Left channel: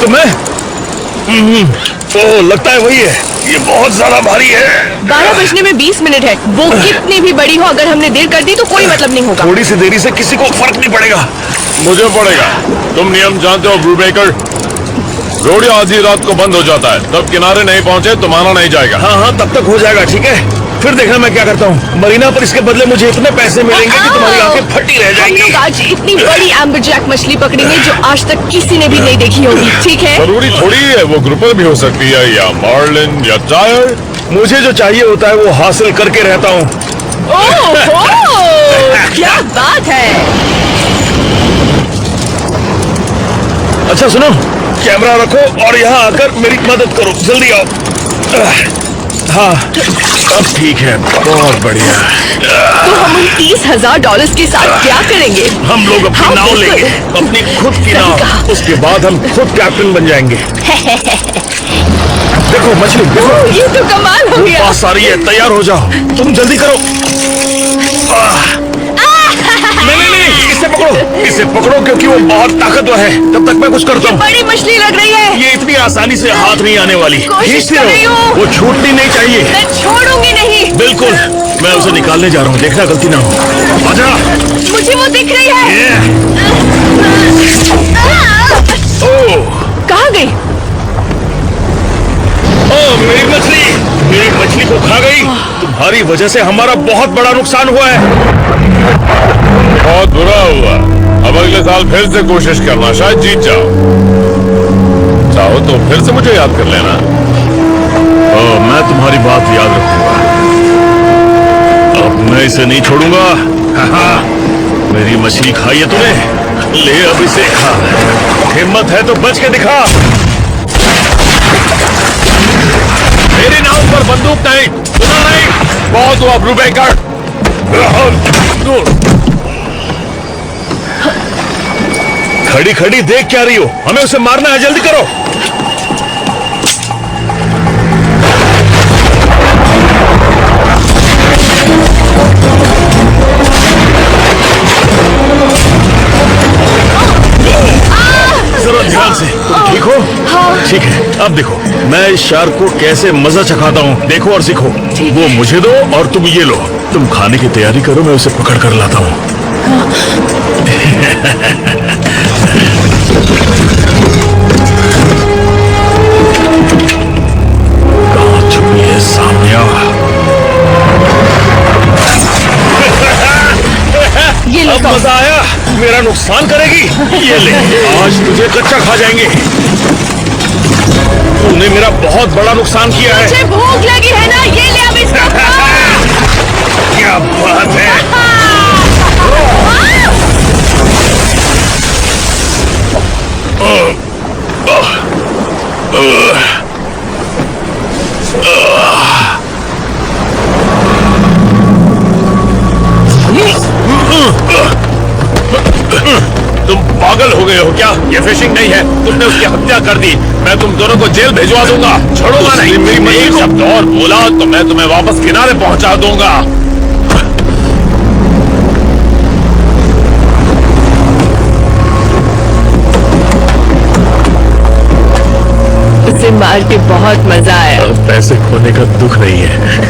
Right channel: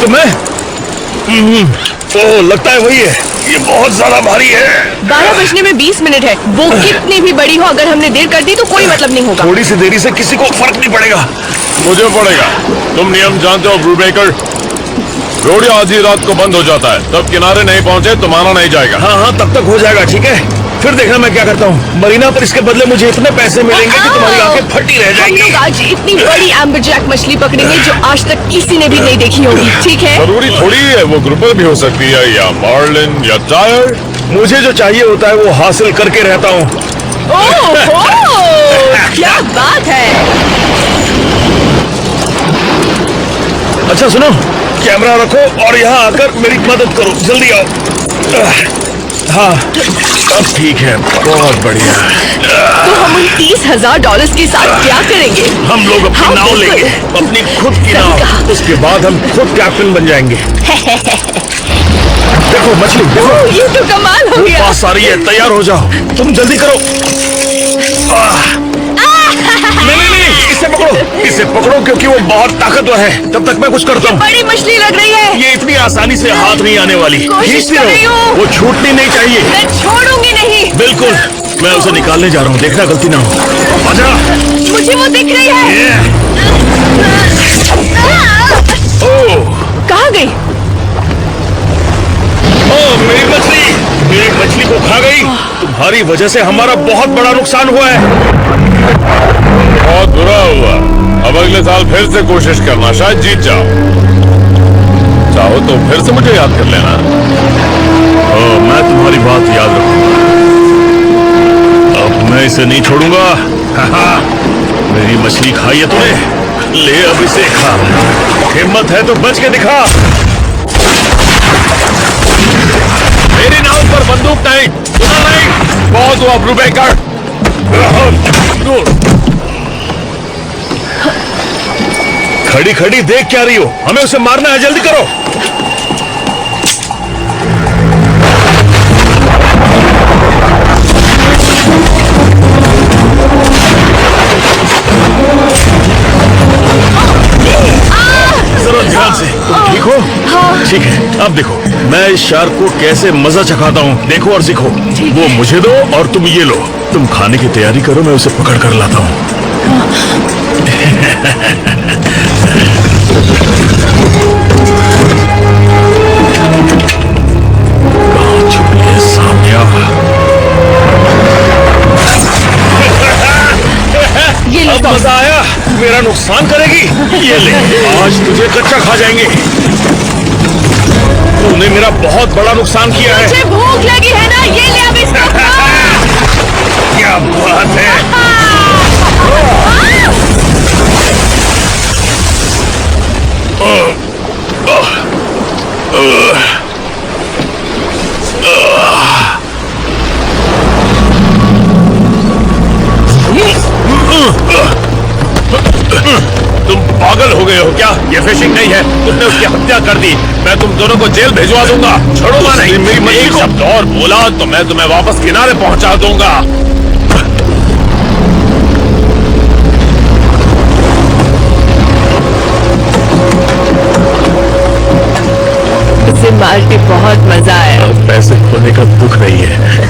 तुम्हें? ओह, लगता है वही है। ये बहुत ज्यादा भारी है। 12 बजने में 20 मिनट है। वो कितनी भी बड़ी हो, अगर हमने देर कर दी तो कोई मतलब नहीं होगा। थोड़ी सी देरी से किसी को फर्क नहीं पड़ेगा। मुझे पड़ेगा। तुम नियम जानते हो ब्रूबेकर? रोडियो आधी रात को बंद हो जाता है, तब किनारे नहीं पहुंचे तो माना नहीं जाएगा। हाँ हाँ, तब तक हो जाएगा। ठीक है, फिर देखना मैं क्या करता हूँ मरीना पर। इसके बदले मुझे इतने पैसे मिलेंगे कि तुम्हारी आंखें फटी रह जाएंगी। हम लोग आज इतनी बड़ी एम्बरजैक मछली पकड़ेंगे जो आज तक किसी ने भी नहीं देखी होगी। ठीक है, जरूरी थोड़ी है, वो ग्रुपर भी हो सकती है, या मार्लिन या टायर। मुझे जो चाहिए होता है वो हासिल करके रहता हूँ। ओहो, क्या बात है। अच्छा सुनो, कैमरा रखो और यहाँ आकर मेरी मदद करो। जल्दी आओ। हाँ, अब ठीक है, बहुत बढ़िया। तो हम उन $30,000 के साथ क्या करेंगे? हम लोग अपनी नाव लेंगे, अपनी खुद की नाव। उसके बाद हम खुद कैप्टन बन जाएंगे। देखो मछली, देखो। ये तो कमाल हो गया। पास आ रही है, तैयार हो जाओ। तुम जल्दी करो। नहीं, इसे पकड़ो, इसे पकड़ो, क्योंकि वो बहुत ताकतवर है। तब तक मैं कुछ करता हूँ। बड़ी मछली लग रही है। ये इतनी आसानी से हाथ नहीं आने वाली। कोशिश खींचती कर रही रहो, हूँ। वो छूटनी नहीं चाहिए। मैं छोड़ूंगी नहीं। बिल्कुल, मैं उसे निकालने जा रहा हूँ। देखना गलती ना हो। आजा। मुझे वो दिख रही है। ओह, कहाँ गई? ओह, मेरी मछली को खा गई। तुम्हारी वजह से हमारा बहुत बड़ा नुकसान हुआ है। बहुत बुरा हुआ। अब अगले साल फिर से कोशिश करना, शायद जीत जाओ। चाहो तो फिर से मुझे याद कर लेना। ओह, मैं तुम्हारी बात याद रखूंगा। अब मैं इसे नहीं छोड़ूंगा। हाँ, मेरी मछली खाई है तूने। ले अब इसे खा। हिम्मत है तो बच के दिखा। मेरी नाव पर बंदूक नहीं, सुना नहीं? बहुत हुआ ब्रूबेकर। खड़ी खड़ी देख क्या रही हो? हमें उसे मारना है, जल्दी करो। जरा ध्यान से। तुम ठीक हो? हाँ। ठीक है, अब देखो मैं इस शार्क को कैसे मजा चखाता हूँ। देखो और सीखो। वो मुझे दो और तुम ये लो। तुम खाने की तैयारी करो, मैं उसे पकड़ कर लाता हूँ। कहाँ छुपी है? सामने आ। ये लो। अब मजा आया? मेरा नुकसान करेगी? ये ले, आज तुझे कच्चा खा जाएंगे। तूने मेरा बहुत बड़ा नुकसान किया है। मुझे भूख लगी है ना, ये ले अब इसको खा। क्या बात है। तुम पागल हो गए हो क्या? ये फिशिंग नहीं है, तुमने उसकी हत्या कर दी। मैं तुम दोनों को जेल भिजवा दूंगा, छोड़ूंगा नहीं। मेरी मछली एक को- शब्द और बोला तो मैं तुम्हें वापस किनारे पहुंचा दूंगा। उसे मार के बहुत मजा आया। अब पैसे खोने का दुख नहीं है।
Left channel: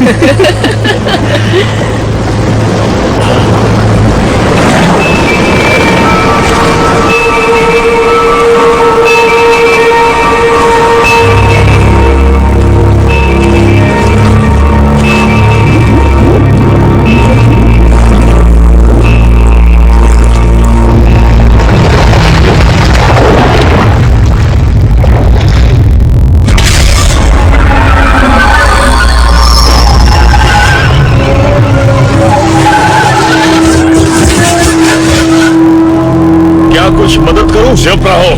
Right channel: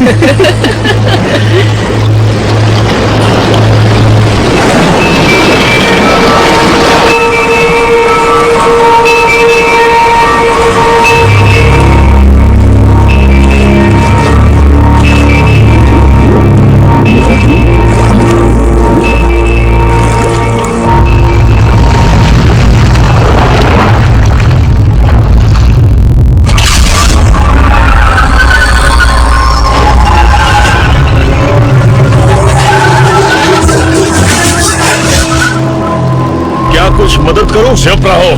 क्या कुछ मदद करूं? चुप रहो।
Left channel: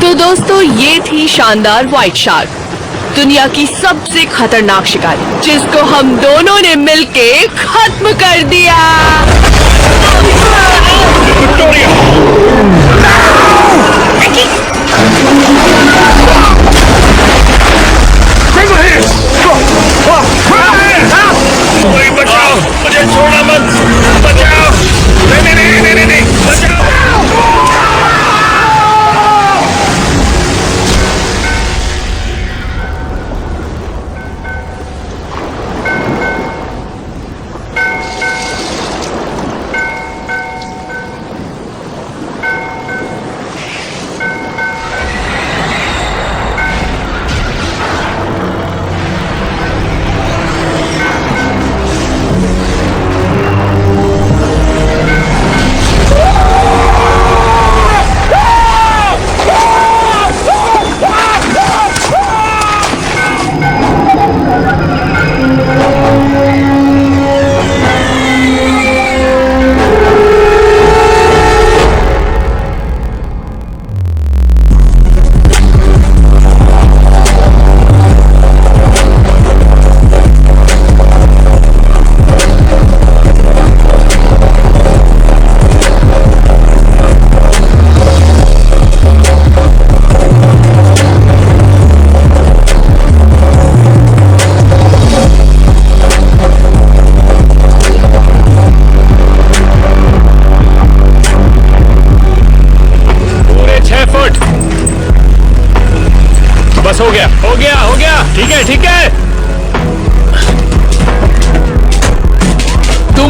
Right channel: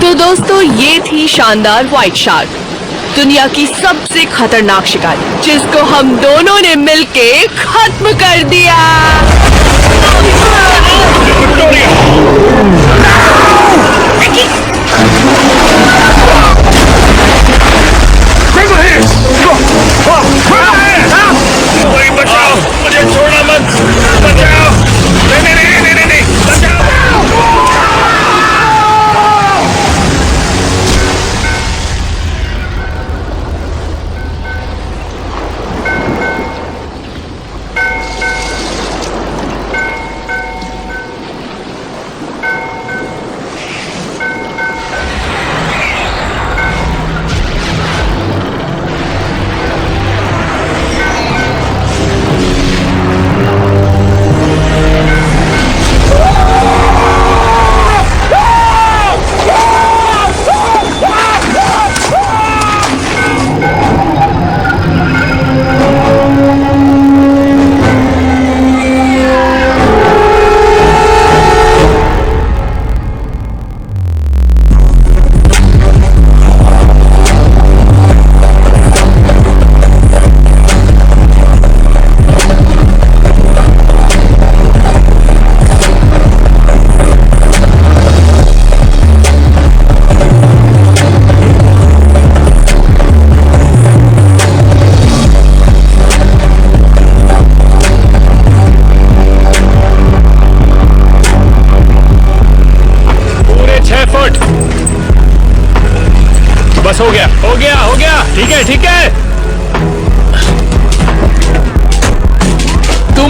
तो दोस्तों, ये थी शानदार व्हाइट शार्क, दुनिया की सबसे खतरनाक शिकारी, जिसको हम दोनों ने मिलके खत्म कर दिया। कोई बचाओ, मुझे छोड़ना मत। बचाओ। नहीं नहीं नहीं नहीं नहीं, बचाओ।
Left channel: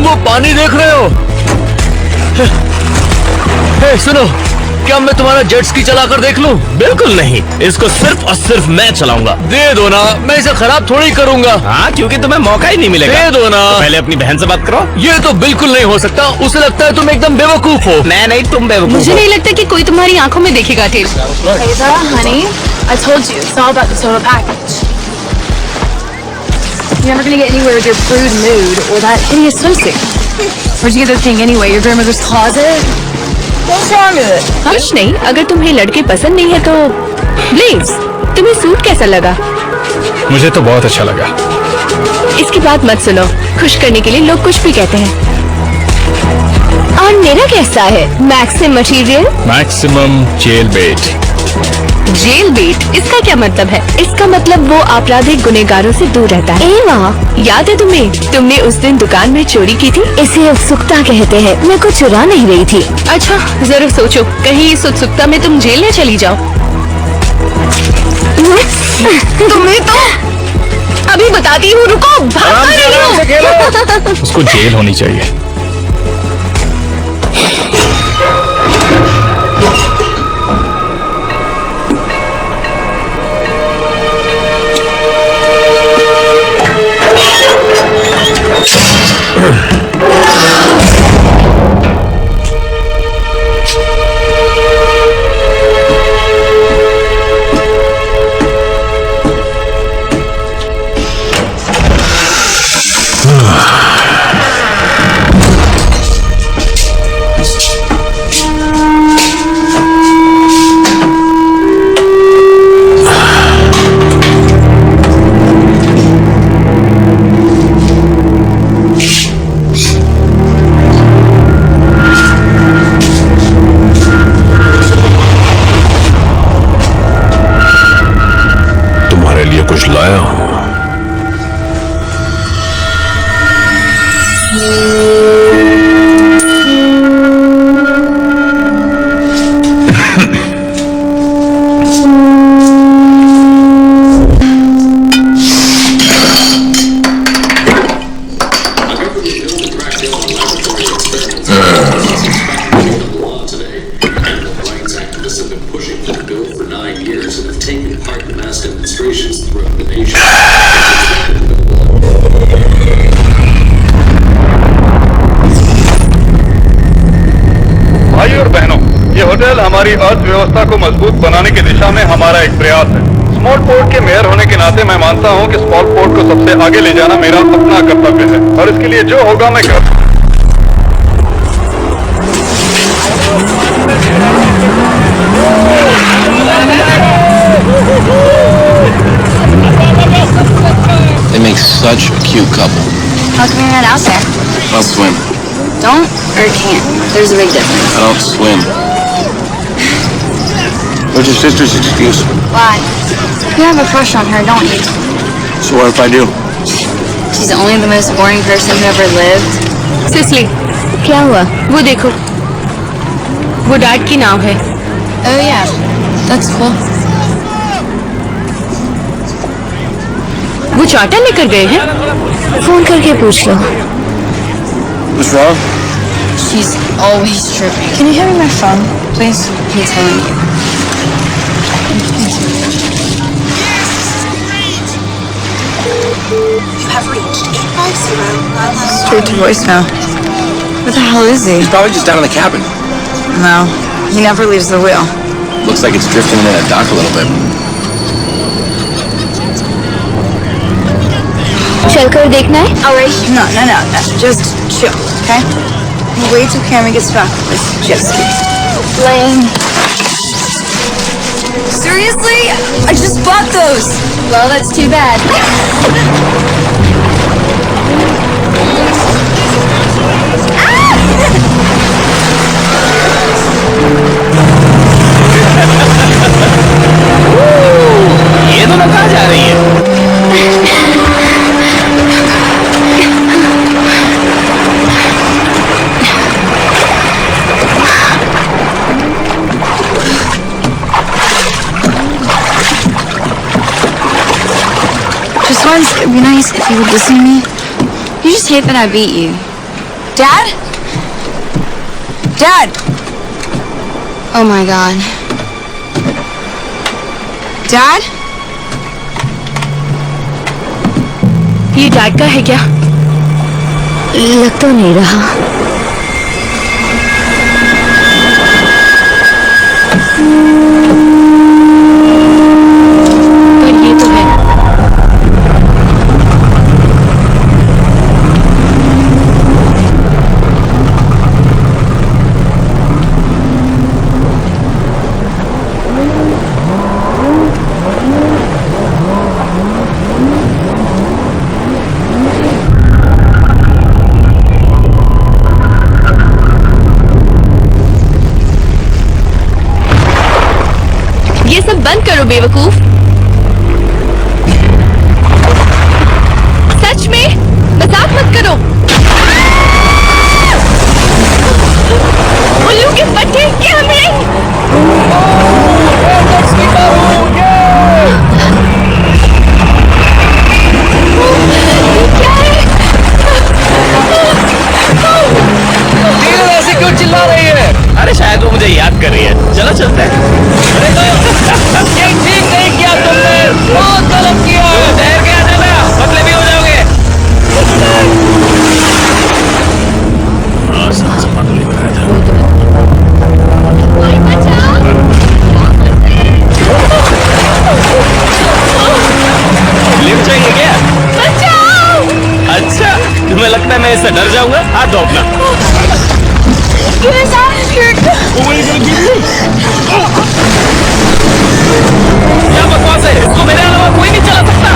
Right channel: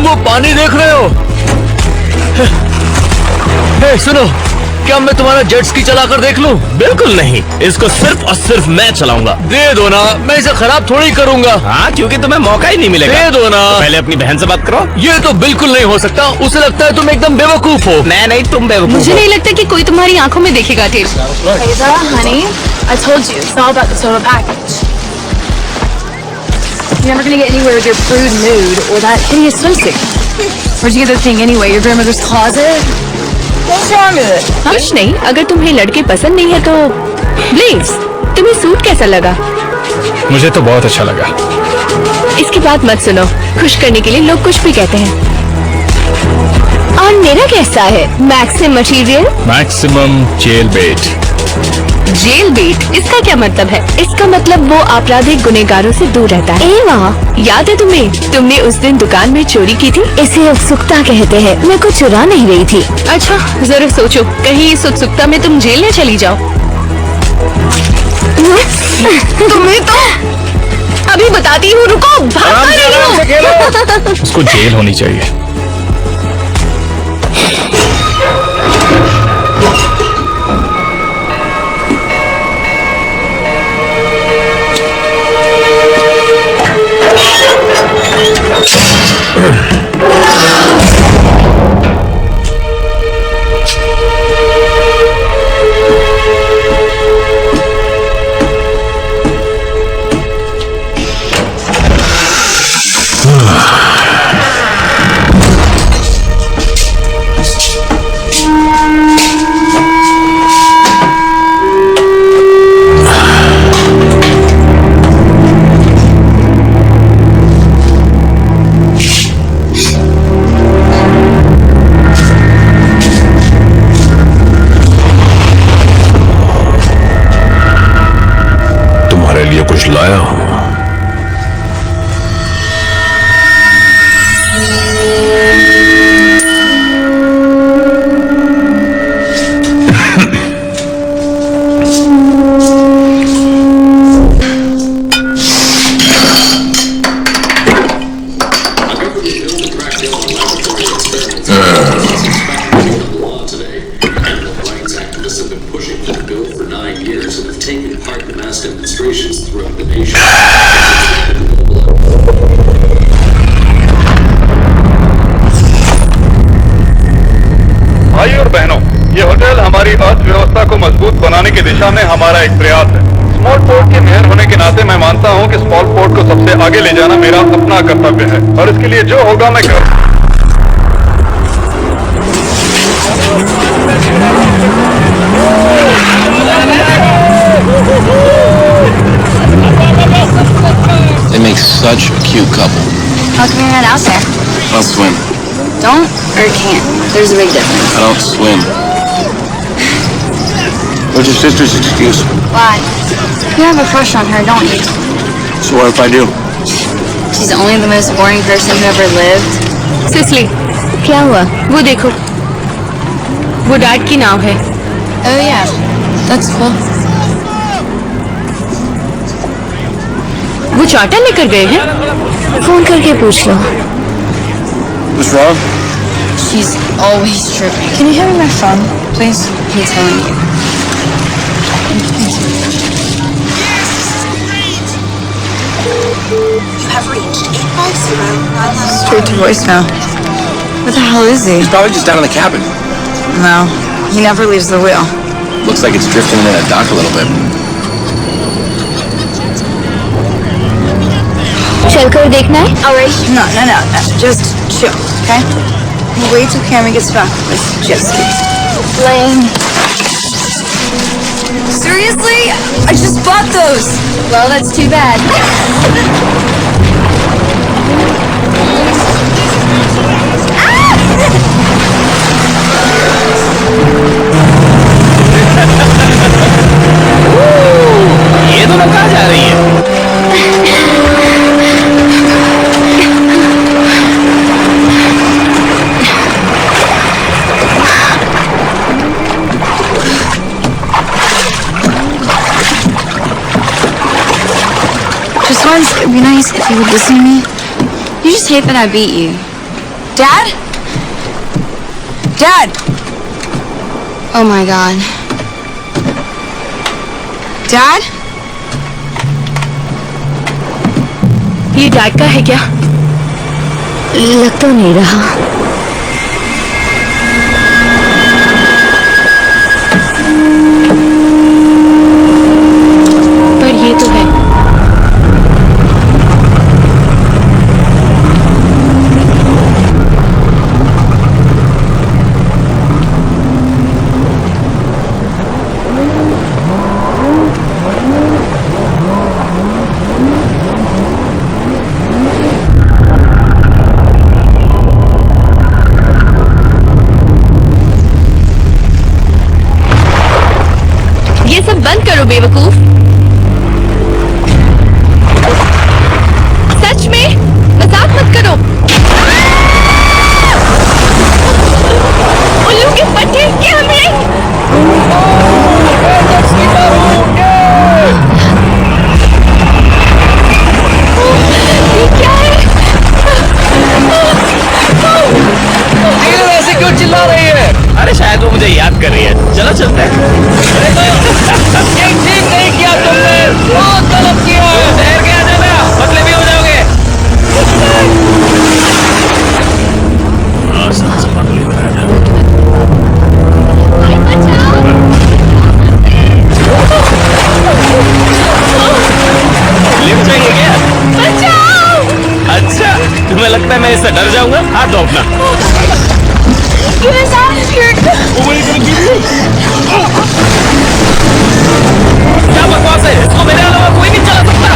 वो पानी देख रहे हो? हे सुनो, क्या मैं तुम्हारा जेट स्की चलाकर देख लूं? बिल्कुल नहीं, इसको सिर्फ और सिर्फ मैं चलाऊंगा। दे दो ना, मैं इसे खराब थोड़ी करूंगा। हाँ, क्योंकि तुम्हें मौका ही नहीं मिलेगा। दे दो ना। तो पहले अपनी बहन से बात करो। ये तो बिल्कुल नहीं हो सकता, उसे लगता है तुम एकदम बेवकूफ हो। मैं नहीं, तुम बेवकूफ मुझे हो। नहीं लगता कि कोई तुम्हारी आंखों में देखेगा tell. Hazel, honey, I told you, it's all about the total package. You're never gonna get anywhere with your prude mood or that hideous swimsuit. Where'd you get the thing anyway? Your grandmother's closet? What's wrong with it? कुछ नहीं, अगर तुम्हें लड़के पसंद नहीं है तो Blaze, तुम्हें सूट कैसा लगा? मुझे तो बहुत अच्छा लगा। इसकी बात मत सुनो, खुश करने के लिए लोग कुछ भी कहते हैं। और मेरा कैसा है? मैक्सिम मटेरियल, मैक्सिमम जेल बेट। जेल बेट, इसका क्या मतलब है? इसका मतलब वो आपराधिक गुनहगारों से दूर रहता है। ए वाह, याद है तुम्हें? तुमने उस दिन दुकान में चोरी की थी। इसे उत्सुकता कहते हैं। मैं कुछ चुरा नहीं रही थी। अच्छा, जरा सोचो, कहीं इस उत्सुकता में तुम जेल न चली जाओ। तुम्हें तो अभी बताती हूँ, रुको, भाग रही हो। उसको जेल होनी चाहिए। तुम्हारे लिए कुछ लाया हूं। भाइयों और बहनों, ये होटल हमारी अर्थव्यवस्था को मजबूत बनाने की दिशा में हमारा एक प्रयास है। स्मॉल पोर्ट के मेयर होने के नाते मैं मानता हूँ कि स्मॉल पोर्ट को सबसे आगे ले जाना मेरा अपना कर्तव्य है और इसके लिए जो होगा मैं कर। They make such a cute couple. How come you're not out there? I'll swim. Don't or can't? There's a big difference. I don't swim. What's your sister's excuse? Why? You have a crush on her, don't you? So what if I do? She's only the most boring person who ever lived. Sicily, क्या हुआ? वो देखो, वो dad की नाव है। Oh yeah, that's cool. वो charter लेकर गए हैं। फोन करके पूछ लो। What's wrong? She's always tripping. Can you hand me my phone, please? I'm telling you. You have reached 850. Straight to voicemail. What the hell is he? He's probably just down in the cabin. No, he never leaves the wheel. Looks like it's drifting in that dock a little bit. चलकर देखना है? Alright. No. Just chill, okay? We'll wait till Cameron gets back with this jet ski. Lame. Seriously? I just bought those. Well, that's too bad. ये दोनों कहाँ जा रही है? Just once, it'd be nice if you would listen to me. You just hate that I beat you. Dad? Dad! Oh my God. Dad? ये dad का है क्या? लग तो नहीं रहा। पर ये तो है। ये सब बंद करो बेवकूफ। सच में मजाक मत करो। उल्लू के पट्टे कैमरे। ये क्या है? टीलर ऐसे क्यों चिल्ला रही है? अरे शायद वो मुझे याद कर रही है। चलो चलते हैं। अरे ये ठीक नहीं किया तुमने, बहुत गलत किया है। ठहर के आ जाना, पतले भी हो जाओगे। लिफ्ट चाहिए क्या? अच्छा, तुम्हें लगता है मैं इससे डर जाऊंगा? हाथ दो अपना। क्या बकवास है? इसको मेरे अलावा कोई नहीं चला सकता।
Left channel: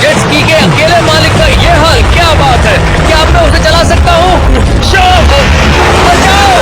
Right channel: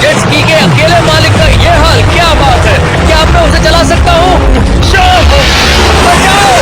जेट स्की के अकेले मालिक का ये हाल, क्या बात है? क्या अब मैं उसे चला सकता हूँ? बचाओ! बचाओ!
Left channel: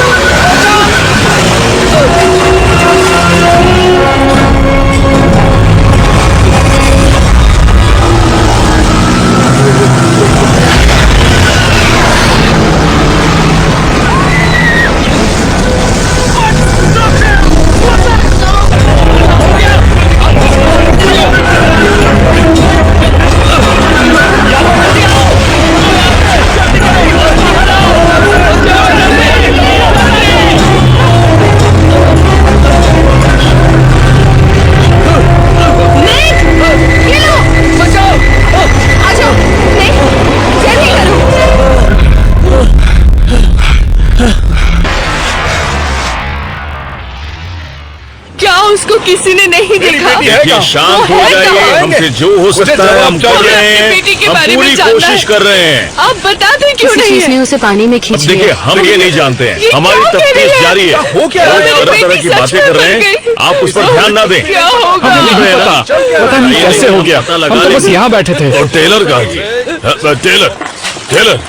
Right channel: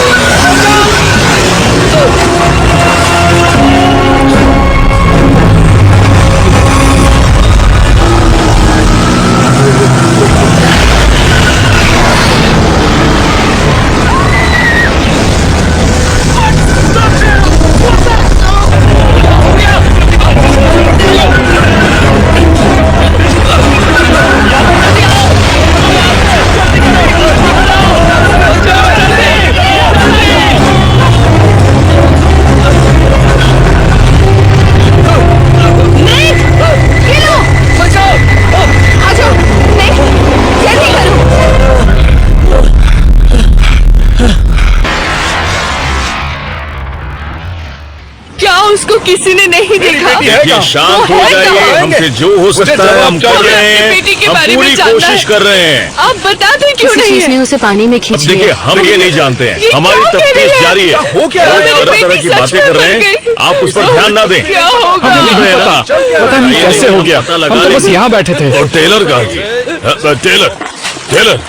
उसको किसी ने नहीं देखा। देखिए, शांत हो जाइए। हमसे जो हो सकता है हम कर रहे हैं। बेटी के हम बारे पूरी में जानना कोशिश है। कर रहे हैं। आप बता दें क्यों नहीं है? उसे पानी में खींच अब देखिए, हम ये नहीं जानते हैं। ये हमारी क्या कह रही तफ्तीश है? जारी है। हो क्या रहा है? लोग तरह तरह की सच बातें में कर रहे मर हैं। गई। आप उस पर ध्यान ना दें। क्या होगा? हम नहीं रहे ना। पता नहीं कैसे हो गया। पता हम लगा तो बस लेंगे। यहाँ बैठे थे। और टेलर कहाँ जी? टेलर, टेलर,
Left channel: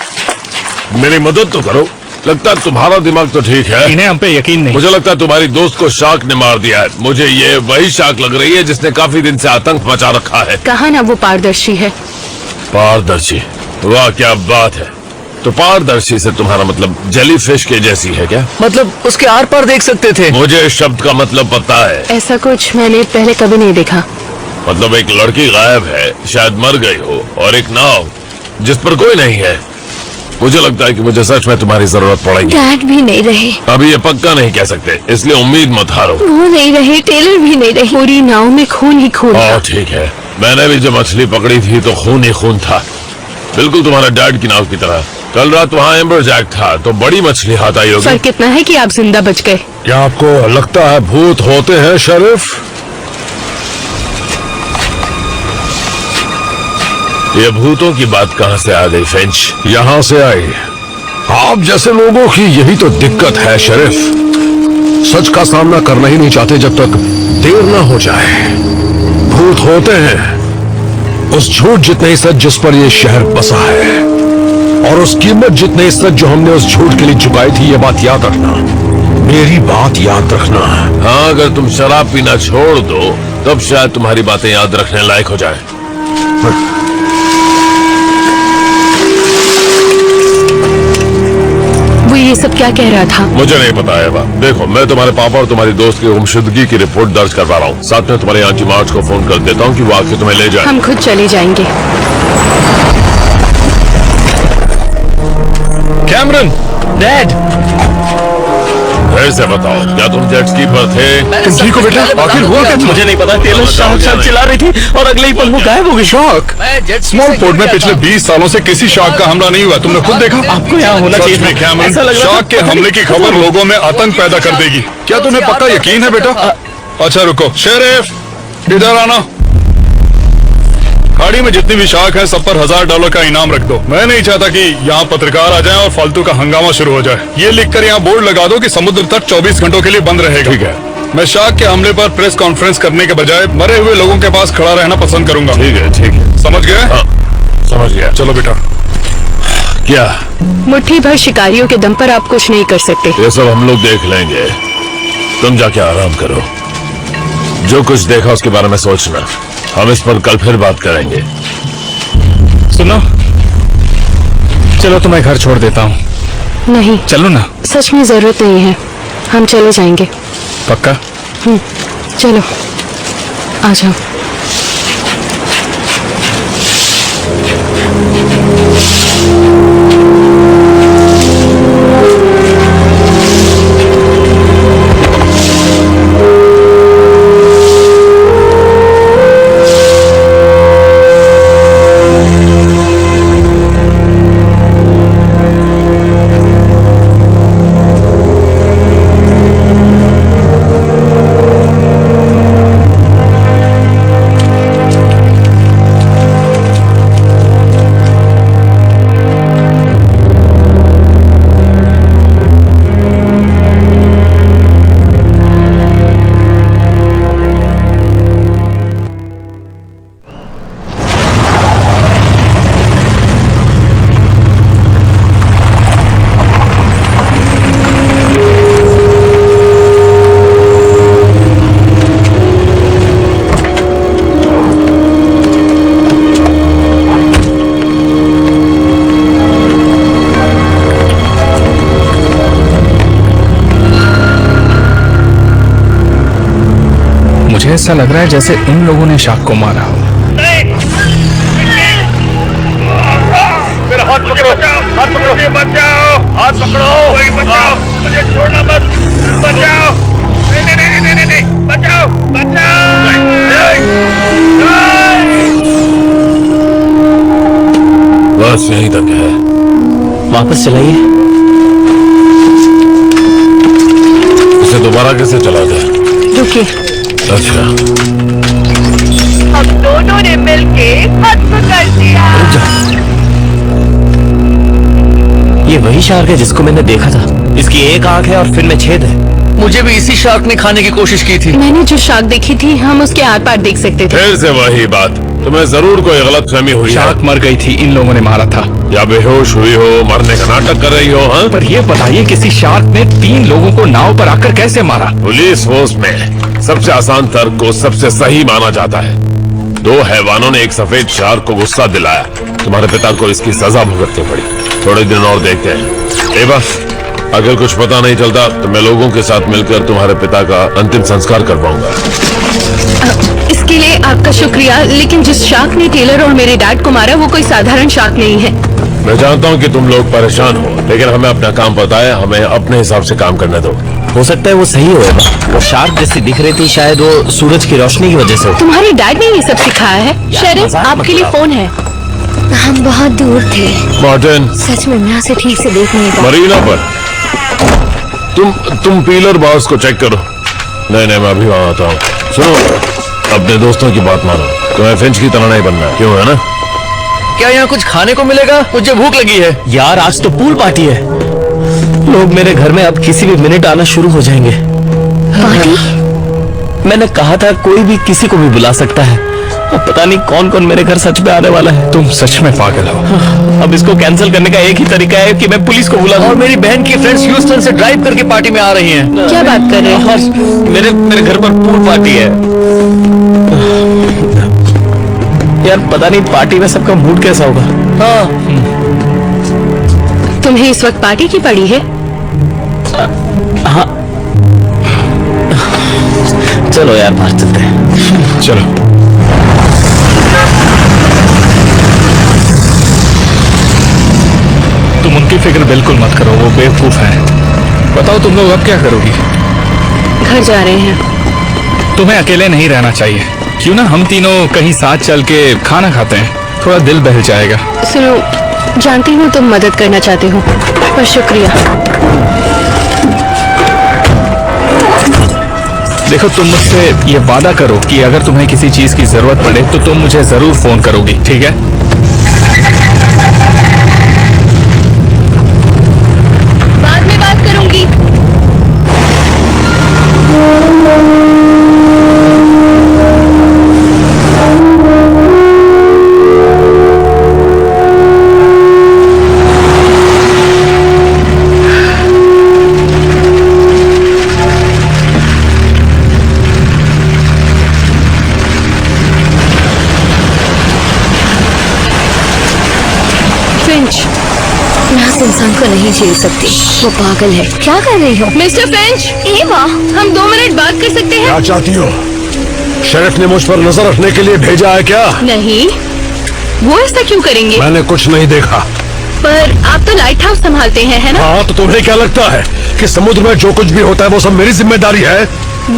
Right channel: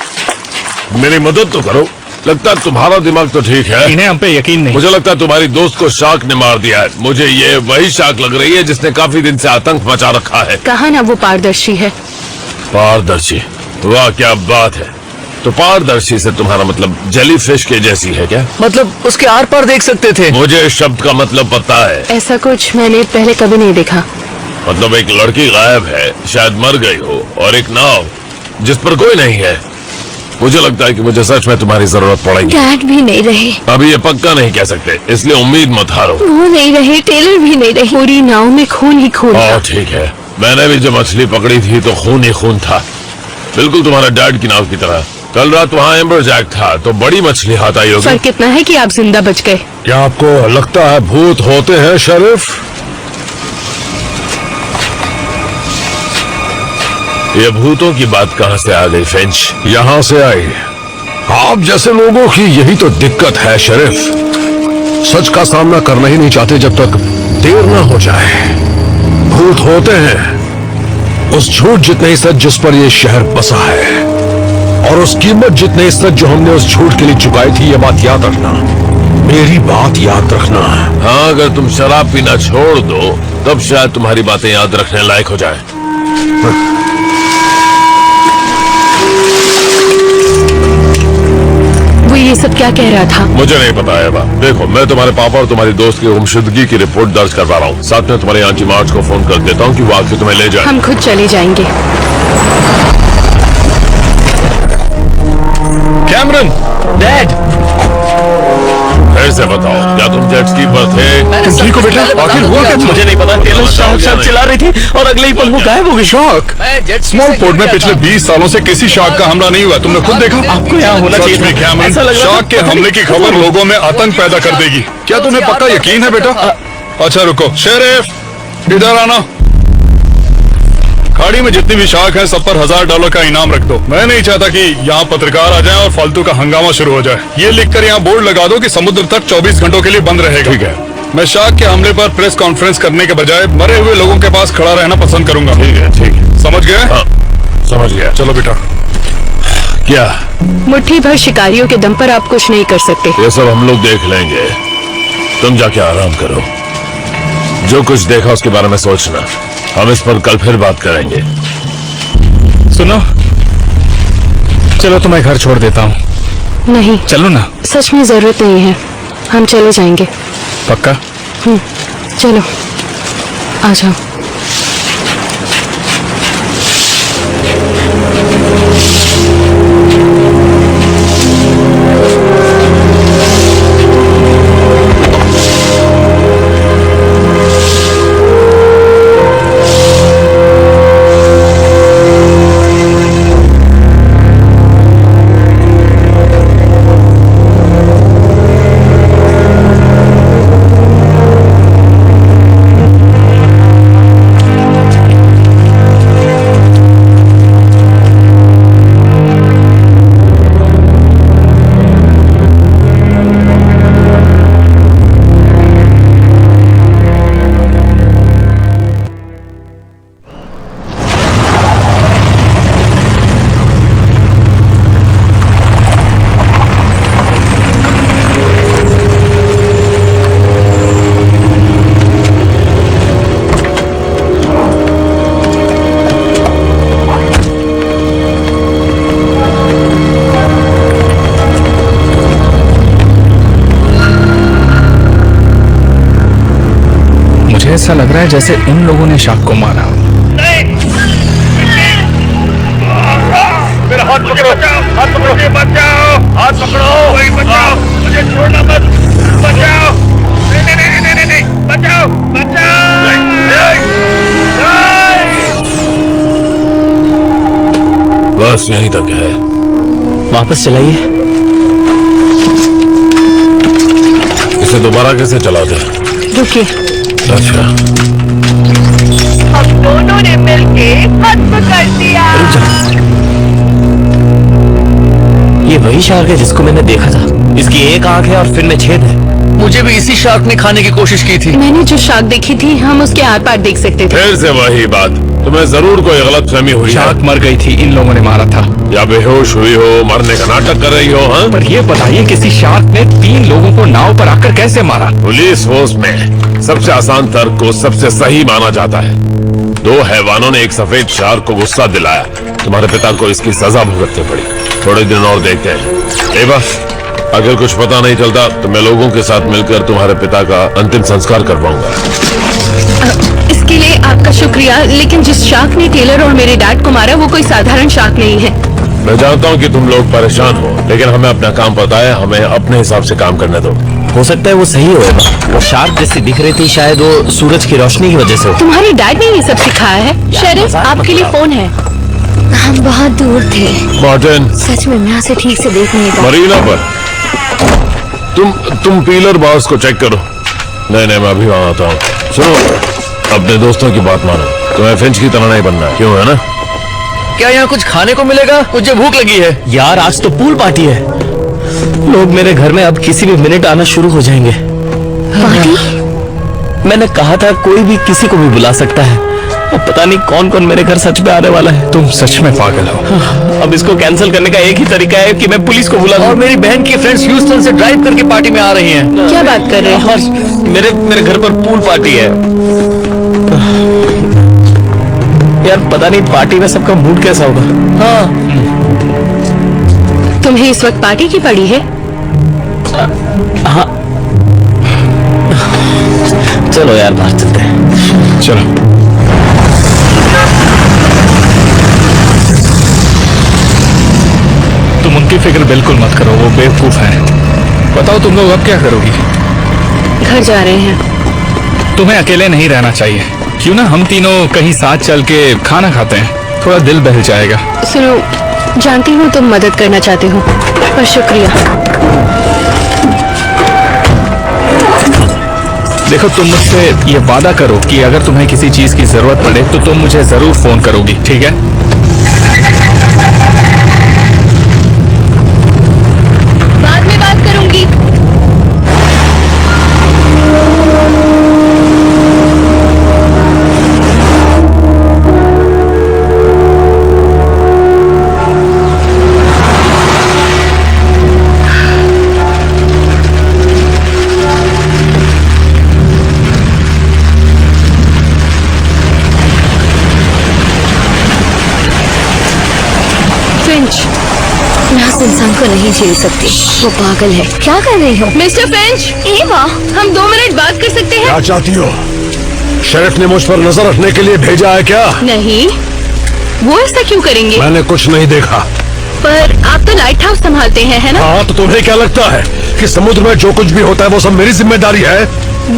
मेरी मदद तो करो। लगता है तुम्हारा दिमाग तो ठीक है। इन्हें हम पे यकीन नहीं। मुझे लगता है तुम्हारी दोस्त को शार्क ने मार दिया है। मुझे ये वही शार्क लग रही है जिसने काफी दिन से आतंक मचा रखा है। कहा ना वो पारदर्शी है। पारदर्शी? वाह क्या बात है। तो पारदर्शी से तुम्हारा मतलब जेली फिश के जैसी है क्या? मतलब उसके आर पार देख सकते थे। मुझे इस शब्द का मतलब पता है। ऐसा कुछ मैंने पहले कभी नहीं देखा। मतलब एक लड़की गायब है, शायद मर गई हो, और एक नाव जिस पर कोई नहीं है। मुझे लगता है कि मुझे सच में तुम्हारी जरूरत पड़ेगी। डैड भी नहीं रहे। अभी ये पक्का नहीं कह सकते, इसलिए उम्मीद मत हारो। वो नहीं रहे, टेलर भी नहीं रहे। पूरी नाव में खून ही खून था। ठीक है, मैंने भी जब मछली पकड़ी थी तो खून ही खून था, बिल्कुल तुम्हारा डैड की नाव की तरह। कल रात वहाँ एम्बर जैक था तो बड़ी मछली हाथ आई होगी। फर्क इतना है कि आप जिंदा बच गए। क्या आपको लगता है भूत होते हैं शरीफ? ये भूतों की बात कहाँ से आ गई फिंच? यहाँ से आई। आप जैसे लोगों की यही तो दिक्कत है शरीफ। सच का सामना करना ही नहीं चाहते जब तक देर ना हो जाए। भूत होते हैं उस झूठ जितने ही सच जिस पर ये शहर बसा है, और उस कीमत जितने ही सच जो हमने उस झूठ के लिए चुकाई थी। ये बात याद रखना, मेरी बात याद रखना। हाँ, अगर तुम शराब पीना छोड़ दो तब शायद तुम्हारी बातें याद रखने लायक हो जाए। वो ये सब क्या कह रहा था? मुझे नहीं पता है बा। देखो, मैं तुम्हारे पापा और तुम्हारी दोस्त की गुमशुदगी की रिपोर्ट दर्ज करवा रहा हूँ। साथ में तुम्हारे आंटी मार्च को फोन कर देता हूँ कि वो आके तुम्हें ले जाए। हम खुद चले जाएंगे। कैमरन, डैड, फिर से बताओ, क्या तुम जेट स्की पर थे? तुम ठीक हो बेटा? आखिर हुआ क्या? मुझे नहीं पता। टेलर शार्क चला रही थी और अगले ही पल वो गायब हो गई। शार्क? स्मॉल पोर्ट में पिछले 20 सालों से किसी शार्क का हमला नहीं हुआ। तुमने खुद देखा? आपको यहाँ होना चाहिए। सच में कैमरन, शार्क के हमले की खबर लोगों में आतंक पैदा कर देगी। क्या तुम्हें पक्का यकीन है बेटा? अच्छा रुको, शेरिफ इधर आना। खाड़ी में जितनी भी शार्क हैं, सब पर $1000 का इनाम रख दो। मैं नहीं चाहता कि यहाँ पत्रकार आ जाएं और फालतू का हंगामा शुरू हो जाए। ये लिखकर यहाँ बोर्ड लगा दो कि समुद्र तट 24 घंटों के लिए बंद रहेगा। ठीक है। मैं शार्क के हमले पर प्रेस कॉन्फ्रेंस करने के बजाय मरे हुए लोगों के पास खड़ा रहना पसंद करूंगा। ठीक है, ठीक है। समझ गए? हाँ, समझ गया। चलो बेटा। क्या? मुट्ठी भर शिकारियों के दम पर आप कुछ नहीं कर सकते। ये सब हम लोग देख लेंगे। तुम जाके आराम करो। जो कुछ देखा उसके बारे में सोचना। हम इस पर कल फिर बात करेंगे। सुनो, चलो तुम्हें घर छोड़ देता हूँ। नहीं, चलो ना। सच में जरूरत नहीं है, हम चले जाएंगे। पक्का? चलो, आ जाओ। मुझे ऐसा लग रहा है जैसे उन लोगों ने शार्क को मारा हो। मेरा हाथ पकड़ो, हाथ पकड़ो, बचाओ, हाथ पकड़ो, वही बचाओ, मुझे छोड़ना मत, बचाओ, नहीं नहीं नहीं नहीं नहीं, बचाओ, बचाओ, बस यहीं तक है। वापस चलाइए। इसे दोबारा कैसे चलाते? रुकिए। अच्छा, हम दोनों ने मिलके खत्म कर दिया। ये वही शार्क है जिसको मैंने देखा था। इसकी एक आंख है और फिर में छेद है। मुझे भी इसी शार्क ने खाने की कोशिश की थी। मैंने जो शार्क देखी थी, हम उसके आर पार देख सकते थे। फिर से वही बात। तुम्हें जरूर कोई गलतफहमी हुई है। शार्क मर गई थी, इन लोगों ने मारा था। या बेहोश हुई हो, मरने का नाटक कर रही हो। हाँ, पर ये बताइए, किसी शार्क ने 3 लोगों को नाव पर आकर कैसे मारा? पुलिस फोर्स में सबसे आसान तर्क को सबसे सही माना जाता है। 2 हैवानों ने एक सफेद शार्क को गुस्सा दिलाया। तुम्हारे पिता को इसकी सजा भुगतनी पड़ी। थोड़े दिन और देखते हैं। एवा, अगर कुछ पता नहीं चलता तो मैं लोगों के साथ मिलकर तुम्हारे पिता का अंतिम संस्कार करवाऊंगा। इसके लिए आपका शुक्रिया, लेकिन जिस शार्क ने टेलर और मेरे डैड को मारा, वो कोई साधारण शार्क नहीं है। मैं जानता हूँ कि तुम लोग परेशान हो, लेकिन हमें अपना काम पता है। हमें अपने हिसाब से काम करने दो। हो सकता है वो सही होगा। वो शार्क जैसी दिख रही थी, शायद वो सूरज की रोशनी की वजह से हो। तुम्हारे डैड ने ये सब सिखाया है? शेरिफ, मजाक मत आपके लिए उड़ाओ। फोन है। हम बहुत दूर थे। मार्टिन, सच में मैं उसे ठीक से देख नहीं पाया। मरीना पर तुम पीलर बार्स को चेक करो। नहीं नहीं, मैं अभी वहां आता हूँ। सुनो, अपने दोस्तों की बात मानो। तुम्हें फिंच की तरह नहीं बनना, क्यों है ना? क्या यहाँ कुछ खाने को मिलेगा? मुझे भूख लगी है। यार, आज तो पूल पार्टी है। लोग मेरे घर में अब किसी भी मिनट आना शुरू हो जाएंगे। पार्टी? मैंने कहा था कोई भी किसी को भी बुला सकता है। अब पता नहीं कौन कौन मेरे घर सच में आने वाला है। तुम सच में पागल हो। अब इसको कैंसिल करने का एक ही तरीका है कि मैं पुलिस को बुला दूं। और मेरी बहन की फ्रेंड्स ह्यूस्टन से ड्राइव करके पार्टी में आ रही हैं। क्या बात कर रहे हो? और मेरे घर पर पूल पार्टी है। यार, पता नहीं पार्टी में सबका मूड कैसा होगा। हाँ, तुम्हें इस वक्त पार्टी की पड़ी है? हाँ चलो यार बाहर चलते हैं। चलो। तुम उनकी फिक्र बिल्कुल मत करो, वो बेवकूफ हैं। बताओ तुम लोग अब क्या करोगी? घर जा रहे हैं। तुम्हें अकेले नहीं रहना चाहिए। क्यों ना हम तीनों कहीं साथ चल के खाना खाते हैं, थोड़ा दिल बहल जाएगा। सुनो, जानती हूँ तुम मदद करना चाहते हो, पर शुक्रिया। देखो, तुम मुझसे ये वादा करो कि अगर तुम्हें किसी चीज की जरूरत पड़े तो तुम मुझे जरूर फोन करोगी, ठीक है? बाद में बात करूंगी। फिंच, मैं उस इंसान को नहीं झेल सकती, वो पागल है। क्या कर रही हो मिस्टर फिंच? एवा, हम 2 मिनट बात कर सकते हैं? क्या चाहती हो? शेरिफ ने मुझ पर नजर रखने के लिए भेजा है क्या? नहीं, वो ऐसा क्यों करेंगे? मैंने कुछ नहीं देखा। पर आप तो लाइट हाउस संभालते हैं, है ना? हाँ, तो तुम्हें क्या लगता है कि समुद्र में जो कुछ भी होता है वो सब मेरी जिम्मेदारी है?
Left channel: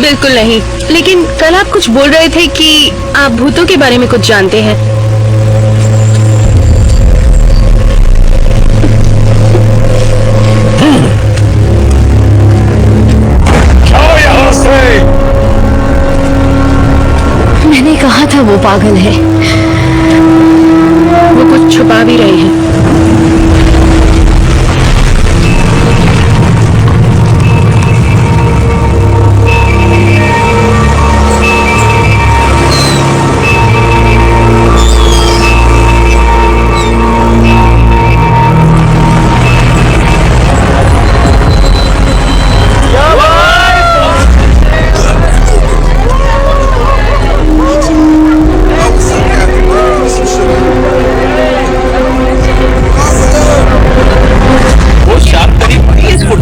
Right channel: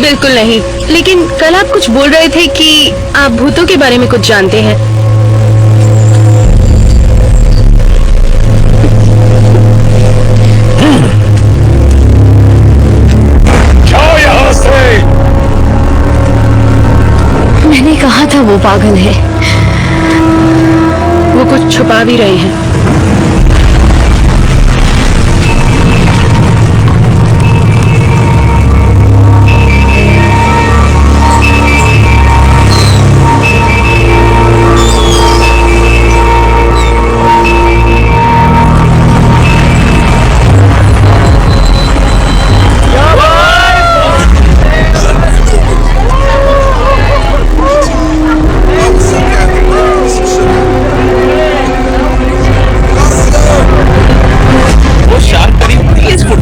बिल्कुल नहीं, लेकिन कल आप कुछ बोल रहे थे कि आप भूतों के बारे में कुछ जानते हैं। जाओ यहाँ से। मैंने कहा था वो पागल है। वो कुछ छुपा भी रहे हैं।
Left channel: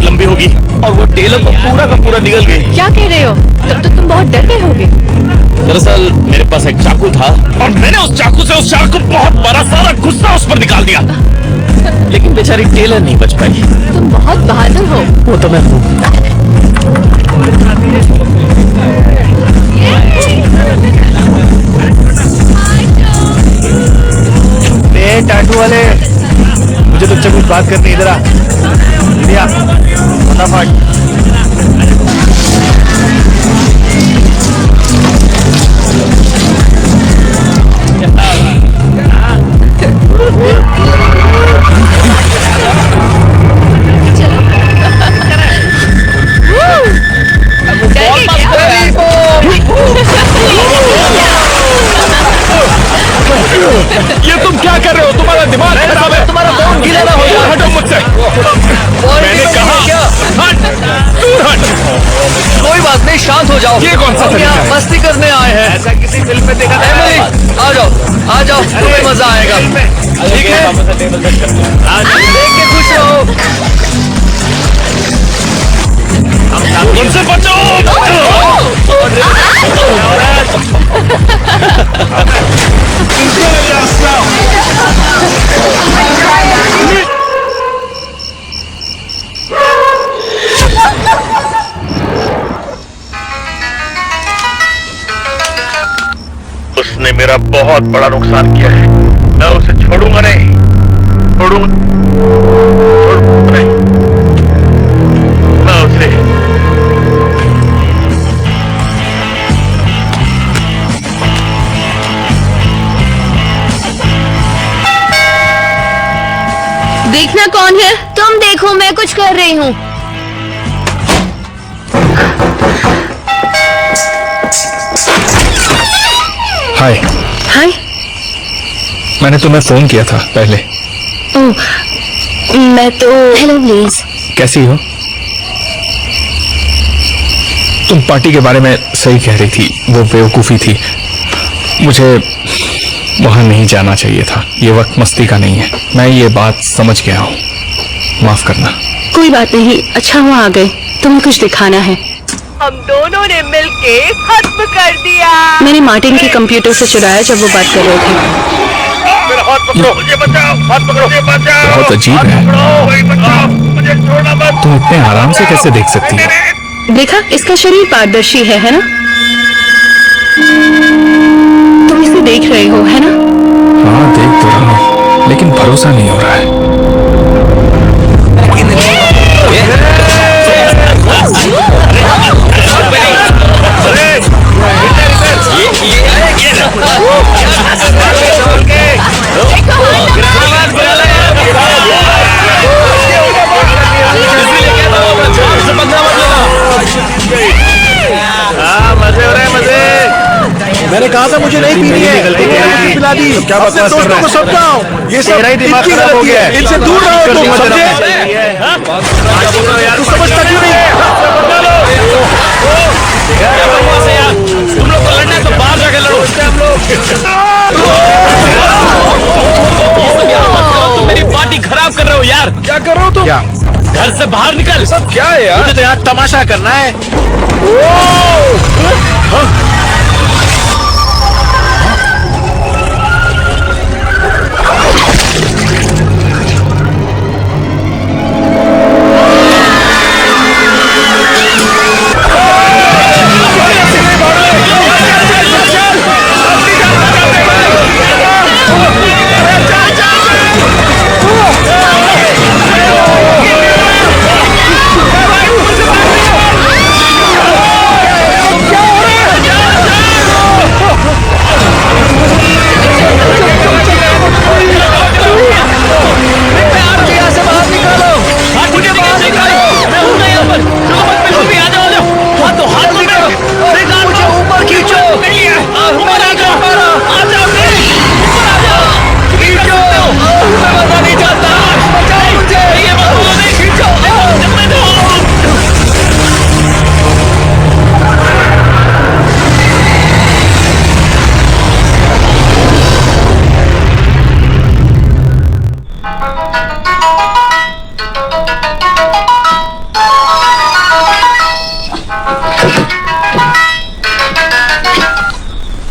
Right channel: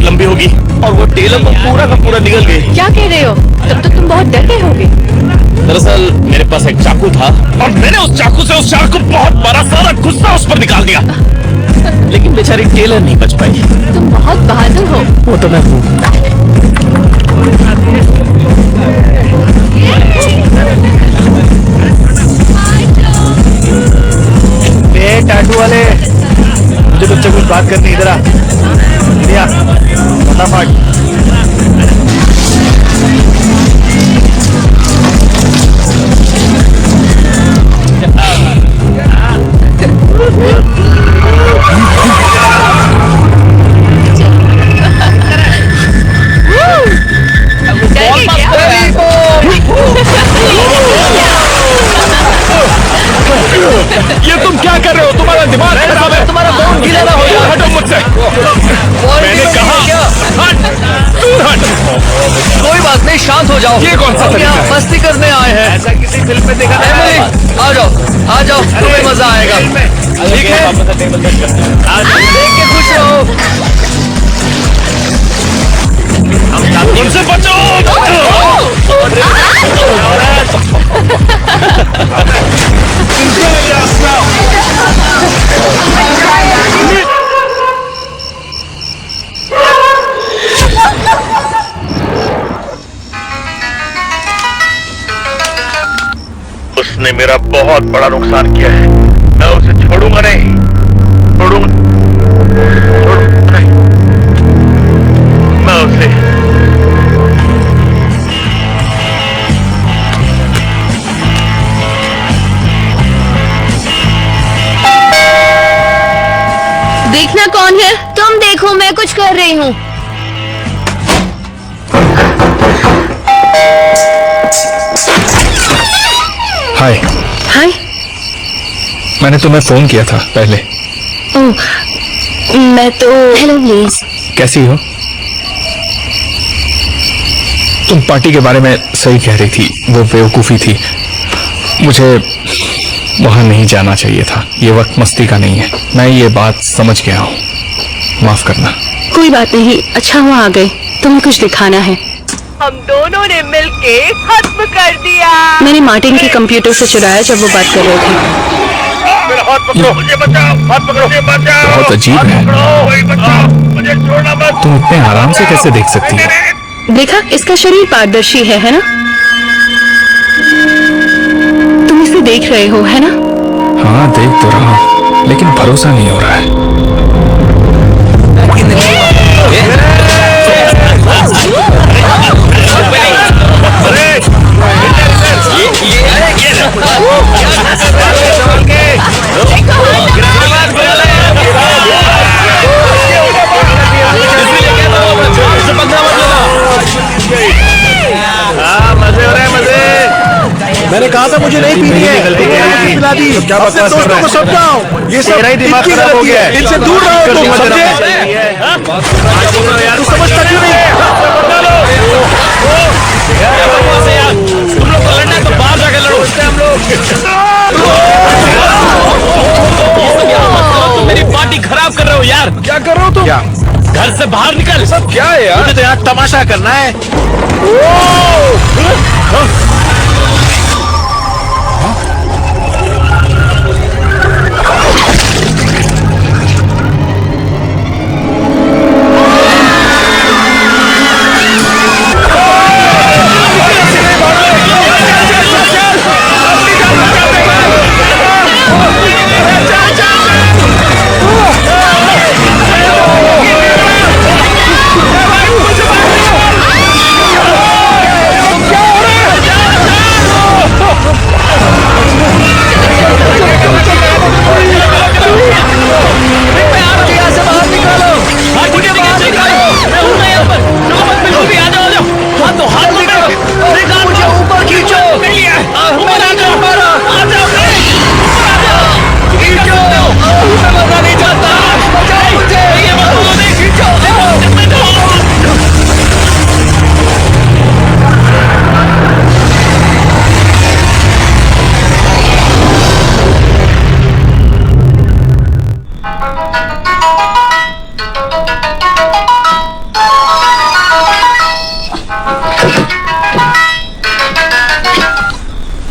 लंबी होगी और वो टेलर पूरा का पूरा निकल गई। क्या कह रहे हो? तब तो तुम बहुत डर गए होगे। दरअसल मेरे पास एक चाकू था और मैंने उस चाकू से उस शार्क को बहुत बड़ा सारा गुस्सा उस पर निकाल दिया, लेकिन बेचारी टेलर नहीं बच पाई। तुम बहुत बहादुर हो। वो तो मैं हूँ। टाटू वाले, मुझे तुझसे कुछ बात करनी, इधर आ। इंडिया, फटाफट। ये तुम क्या कर रहे हो? तुम्हारा दिमाग खराब है। तुम्हारा फोन गीला ना हो जाए। हटो मुझसे। मैंने कहा हट, दूर हट। कोई बात नहीं, शांत हो जाओ। ये कौन सा तरीका है? मस्ती करने आए हैं। ऐसा किसी फिल्म में देखा था? एमिली, आ जाओ, तुम्हें मजा आएगा। ठीक है, देख के खुश रहो। उनसे बचो। उसने मेरा बहुत बड़ा नुकसान किया है। मैं उसे छोड़ूंगा नहीं, छोड़ूंगा नहीं। मैं उसे देखना कौन है? तुम देखो, मैं कुछ कर रही हूँ। हाय। हाय। मैंने तुम्हें फोन किया था पहले। ओह, मैं तो। Hello please. कैसी हो? तुम पार्टी के बारे में सही कह रही थी, वो बेवकूफी थी। मुझे वहां नहीं जाना चाहिए था। ये वक्त मस्ती का नहीं है। मैं ये बात समझ गया हूँ, माफ करना। कोई बात नहीं, अच्छा हुआ आ गए। तुम्हें कुछ दिखाना है। हम दोनों ने मिलके खत्म कर दिया। मैंने मार्टिन के कंप्यूटर से चुराया जब वो बात कर रहे थे। मेरा हाथ पकड़ो, मुझे बचाओ, हाथ पकड़ो, मुझे बचाओ। बहुत अजीब हाथ है। पकड़ो, वही बचाओ, मुझे छोड़ना मत। तुम इतने आराम से कैसे देख सकती हो? देखा, इसका शरीर पारदर्शी है ना? तुम इसे देख रहे हो, है ना? हाँ, देख तो रहा हूँ, लेकिन भरोसा नहीं हो रहा है। मजे हो रहे हैं, मजे। मैंने कहा था मुझे नहीं पीनी है, गलती मुझे पिला दी। क्या बकवास कर रहा है? समझाओ, ये सब तेरा ही दिमाग इनकी खराब हो गलती गया है। है। इनसे दूर रहो तुम, मत समझे? यार, तू समझता क्यों नहीं? तुम लोग को लड़ना है तो बाहर जाके लड़ो। हम लोग तुम मेरी पार्टी खराब कर रहे हो यार। क्या कर रहे हो तुम? घर से बाहर निकल। सब क्या है यार? मुझे तो यहाँ तमाशा करना है।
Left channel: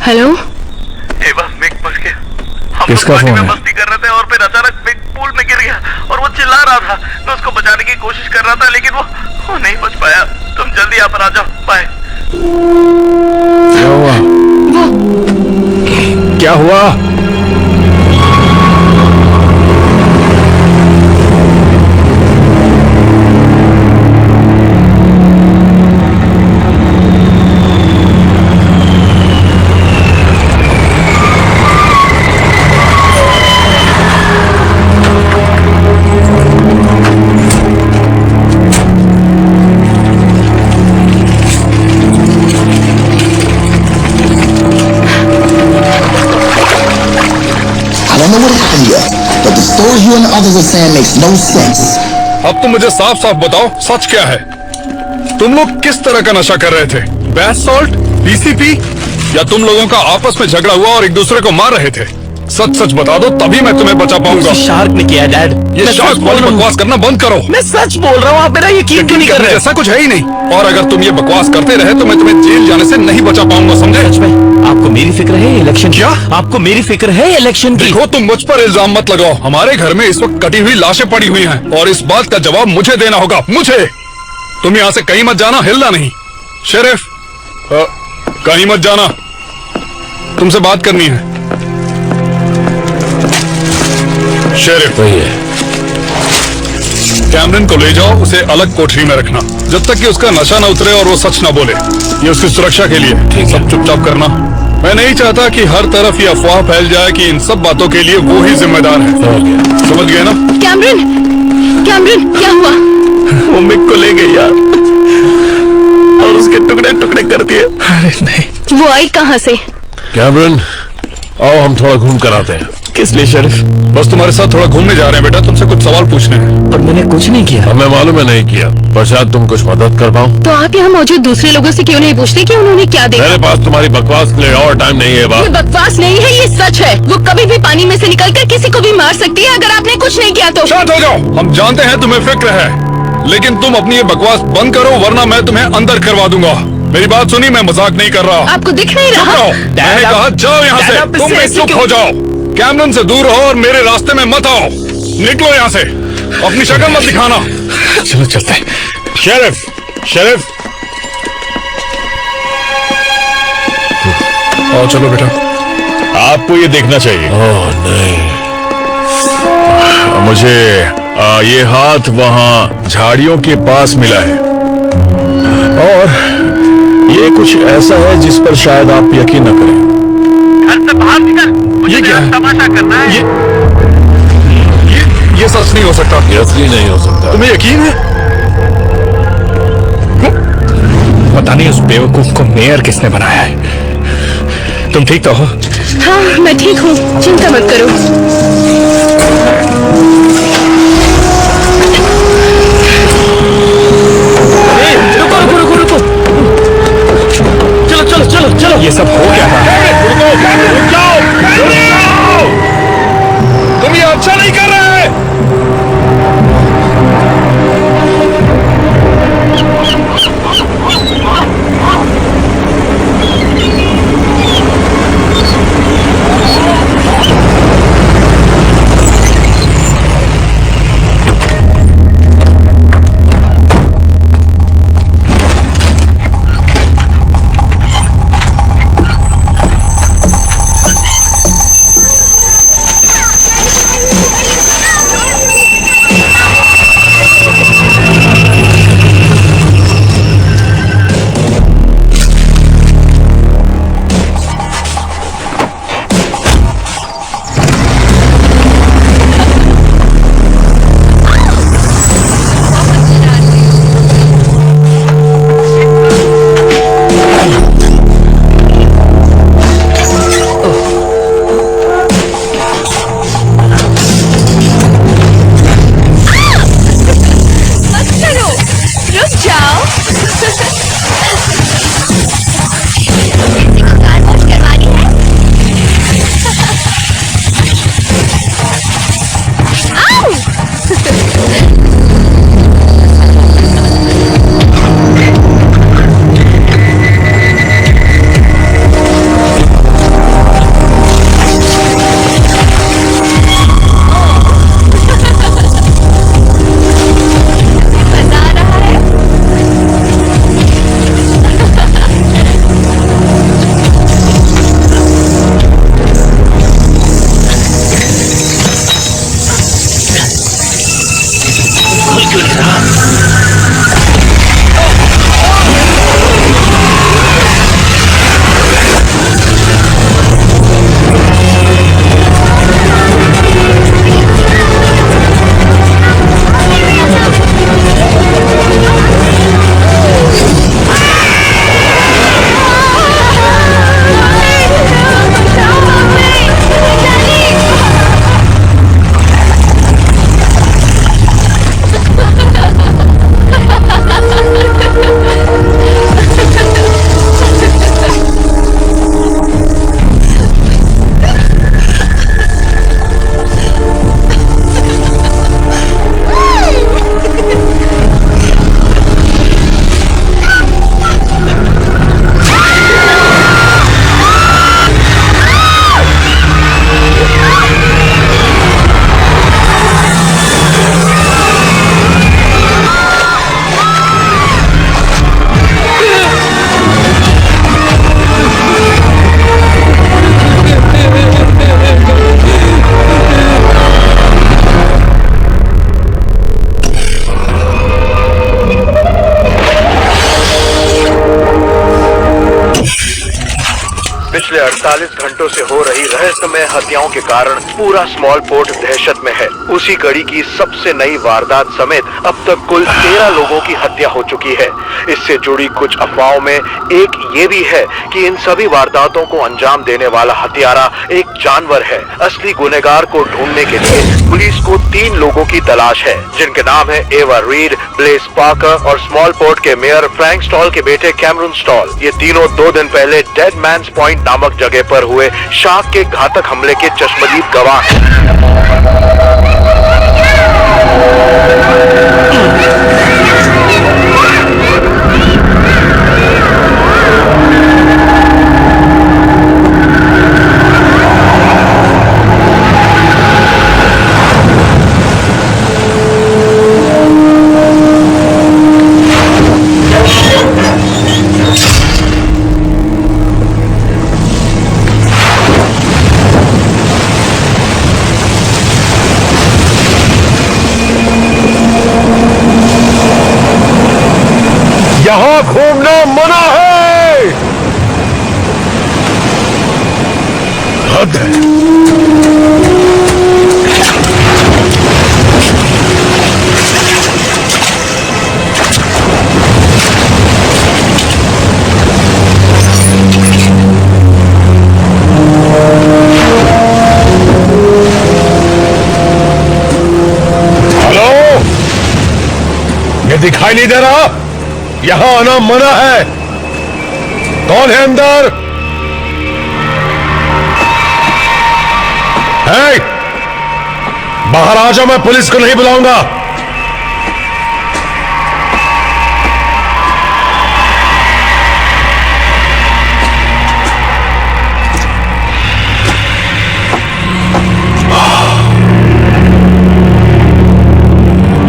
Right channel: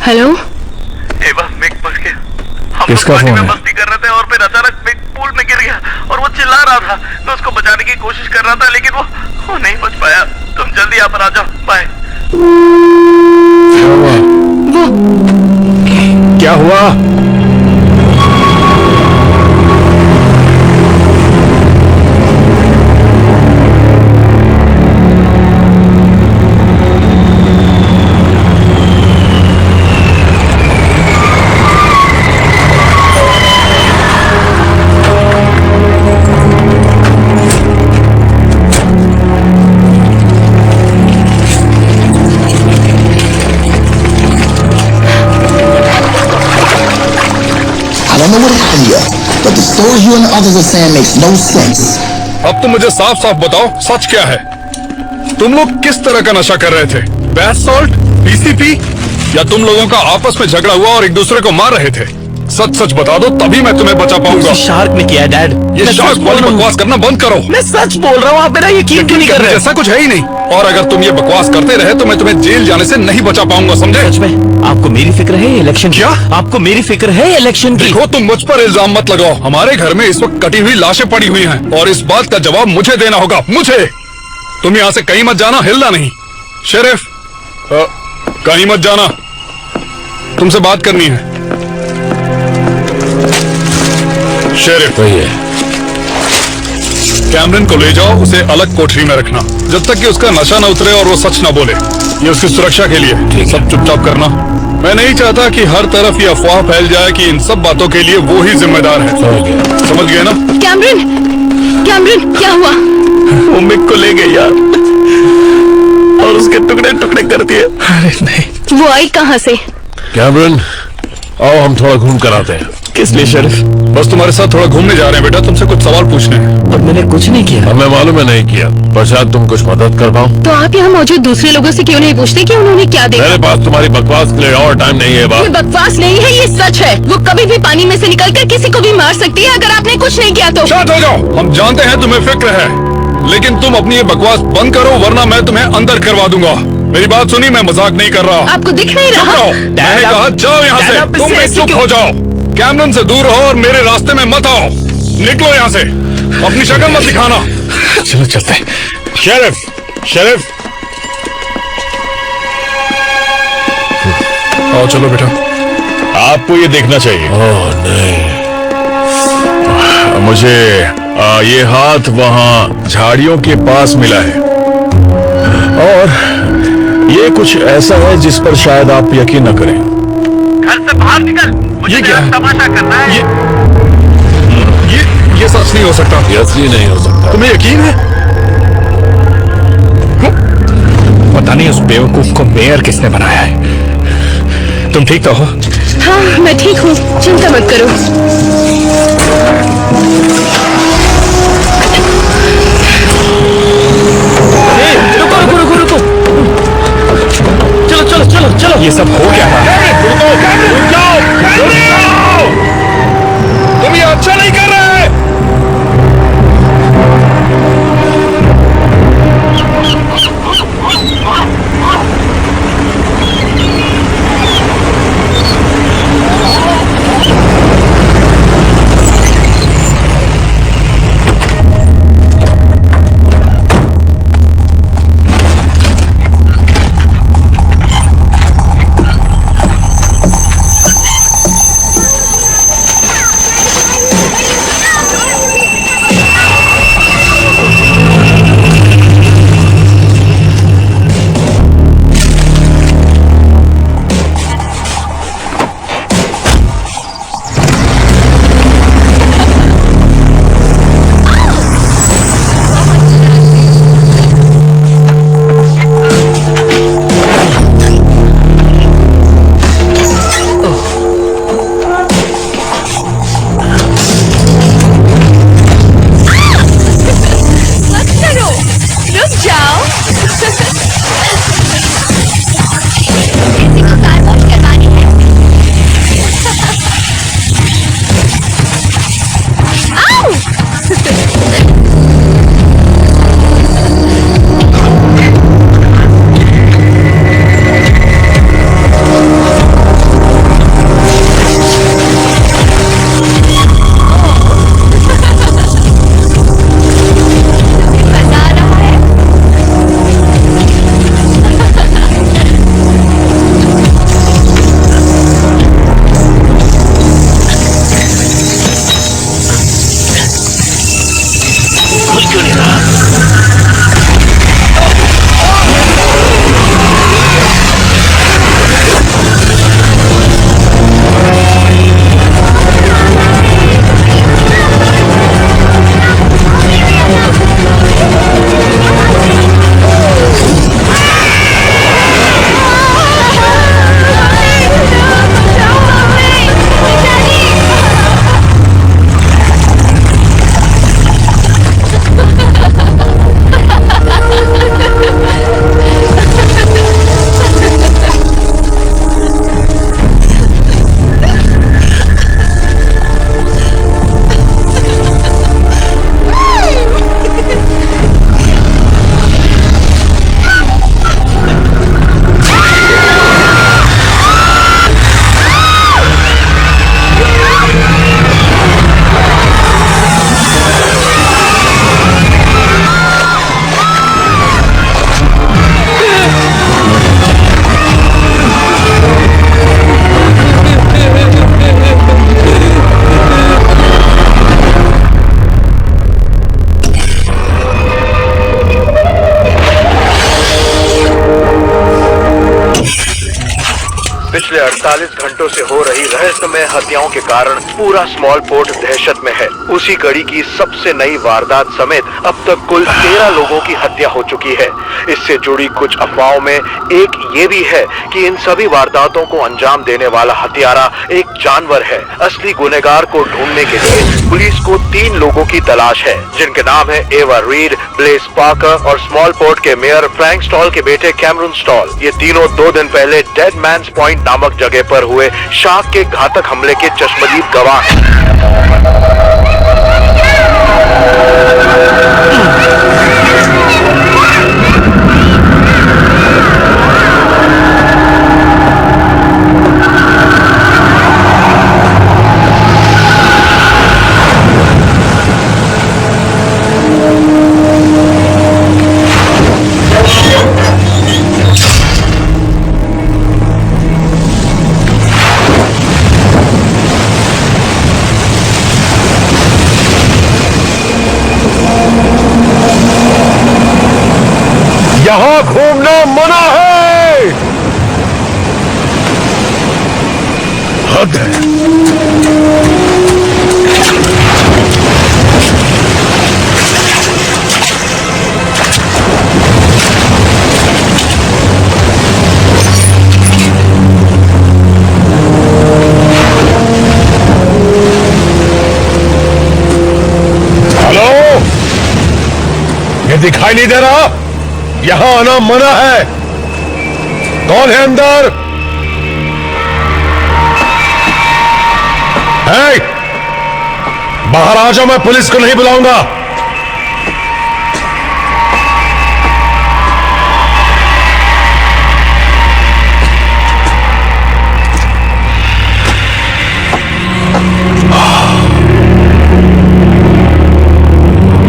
हेलो, एवा, मिक फंस गया। हम किसका लोग पार्टी फोन में है? मस्ती कर रहे थे और फिर अचानक मिक पूल में गिर गया और वो चिल्ला रहा था। मैं उसको बचाने की कोशिश कर रहा था, लेकिन वो नहीं बच पाया। तुम जल्दी यहाँ पर आ जाओ। बाय। क्या हुआ? क्या हुआ? I don't know what happened here, but the stories you and the others are saying makes no sense. अब तुम मुझे साफ साफ बताओ, सच क्या है? तुम लोग किस तरह का नशा कर रहे थे? बैथ सॉल्ट, पीसीपी, या तुम लोगों का आपस में झगड़ा हुआ और एक दूसरे को मार रहे थे? सच सच बता दो, तभी मैं तुम्हें बचा पाऊंगा। शार्क ने किया डैड। ये शार्क वाली बकवास करना बंद करो। मैं सच बोल रहा हूँ, आप मेरा यकीन क्यों नहीं कर रहे? ऐसा कुछ है ही नहीं। और अगर तुम ये बकवास करते रहे तो मैं तुम्हें जेल जाने से नहीं बचा पाऊंगा, समझे? सच में आपको मेरी फिक्र है इलेक्शन? क्या? आपको मेरी फिक्र है इलेक्शन की? देखो, तुम मुझ पर इल्जाम मत लगाओ। हमारे घर में इस वक्त कटी हुई लाशें पड़ी हुई हैं और इस बात का जवाब मुझे देना होगा, मुझे। तुम यहाँ से कहीं मत जाना, हिलना नहीं। शेरिफ, कहीं मत जाना, तुमसे बात करनी है। शेरिफ, कैमरन को ले जाओ, उसे अलग कोठरी में रखना जब तक कि उसका नशा न उतरे और वो सच न बोले। ये उसकी सुरक्षा के लिए। सब चुपचाप करना। मैं नहीं चाहता कि हर तरफ ये अफवाह फैल जाए कि इन सब बातों के लिए वो ही जिम्मेदार है। समझ गए ना? कैमरन, कैमरन, क्या हुआ? वो मिक को ले गई यार और उसके टुकड़े टुकड़े कर दिए। अरे नहीं। वो आई कहाँ से? कैमरन, आओ हम थोड़ा घूम कर आते हैं। किस लिए शरीफ? बस तुम्हारे साथ थोड़ा घूमने जा रहे हैं बेटा, तुमसे कुछ सवाल पूछने हैं। और मैंने कुछ नहीं किया। हमें मालूम है नहीं किया, पर शायद तुम कुछ मदद कर पाओ। तो आप यहाँ मौजूद दूसरे लोगों से क्यों नहीं पूछते कि उन्होंने क्या देखा? मेरे पास तुम्हारी बकवास के लिए और टाइम नहीं है। ये बात बकवास नहीं है, ये सच है। वो कभी भी पानी में से निकलकर किसी को भी मार सकती है अगर आपने कुछ नहीं किया तो। शांत हो जाओ। हम जानते हैं तुम्हें फिक्र है, लेकिन तुम अपनी ये बकवास बंद करो वरना मैं तुम्हें अंदर करवा दूंगा। मेरी बात सुनी, मैं मजाक नहीं कर रहा। आपको दिख नहीं चुप रहा? रहो। मैंने कहा जाओ यहाँ से। तुम भी चुप हो जाओ। कैमरन से दूर रहो और मेरे रास्ते में मत आओ। निकलो यहाँ से। अपनी शक्ल मत दिखाना। चलो चलते हैं। शेरिफ आओ चलो बेटा। आपको ये देखना चाहिए। ओह नहीं, मुझे ये हाथ वहां झाड़ियों के पास मिला है और ये कुछ ऐसा है जिस पर शायद आप यकीन न करें। घर से बाहर निकल, मुझे ये क्या है? तमाशा करना है। ये सच नहीं हो सकता। ये असली नहीं हो सकता। तुम्हें यकीन है? पता नहीं उस बेवकूफ को मेयर किसने बनाया है। तुम ठीक तो हो? हाँ मैं ठीक हूँ, चिंता मत करो। रुको। चलो। ये सब हो क्या रहा है? रुक जाओ। तुम ये अच्छा नहीं कर रहे। पिछले 48 घंटों से हो रही रहस्यमय हत्याओं के कारण पूरा स्मॉल पोर्ट दहशत में है। उसी कड़ी की सबसे नई वारदात समेत अब तक कुल 13 लोगों की हत्या हो चुकी है। इससे जुड़ी कुछ अफवाहों में एक ये भी है कि इन सभी वारदातों को अंजाम देने वाला हत्यारा एक जानवर है। असली गुनहगार को ढूंढने के लिए पुलिस को 3 लोगों की तलाश है, जिनके नाम है एवा रीड, ब्लेस पार्कर और स्मॉल पोर्ट के मेयर फ्रैंक स्टॉल के बेटे कैमरून स्टॉल। ये तीनों 2 दिन पहले डेड मैंस पॉइंट नामक जगह पर हुए शार्क के घातक हमले के चश्मदीद गवाह हैं। यहाँ घूमना मना है। हद है। हेलो, ये दिखाई नहीं दे रहा? यहां आना मना है। कौन है अंदर? है? बाहर आ जाओ, मैं पुलिस को नहीं बुलाऊंगा।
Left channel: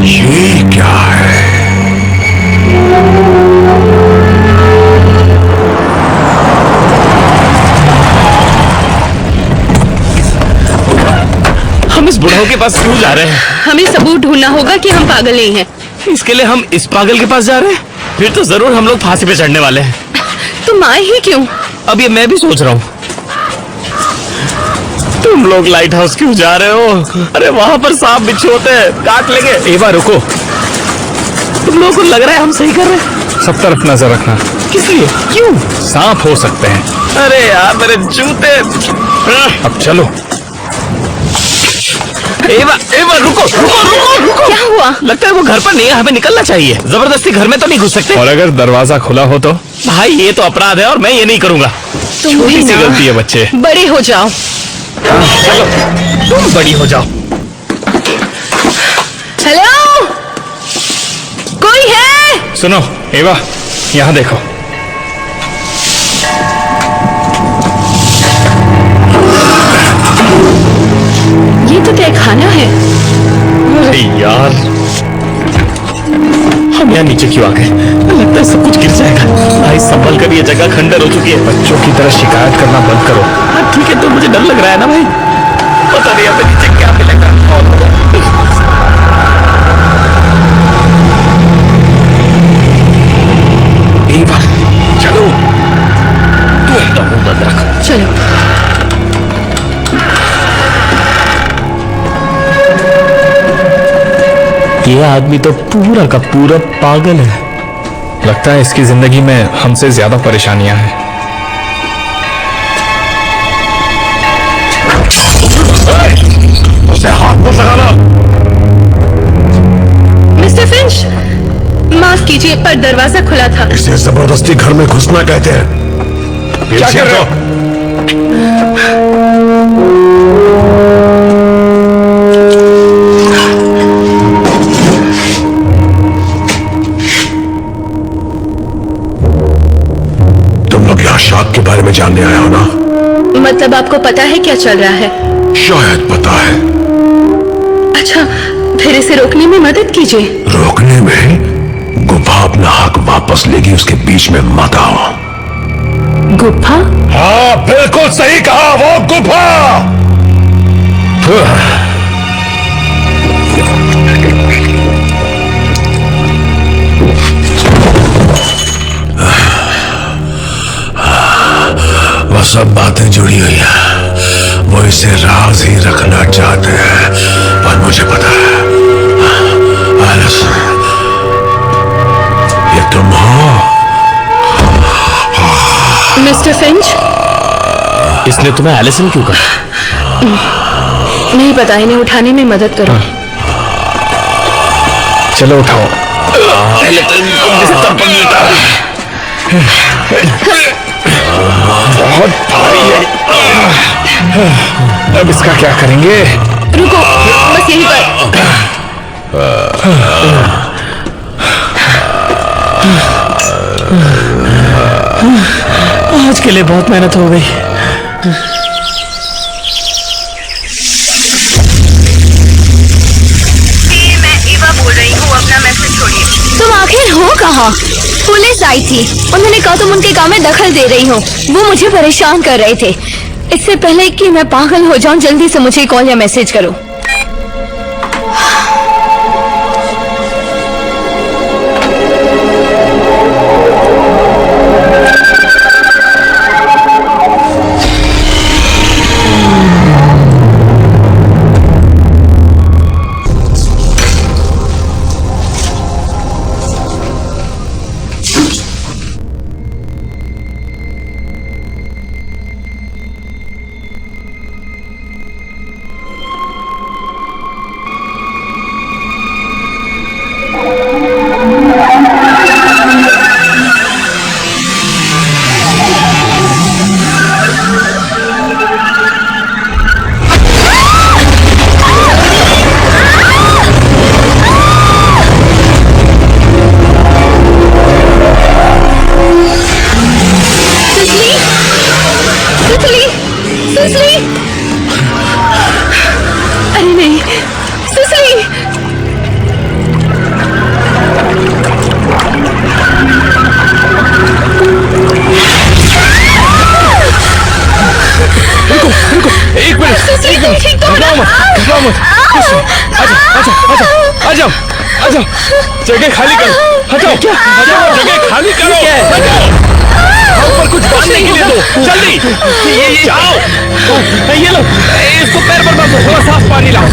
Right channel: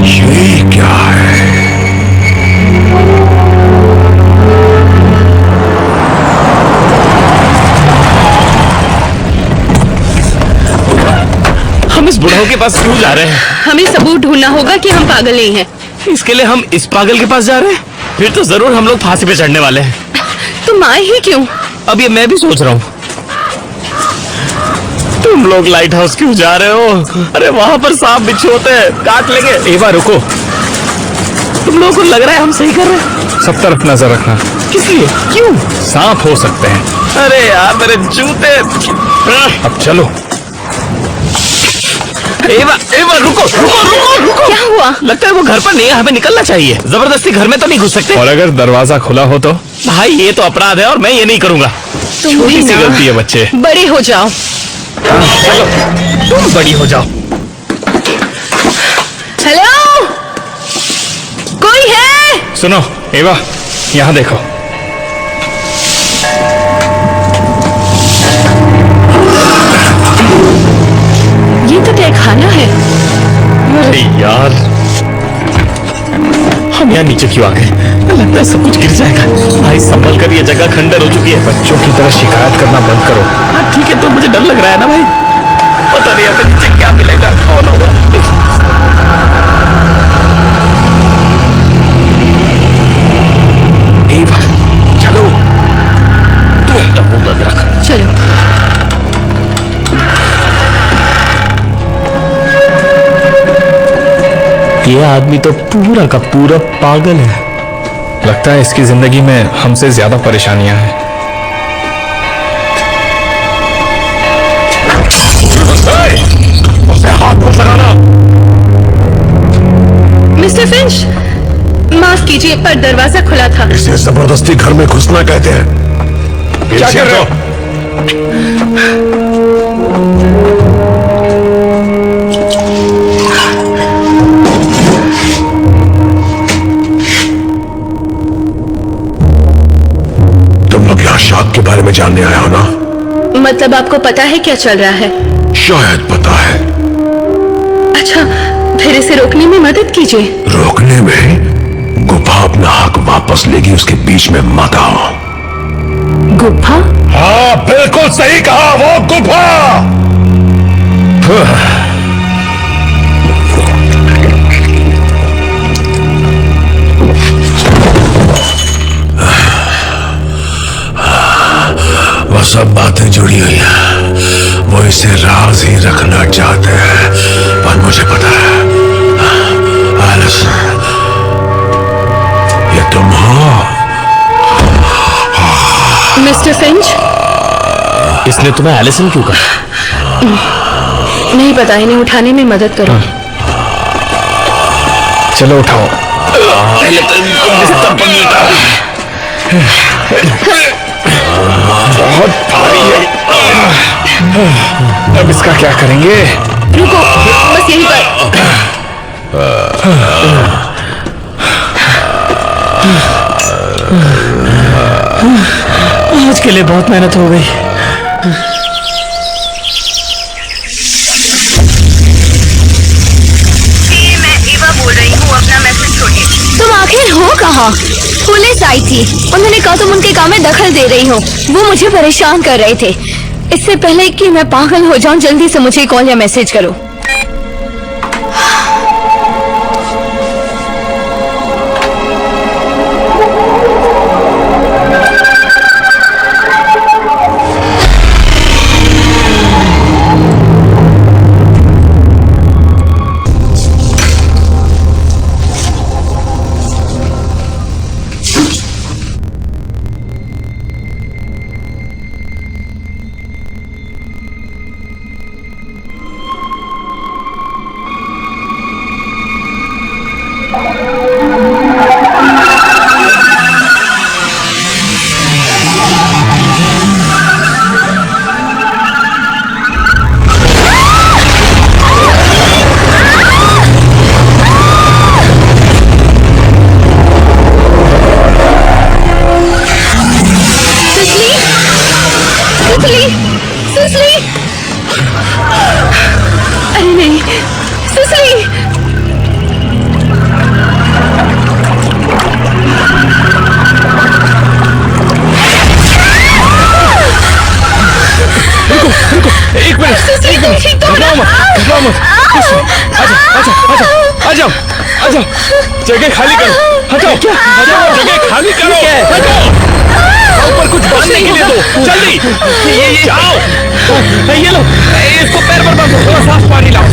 ये क्या है? हम इस बुढ़ाओ के पास क्यों जा रहे हैं? हमें सबूत ढूंढना होगा कि हम पागल नहीं हैं। इसके लिए हम इस पागल के पास जा रहे हैं? फिर तो जरूर हम लोग फांसी पे चढ़ने वाले हैं। तुम आए ही क्यों? अब ये मैं भी सोच रहा हूँ। तुम लोग लाइट हाउस क्यों जा रहे हो? अरे वहां पर सांप बिच्छू होते हैं, काट लेंगे। एवा रुको, तुम लोगों को लग रहा है हम सही कर रहे हैं? सब तरफ नजर रखना। किस लिए? क्यों? सांप हो सकते हैं। अरे यार मेरे जूते। अब चलो। एवा एवा रुको रुको रुको रुको। क्या हुआ? लगता है वो घर पर नहीं है, हमें निकलना चाहिए। जबरदस्ती घर में तो नहीं घुस सकते। और अगर दरवाजा खुला हो तो? भाई ये तो अपराध है और मैं ये नहीं करूंगा। छोटी सी गलती है बच्चे। बड़े हो जाओ। चलो तुम बड़ी हो जाओ। हेलो, कोई है? सुनो एवा, यहाँ देखो। ये तो तहखाना है। अरे यार, हम यहाँ नीचे क्यों आ गए? लगता है सब कुछ गिर जाएगा। भाई संभल कर, ये जगह खंडर हो चुकी है। बच्चों की तरह शिकायत करना बंद करो। हाँ ठीक है, तो मुझे डर लग रहा है ना भाई। पता नहीं हमें नीचे क्या मिलेगा, कौन होगा। एवा चलो, तू अपना मुंह बंद रख। चलो। ये आदमी तो पूरा का पूरा पागल है। लगता है इसकी जिंदगी में हमसे ज्यादा परेशानियां हैं। उसे हाथ मत लगाना। मिस्टर फिंच, माफ कीजिए पर दरवाजा खुला था। इसे जबरदस्ती घर में घुसना कहते हैं। क्या कर रहे हो? तुम लोग यहाँ शाक के बारे में जानने आए हो ना? मतलब आपको पता है क्या चल रहा है? शायद पता है। अच्छा, फिर इसे रोकने में मदद कीजिए। रोकने में? गुफा अपना हक वापस लेगी, उसके बीच में मत आओ। गुफा? हाँ बिल्कुल सही कहा, वो गुफा। वो सब बातें जुड़ी हुई हैं। वो इसे राज ही रखना चाहते हैं, पर मुझे पता है। एलिस, ये तुम हो? मिस्टर फिंच, इसने तुम्हें एलिसन क्यों कहा? नहीं पता, इन्हें उठाने में मदद करो। चलो उठाओ। पहले तो इनको बिस्तर पर लेटा। बहुत भारी है। अब इसका क्या करेंगे? रुको, बस यहीं पर। आज के लिए बहुत मेहनत हो गई। मैं एवा बोल रही हूँ, अपना मैसेज छोड़िए। तुम आखिर हो कहाँ? पुलिस आई थी, उन्होंने कहा तुम उनके काम में दखल दे रही हो। वो मुझे परेशान कर रहे थे। इससे पहले कि मैं पागल हो जाऊं, जल्दी से मुझे कॉल या मैसेज करो। नहीं ठीक तो घबराओ मत, घबराओ मत। कुछ नहीं। आ जाओ। जगह खाली करो। हटाओ, जगह खाली करो। हटाओ। ऊपर कुछ बांधने के लिए दो, जल्दी। ये जाओ। ये लो, इसको पैर पर बांधो। थोड़ा साफ पानी लाओ।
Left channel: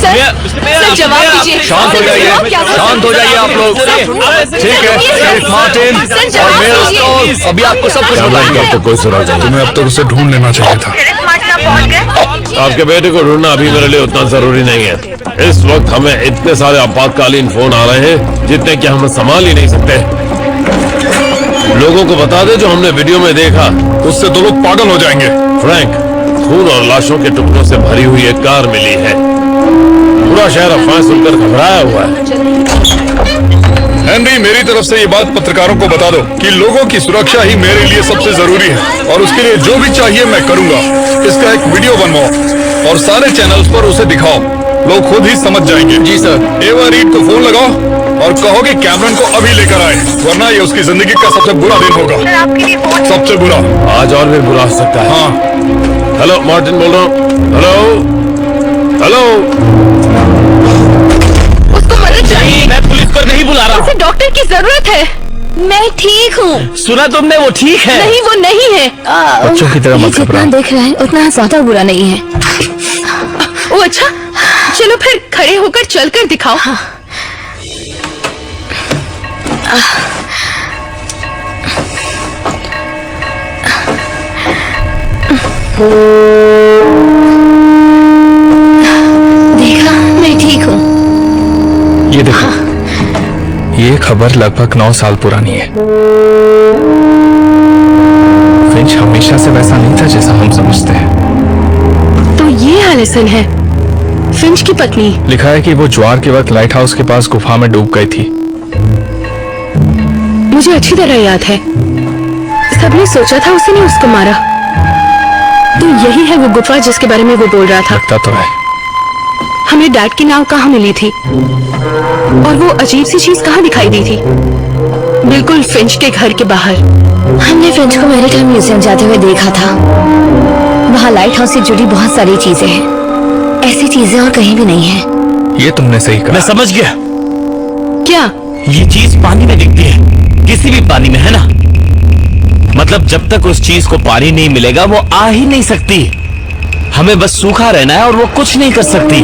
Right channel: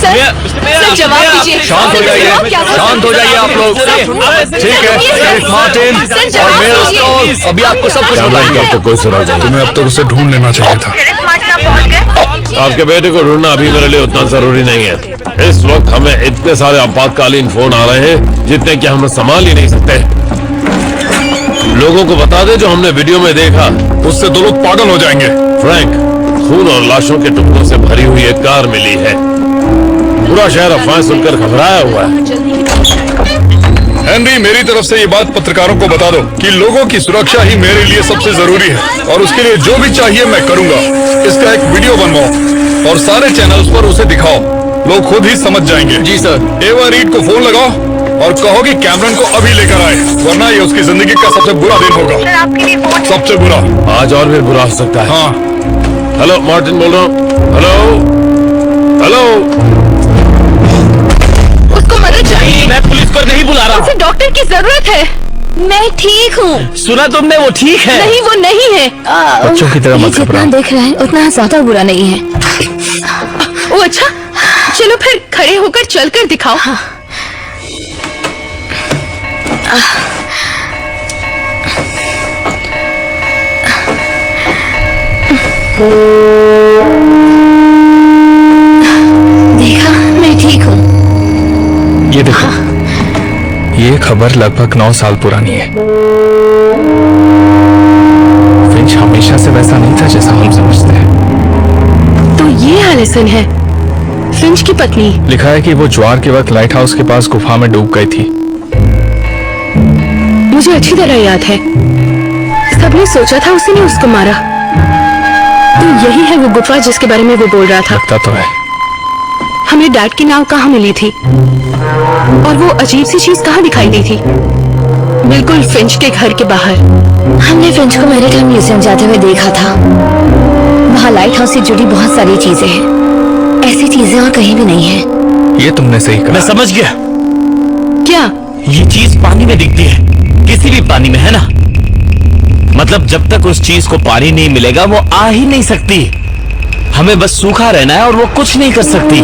सर जवाब दीजिए। शांत हो जाइए, शांत हो जाइए आप लोग। ठीक है, शेरिफ मार्टिन और मेयर स्टॉल अभी आपको सब कुछ बताएंगे। तो कोई सुराग नहीं। तुम्हें अब तक उसे ढूंढ लेना चाहिए था। आपके बेटे को ढूंढना अभी मेरे लिए उतना जरूरी नहीं है। इस वक्त हमें इतने सारे आपातकालीन फोन आ रहे हैं जितने कि हम संभाल ही नहीं सकते। लोगों को बता दे जो हमने वीडियो में देखा। उससे दो लोग पागल हो जाएंगे। फ्रैंक, खून और लाशों के टुकड़ों से भरी हुई एक कार मिली है। पूरा शहर अफवाहें सुनकर घबराया हुआ है। हेनरी, मेरी तरफ से ये बात पत्रकारों को बता दो कि लोगों की सुरक्षा ही मेरे लिए सबसे जरूरी है और उसके लिए जो भी चाहिए मैं करूंगा। इसका एक वीडियो बनवाओ और सारे चैनल्स पर उसे दिखाओ। लोग खुद ही समझ जाएंगे। जी सर। एवा रीड को फोन लगाओ और कहो कि कैमरन को अभी लेकर आए, वरना ये उसकी जिंदगी का सबसे बुरा दिन होगा। सबसे बुरा। आज और भी बुरा हो सकता है। हाँ। हेलो, मार्टिन बोल रहा हूँ। हेलो। उसको मदद चाहिए। मैं पुलिस को नहीं बुला रहा। उसे डॉक्टर की जरूरत है। मैं ठीक हूँ। सुना तुमने? वो ठीक है। नहीं, वो नहीं है। बच्चों की तरह मत जितना घबराओ। देख रहा है उतना ज्यादा बुरा नहीं है। ओ अच्छा, चलो फिर खड़े होकर चलकर दिखाओ। देखा, मैं ठीक हूँ। ये देखो, ये खबर लगभग 9 साल पुरानी है। फिंच हमेशा से वैसा नहीं था जैसा हम समझते हैं। तो ये एलिसन है, फिंच की पत्नी। लिखा है कि वो ज्वार के वक्त लाइट हाउस के पास गुफा में डूब गई थी। मुझे अच्छी तरह याद है। सबने सोचा था उसी ने उसको मारा। तो यही है वो गुफा जिसके बारे में वो बोल रहा था। लगता तो है। हमें डैड की नाव कहाँ मिली थी और वो अजीब सी चीज कहाँ दिखाई दी थी? बिल्कुल फिंच के घर के बाहर। हमने फिंच को मैरीटाइम म्यूजियम जाते हुए देखा था। वहाँ लाइट हाउस से जुड़ी बहुत सारी चीजें हैं। ऐसी चीजें और कहीं भी नहीं है। ये तुमने सही कहा। मैं समझ गया। क्या? ये चीज पानी में दिखती है, किसी भी पानी में, है ना? मतलब जब तक उस चीज को पानी नहीं मिलेगा वो आ ही नहीं सकती। हमें बस सूखा रहना है और वो कुछ नहीं कर सकती।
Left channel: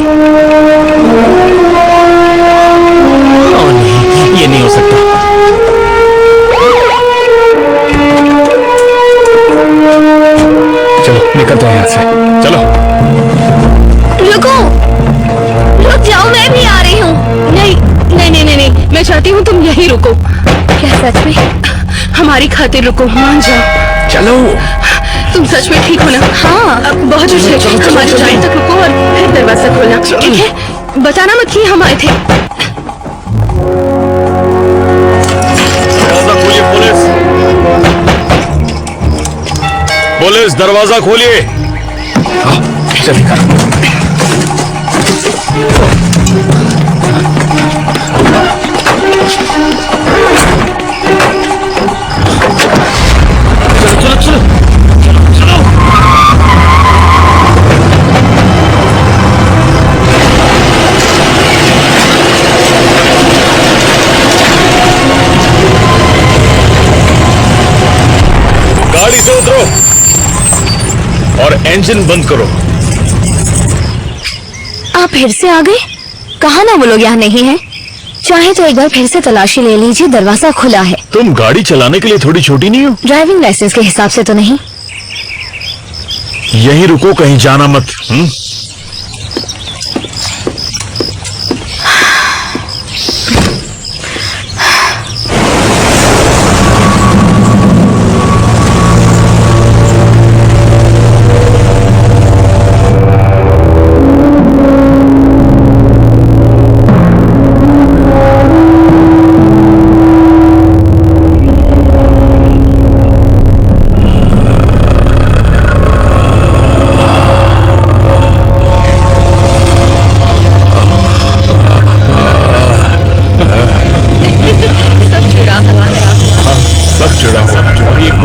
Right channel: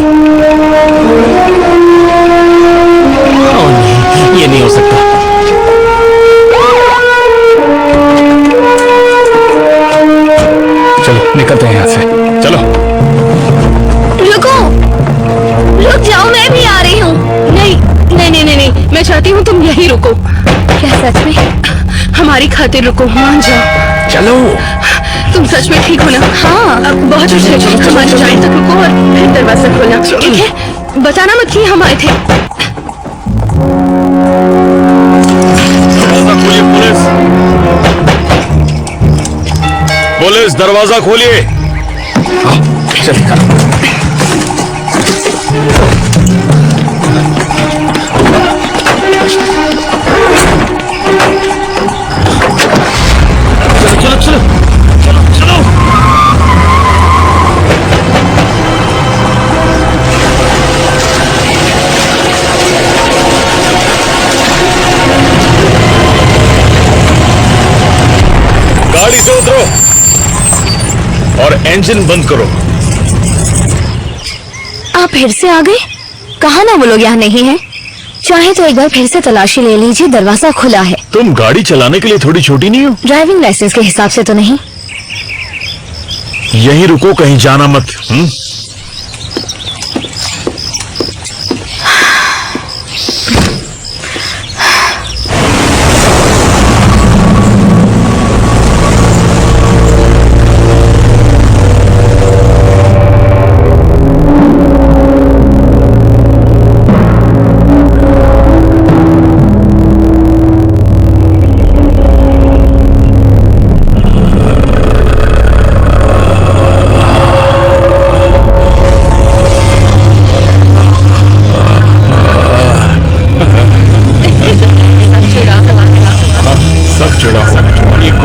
ओह नहीं, ये नहीं हो सकता। चलो निकलते हैं यहाँ से। चलो। रुको, रुक जाओ, मैं भी आ रही हूँ। नहीं नहीं नहीं नहीं नहीं, मैं चाहती हूँ तुम यहीं रुको। क्या सच में? हमारी खातिर रुको, मान जाओ। चलो। तुम सच में ठीक हो ना? हाँ, अब बहुत कुछ है। हमारी जान तक रुको और फिर दरवाजा खोलना, ठीक है? बताना मत कि हम आए थे। दरवाजा खोलिए, पुलिस। पुलिस, दरवाजा खोलिए। चल कर। चलो चलो चलो चलो। गाड़ी से उतरो और इंजन बंद करो। आप फिर से आ गए? कहा ना वो लोग यहाँ नहीं है। चाहे तो एक बार फिर से तलाशी ले लीजिए, दरवाजा खुला है। तुम गाड़ी चलाने के लिए थोड़ी छोटी नहीं हो? ड्राइविंग लाइसेंस के हिसाब से तो नहीं। यहीं रुको, कहीं जाना मत।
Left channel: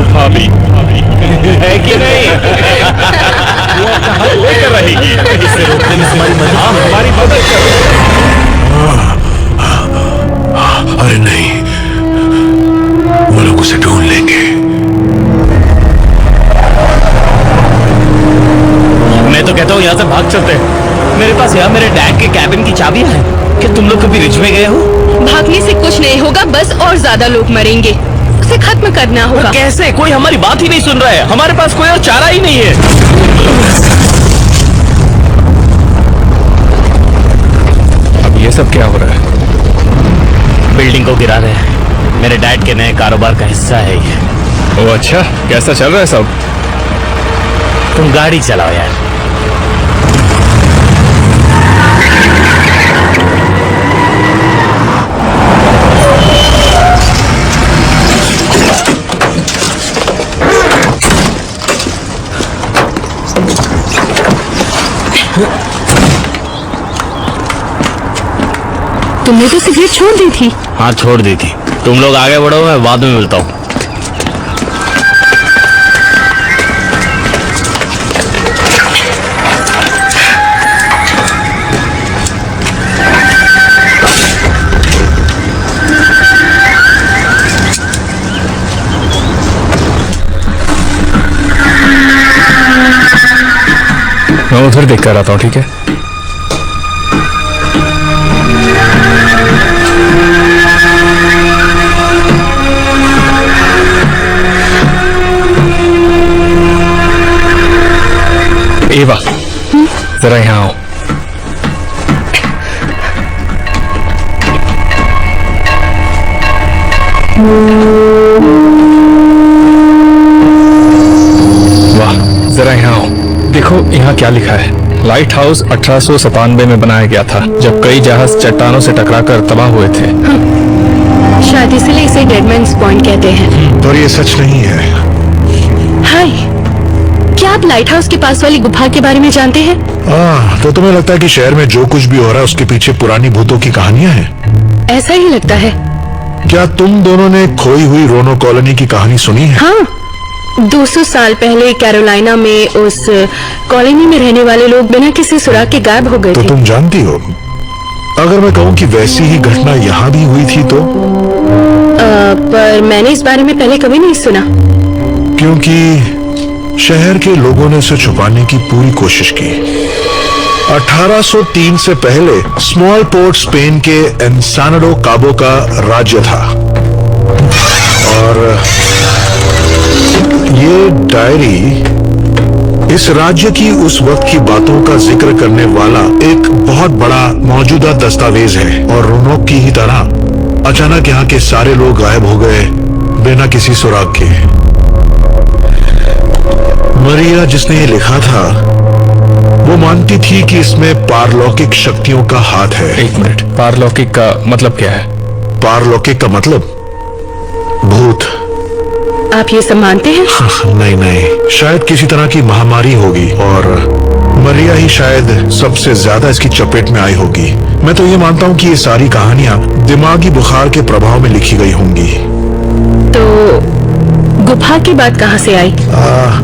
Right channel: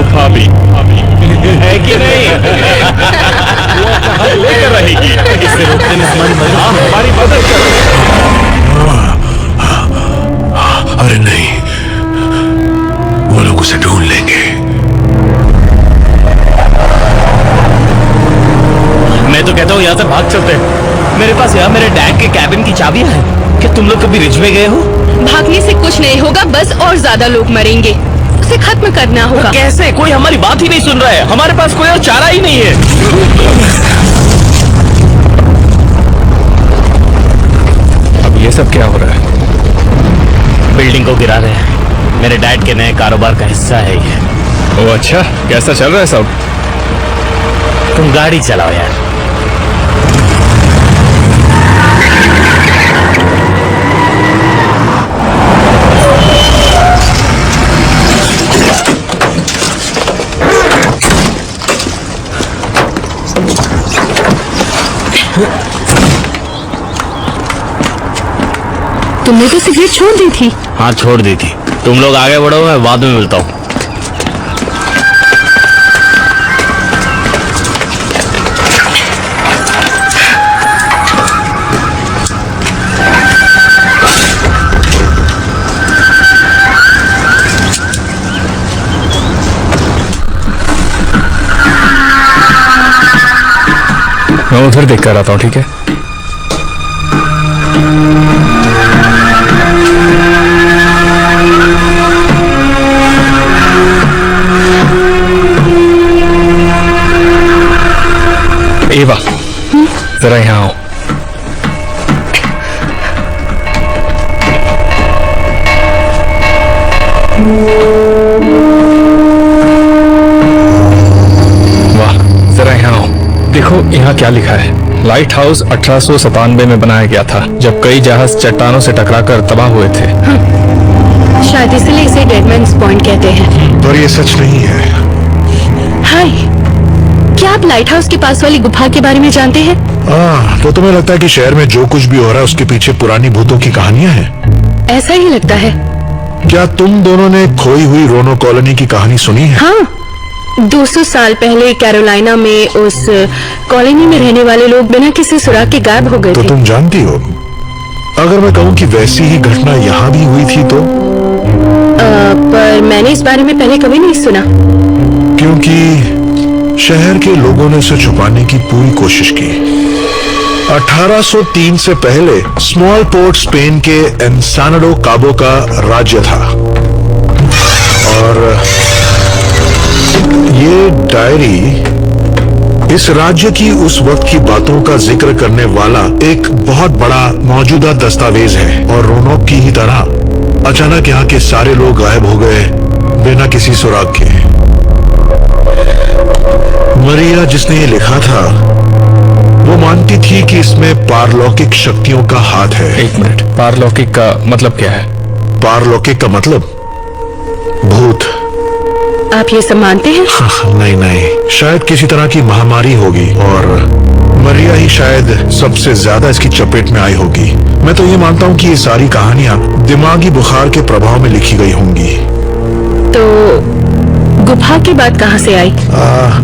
गुफा भी है कि नहीं? लेकर रहेगी। इसे रोकने में हमारी मदद हमारी मदद करो। अरे नहीं, वो लोग उसे ढूंढ लेंगे। मैं तो कहता हूँ यहाँ से भाग चलते हैं। मेरे पास यहाँ मेरे डैड के कैबिन की चाबियां हैं। क्या तुम लोग कभी रिज में गए हो? भागने से कुछ नहीं होगा, बस और ज्यादा लोग मरेंगे। उसे खत्म करना होगा। कैसे? कोई हमारी बात ही नहीं सुन रहा है। हमारे पास कोई और चारा ही नहीं है। अब ये सब क्या हो रहा है? बिल्डिंग को गिरा रहे हैं। मेरे डैड के नए कारोबार का हिस्सा है ये। ओ अच्छा, कैसा चल रहा है सब? तुम गाड़ी चलाओ यार। तुमने तो सिगरेट छोड़ दी थी। हाँ छोड़ दी थी। तुम लोग आगे बढ़ो, मैं बाद में मिलता हूँ। मैं उधर देख कर आता हूँ, ठीक है? एवा, जरा यहाँ आओ। वाह, जरा यहाँ आओ। देखो यहाँ क्या लिखा है। लाइट हाउस 1897 में बनाया गया था, जब कई जहाज चट्टानों से टकराकर तबाह हुए थे। शायद इसलिए इसे डेडमैन्स पॉइंट कहते हैं। पर ये सच नहीं है। हाय, क्या आप लाइट हाउस के पास वाली गुफा के बारे में जानते हैं? तो तुम्हें लगता है कि शहर में जो कुछ भी हो रहा है उसके पीछे पुरानी भूतों की कहानियां हैं? ऐसा ही लगता है। क्या तुम दोनों ने खोई हुई रोनो कॉलोनी की कहानी सुनी है? हाँ, 200 साल पहले कैरोलिना में उस कॉलोनी में रहने वाले लोग बिना किसी सुराग के गायब हो गए तो थे। तुम जानती हो, अगर मैं कहूँ कि वैसी ही घटना यहाँ भी हुई थी तो? पर मैंने इस बारे में पहले कभी नहीं सुना। क्योंकि शहर के लोगों ने उसे छुपाने की पूरी कोशिश की। 1803 से पहले स्मॉल पोर्ट स्पेन के एनसानाडो काबो का राज्य था, और ये डायरी इस राज्य की उस वक्त की बातों का जिक्र करने वाला एक बहुत बड़ा मौजूदा दस्तावेज है। और रोनोक की ही तरह अचानक यहाँ के सारे लोग गायब हो गए बिना किसी सुराग के। मरिया, जिसने ये लिखा था, वो मानती थी कि इसमें पारलौकिक शक्तियों का हाथ है। एक मिनट, पारलौकिक का मतलब क्या है? पारलौकिक का मतलब भूत। आप ये सब मानते हैं? नहीं नहीं, शायद किसी तरह की महामारी होगी और मरिया ही शायद सबसे ज्यादा इसकी चपेट में आई होगी। मैं तो ये मानता हूँ कि ये सारी कहानियां दिमागी बुखार के प्रभाव में लिखी गई होंगी। तो गुफा की बात कहाँ से आई?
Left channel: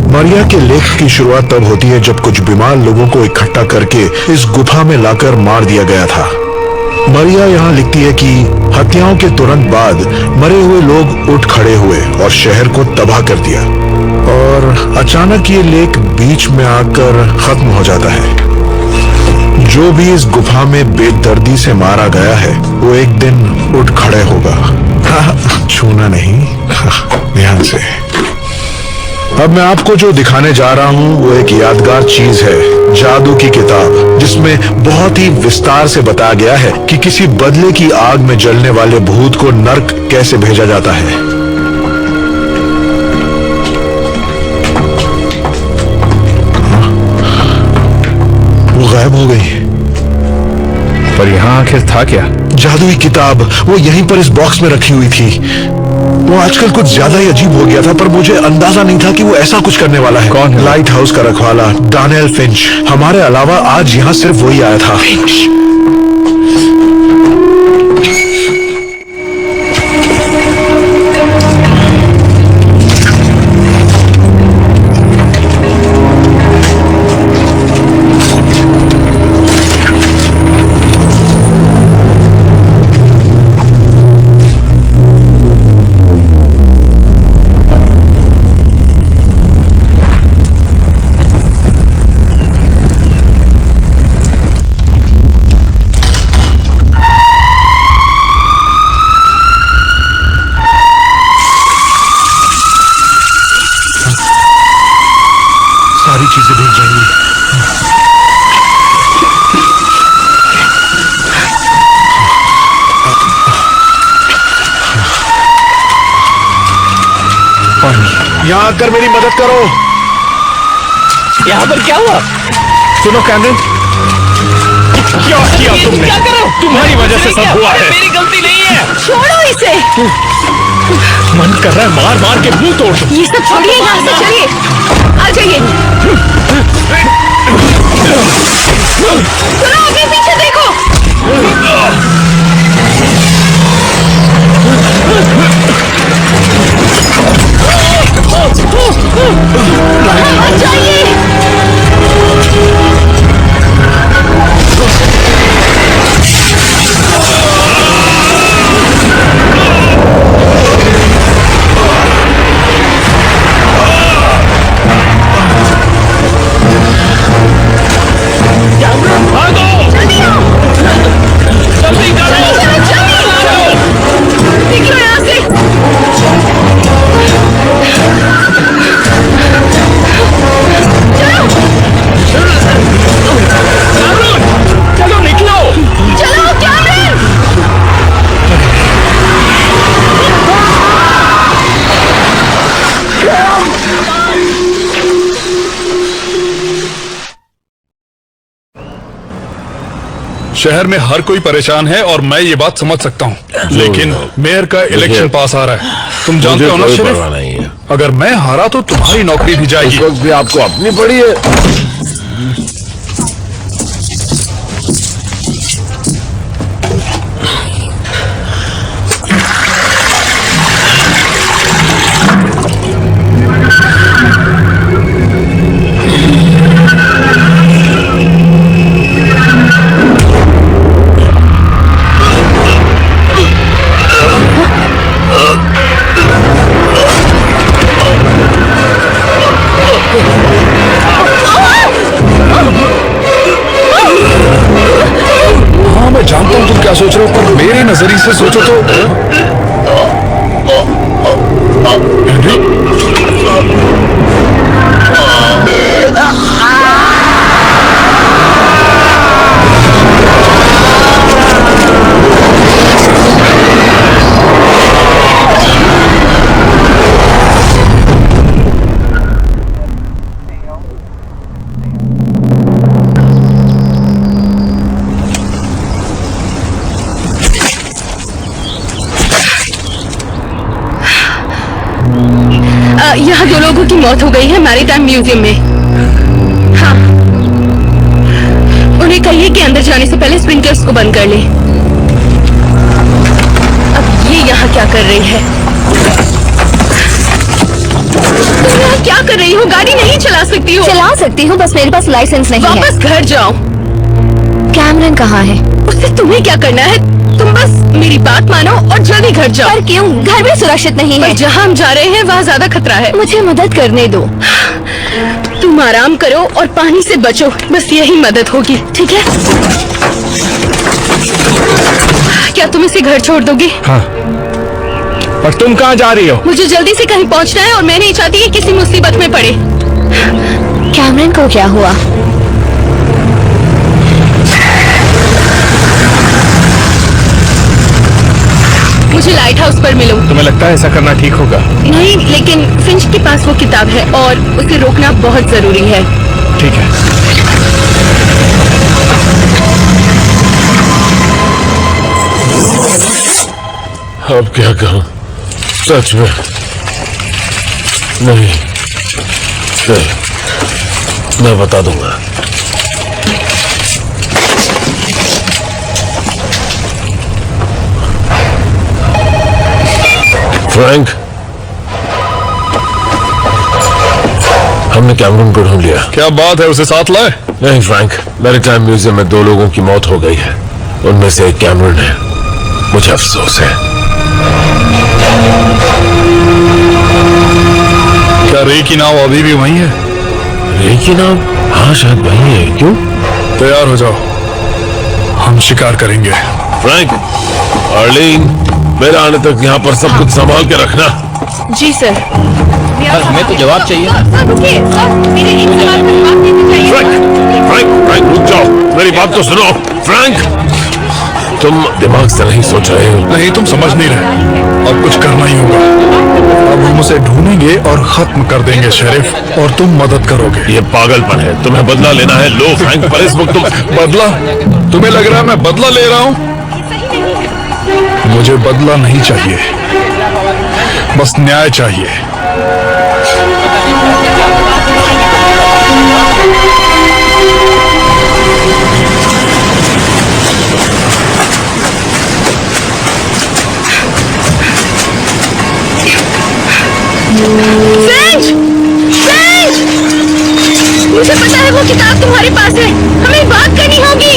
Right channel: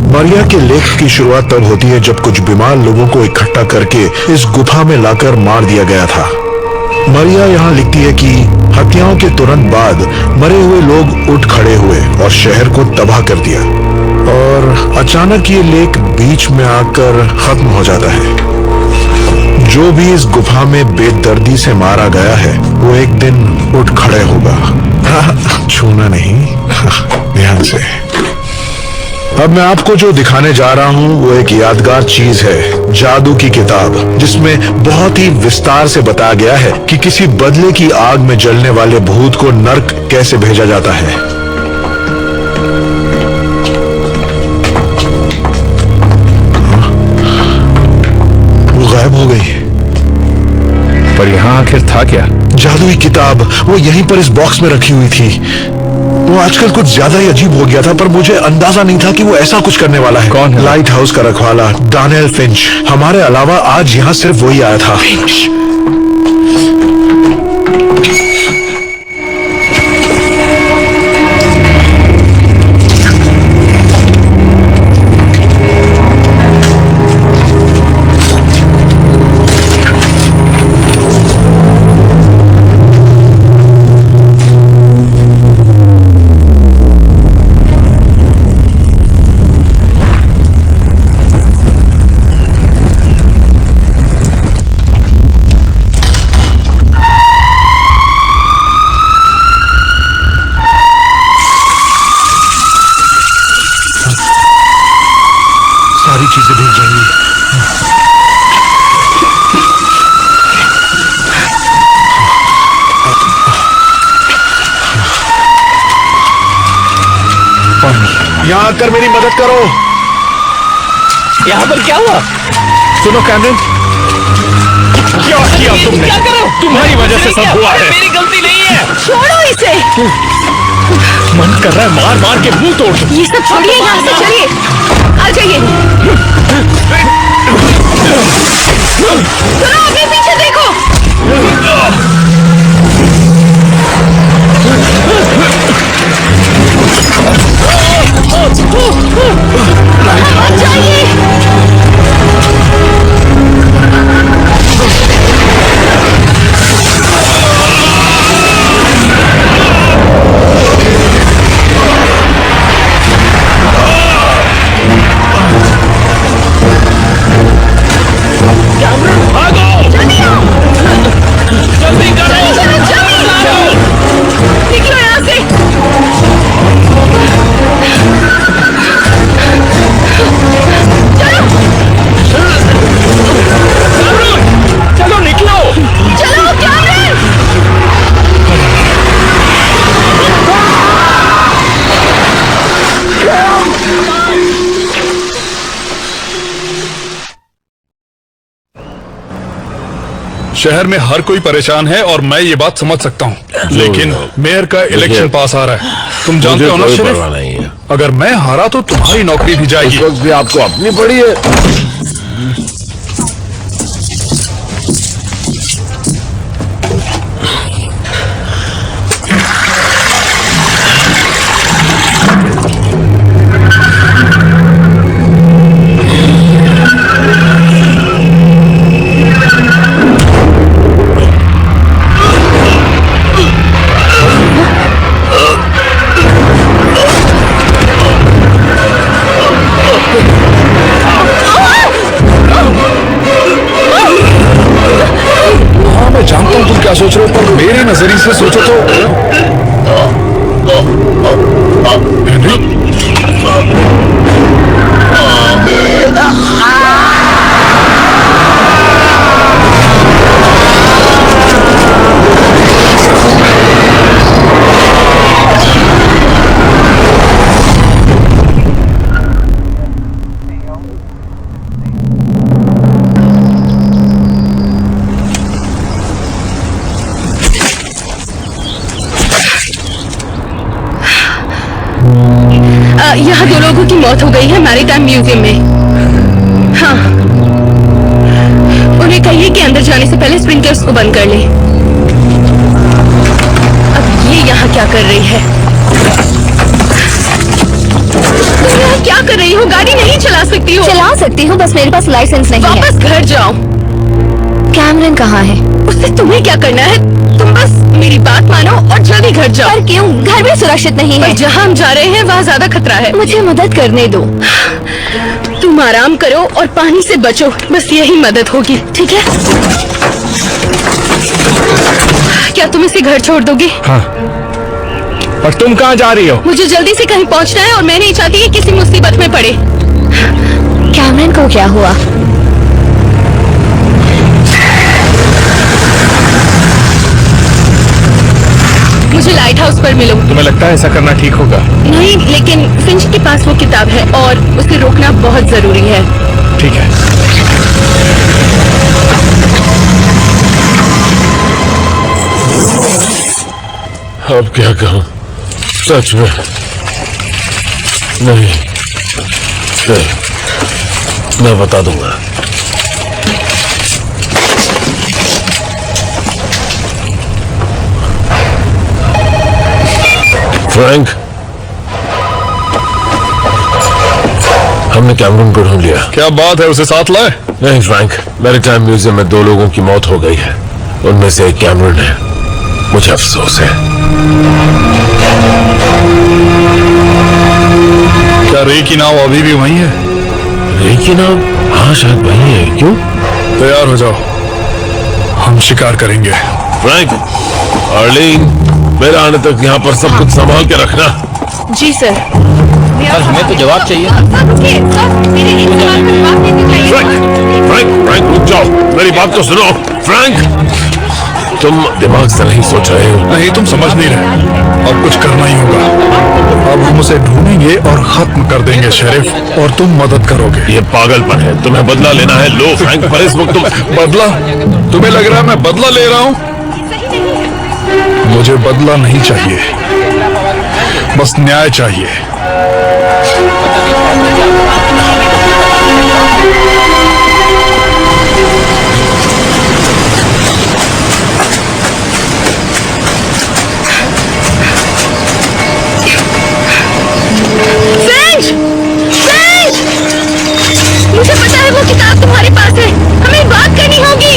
मरिया के लेख की शुरुआत तब होती है जब कुछ बीमार लोगों को इकट्ठा करके इस गुफा में लाकर मार दिया गया था। मरिया यहाँ लिखती है कि हत्याओं के तुरंत बाद मरे हुए लोग उठ खड़े हुए और शहर को तबाह कर दिया, और अचानक ये लेख बीच में आकर खत्म हो जाता है। जो भी इस गुफा में बेदर्दी से मारा गया है वो एक दिन उठ खड़े होगा। छूना नहीं, ध्यान से। अब मैं आपको जो दिखाने जा रहा हूँ वो एक यादगार चीज है, जादू की किताब, जिसमें बहुत ही विस्तार से बताया गया है कि किसी बदले की आग में जलने वाले भूत को नर्क कैसे भेजा जाता है। वो गायब हो गई। पर यहाँ आखिर था क्या? जादुई किताब, वो यहीं पर इस बॉक्स में रखी हुई थी। वो आजकल कुछ ज्यादा ही अजीब हो गया था, पर मुझे अंदाजा नहीं था कि वो ऐसा कुछ करने वाला है। कौन है? लाइट हाउस का रखवाला डैनियल फिंच। हमारे अलावा आज यहाँ सिर्फ वही आया था। फिंच। सारी चीजें भीग जाएंगी। यहाँ आकर मेरी मदद करो। यहाँ पर क्या हुआ? सुनो कैमरन, क्या किया तुमने? क्या करो? तुम्हारी वजह से सब हुआ है। मेरी गलती नहीं है। छोड़ो इसे। मन कर रहा है मार मार के मुंह तोड़ दो। ये सब छोड़िए, यहाँ से चलिए। आ जाइए। सुनो, आगे पीछे देखो। आ जाइए। जल्दी करो। निकलो यहाँ से। चलो निकलो। चलो कैमरन। शहर में हर कोई परेशान है और मैं ये बात समझ सकता हूँ, लेकिन मेयर का इलेक्शन पास आ रहा है। तुम जानते हो ना शरीफ, अगर मैं हारा तो तुम्हारी नौकरी भी जाएगी। इस वक्त भी आपको अपनी पड़ी है। हाँ मैं जानता हूँ तुम क्या सोच रहे हो, पर मेरे नजरिए से सोचो तो हेनरी, यहाँ 2 लोगों की मौत हो गई है मैरीटाइम म्यूजियम में। हाँ, उन्हें कहिए कि अंदर जाने से पहले स्प्रिंकलर्स को बंद कर ले। अब ये यहाँ क्या कर रही है? तुम यहाँ क्या कर रही हो? गाड़ी नहीं चला सकती हो? चला सकती हूँ, बस मेरे पास लाइसेंस नहीं है। वापस घर जाओ। कैमरन कहाँ है? उससे तुम्हें क्या करना है? तुम बस मेरी बात मानो और जल्दी घर जाओ। पर क्यों? घर भी सुरक्षित नहीं है। जहाँ हम जा रहे हैं वहाँ ज्यादा खतरा है। मुझे मदद करने दो। तुम आराम करो और पानी से बचो, बस यही मदद होगी, ठीक है? क्या तुम इसे घर छोड़ दोगे? हाँ। पर तुम कहाँ जा रही हो? मुझे जल्दी से कहीं पहुँचना है और मैं नहीं चाहती कि किसी मुसीबत में पड़े। कैमरन को क्या हुआ? मुझे लाइट हाउस पर मिलो। तुम्हें लगता है ऐसा करना ठीक होगा? नहीं, लेकिन फिंच के पास वो किताब है और उसे रोकना बहुत जरूरी है। ठीक है। अब क्या कहूँ? सच में नहीं, मैं बता दूंगा। फ्रैंक, हमने कैमरन को ढूंढ लिया। क्या बात है, उसे साथ लाए? नहीं फ्रैंक, मैरीटाइम म्यूजियम में 2 लोगों की मौत हो गई है, उनमें से एक कैमरन है। मुझे अफसोस है। क्या रे की नाव अभी भी वहीं है? रे की नाव? हाँ शायद वहीं है। क्यों? तैयार हो जाओ, हम शिकार करेंगे। फ्रैंक, आर्लीन, मेरे आने तक यहाँ पर सब कुछ संभाल के रखना। जी सर। सर हमें तो जवाब चाहिए। सर रुकिए सर, मेरे एक सवाल का जवाब देना चाहिए। फ्रैंक रुक जाओ, मेरी बात तो सुनो। फ्रैंक, तुम दिमाग से नहीं सोच रहे हो। नहीं, तुम समझ नहीं रहे। अब कुछ करना ही होगा। अब हम उसे ढूंढेंगे और खत्म कर देंगे शेरिफ, और तुम मदद करोगे। ये पागलपन है, तुम्हें बदला लेना है। लो फ्रैंक, पर इस वक्त तुम बदला? तुम्हें लग रहा है मैं बदला ले रहा हूँ? मुझे बदला नहीं चाहिए, बस न्याय चाहिए। फ्रेंच! फ्रेंच! मुझे पता है वो किताब तुम्हारे पास है, हमें बात करनी होगी।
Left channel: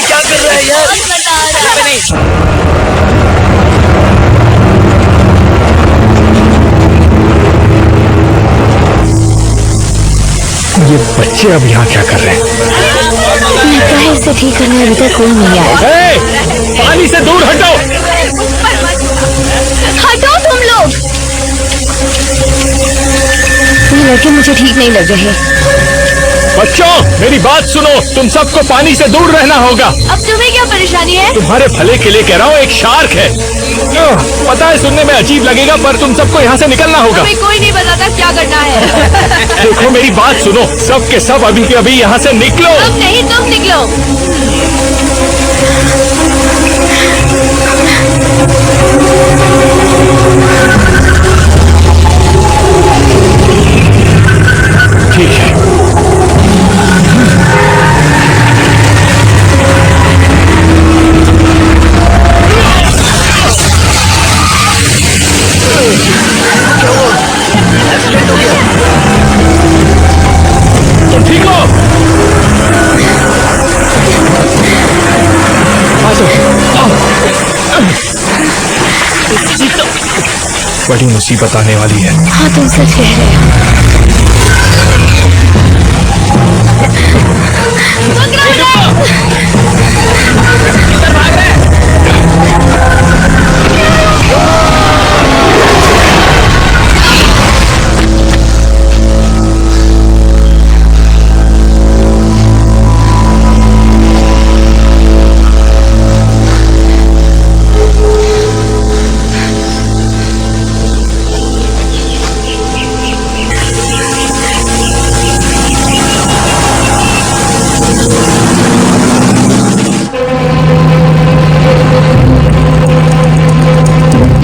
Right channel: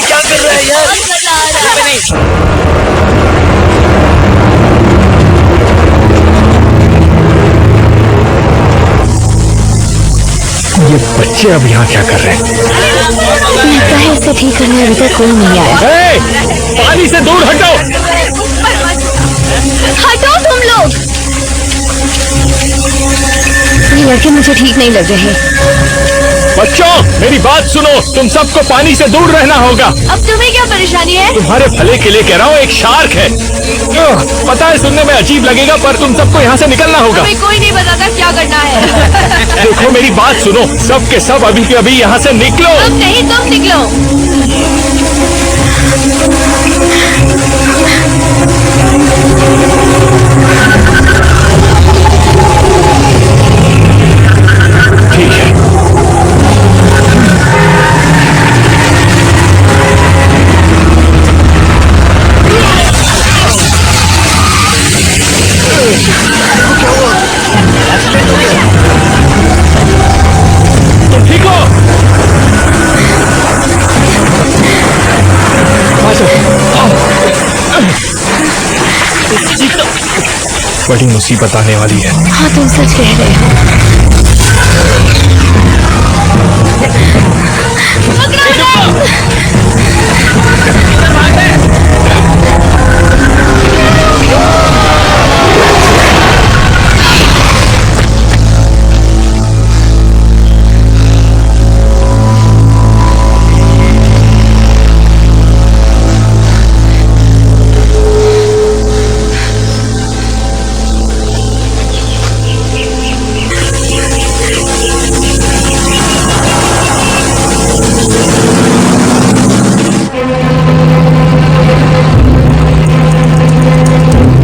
क्या कर रहा है यार? ये बच्चे अब यहाँ क्या कर रहे हैं? लगता है इसे ठीक करने अभी तक कोई नहीं आया। पानी से दूर हटो। हटो तुम लोग। ये लड़के मुझे ठीक नहीं लग रहे। बच्चों मेरी बात सुनो, तुम सबको पानी से दूर रहना होगा। अब तुम्हें क्या परेशानी है? तुम्हारे भले के लिए कह रहा हूँ, एक शार्क है। पता है सुनने में अजीब लगेगा, पर तुम सबको यहाँ से निकलना होगा। हमें कोई नहीं बताता क्या करना है। देखो मेरी बात सुनो, सब के सब अभी के अभी यहाँ से निकलो। अब नहीं, तुम निकलो। ठीक है। तुम ठीक हो? बड़ी मुसीबत आने वाली है। हाँ तुम सच कह रहे हो। किधर भाग रहे हैं?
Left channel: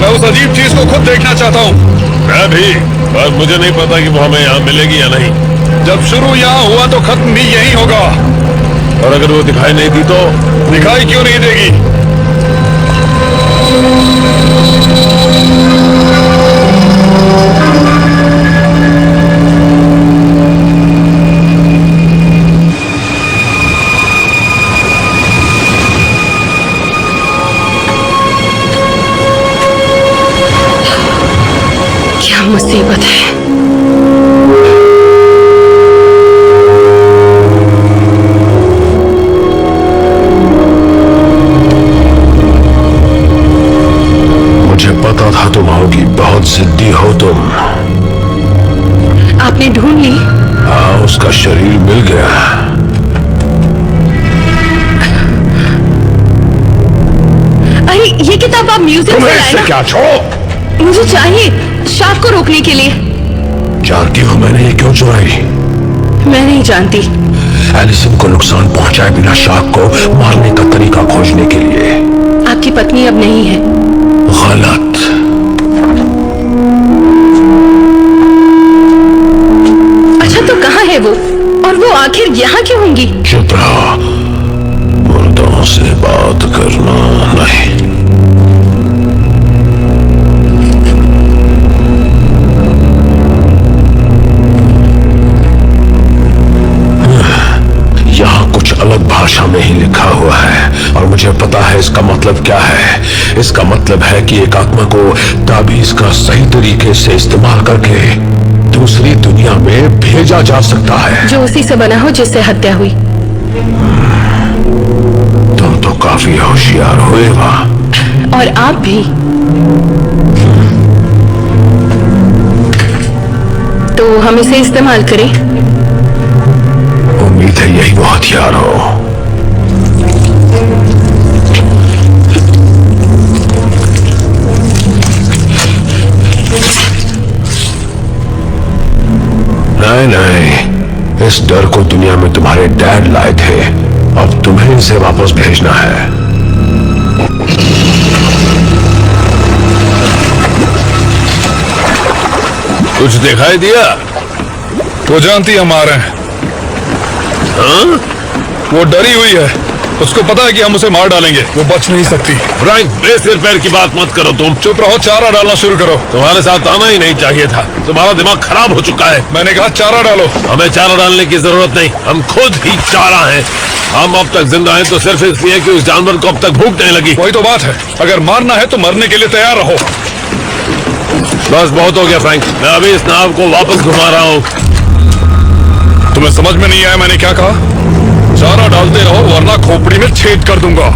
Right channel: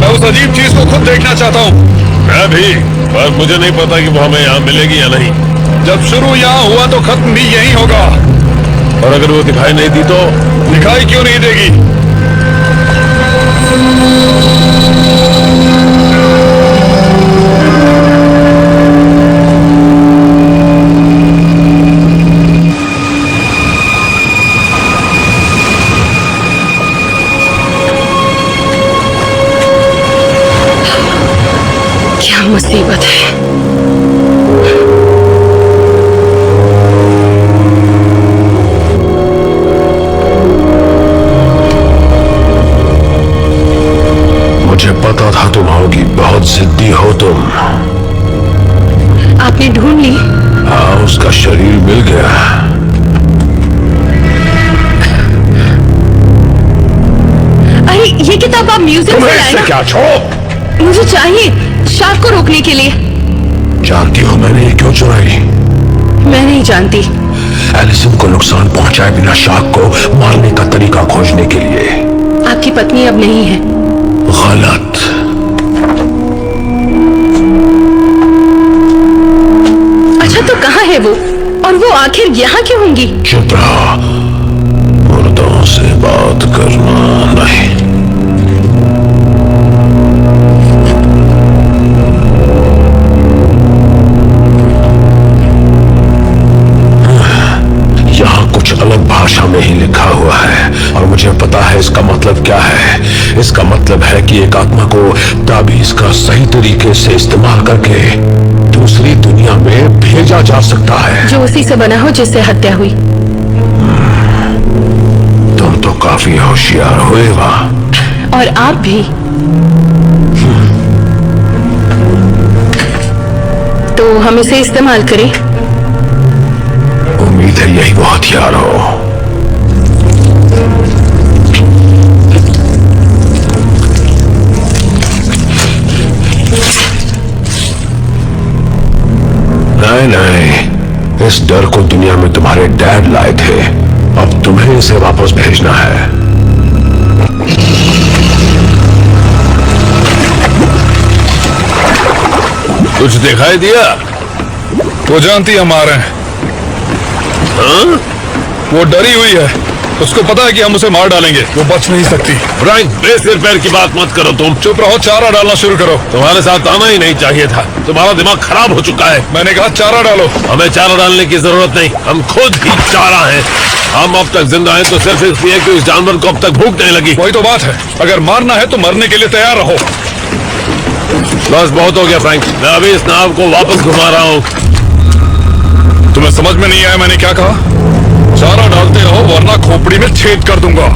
उस अजीब चीज को खुद देखना चाहता हूँ। मैं भी, पर मुझे नहीं पता कि वो हमें यहाँ मिलेगी या नहीं। जब शुरू यहाँ हुआ तो खत्म भी यहीं होगा। और अगर वो दिखाई नहीं दी तो? दिखाई क्यों नहीं देगी? क्या मुसीबत है। मुझे पता था तुम आओगी, बहुत जिद्दी हो तुम। आपने ढूंढ ली? हाँ, उसका शरीर मिल गया। अरे ये किताब आप म्यूजियम से तुम्हें लाए इससे ना? क्या? छोड़ो। मुझे चाहिए, शार्क को रोकने के लिए। जानती हो मैंने ये क्यों चुराई? मैं नहीं जानती। एलिसन को नुकसान पहुंचाए बिना शार्क को मारने का तरीका खोजने के लिए। आपकी पत्नी अब नहीं है। गलत। अच्छा तो कहाँ है वो? और वो आखिर यहाँ क्यों होंगी? चुप रहो, मुर्दों से बात करना नहीं। यहाँ कुछ अलग भाषा भाषा में ही लिखा हुआ है और मुझे पता है इसका मतलब क्या है। इसका मतलब है कि एक आत्मा को ताबीज का सही तरीके से इस्तेमाल करके दूसरी दुनिया में भेजा जा सकता है, जो उसी से बना हो जिससे हत्या हुई। तुम तो काफी होशियार हुए वाह। और आप भी। तो हम इसे इस्तेमाल करें? उम्मीद है यही वो हथियार हो। नहीं नहीं, इस डर को दुनिया में तुम्हारे डैड लाए थे, अब तुम्हें इसे वापस भेजना है। कुछ दिखाई दिया? वो जानती है हमारे। हाँ? वो डरी हुई है, उसको पता है कि हम उसे मार डालेंगे, वो बच नहीं सकती। फ्रैंक, बेसिर पैर की बात मत करो तुम। चुप रहो, चारा डालना शुरू करो। तुम्हारे साथ आना ही नहीं चाहिए था, तुम्हारा दिमाग खराब हो चुका है। मैंने कहा चारा डालो। हमें चारा डालने की जरूरत नहीं, हम खुद ही चारा हैं। हम अब तक जिंदा हैं तो सिर्फ इसलिए कि उस जानवर को अब तक भूख नहीं लगी। वही तो बात है, अगर मारना है तो मरने के लिए तैयार रहो। बस बहुत हो गया फ्रैंक, मैं अभी इस नाव को वापस घुमा रहा हूँ। तुम्हें समझ में नहीं आया मैंने क्या कहा? चारा डालते रहो वरना खोपड़ी में छेद कर दूंगा।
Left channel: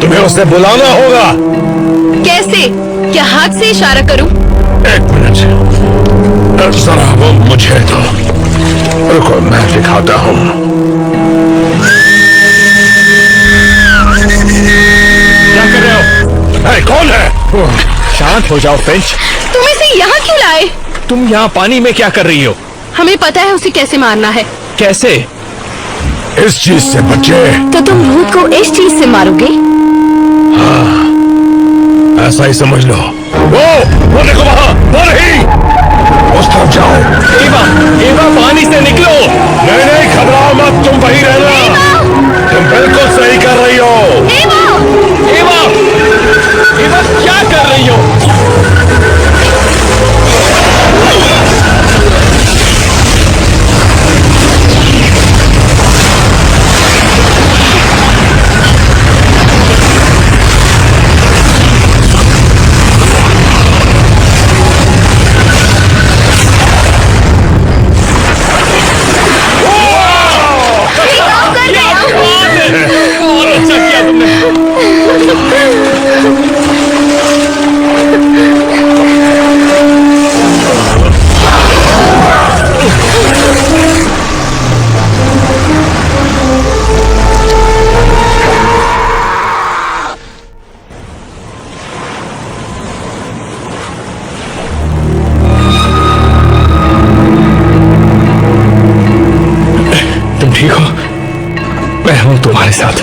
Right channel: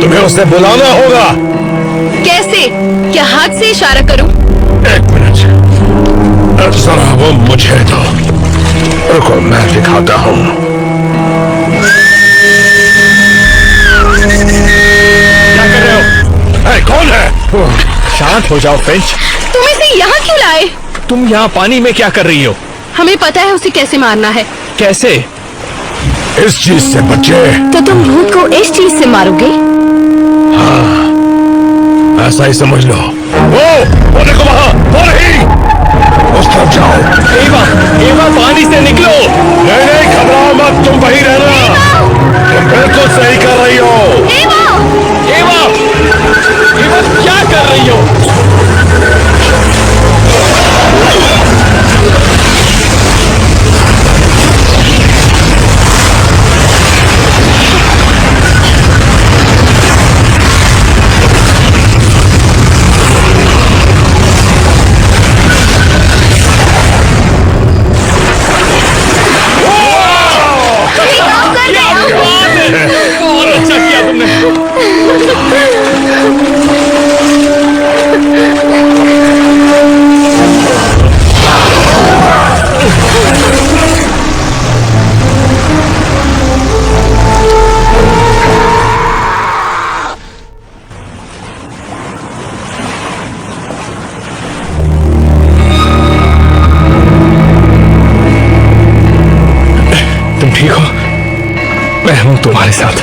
तुम्हें उसे बुलाना होगा। कैसे? क्या हाथ से इशारा करूं? एक मिनट, जरा वो मुझे दो। रुको मैं दिखाता हूं। क्या कर रहे हो? है, कौन है? शांत हो जाओ फ्रेंच। तुम इसे यहाँ क्यों लाए? तुम यहाँ पानी में क्या कर रही हो? हमें पता है उसे कैसे मारना है। कैसे? इस चीज से बच्चे। तो तुम भूत को इस चीज से मारोगे? हाँ, ऐसा ही समझ लो। वो देखो वहां, वो नहीं, उस तरफ जाओ। एवा, एवा पानी से निकलो। नहीं नहीं, घबराओ मत, तुम वहीं रहना। तुम बिल्कुल सही कर रही हो। एवा, एवा, एवा क्या कर रही हो? अच्छा किया तुमने। हूँ तुम्हारे साथ,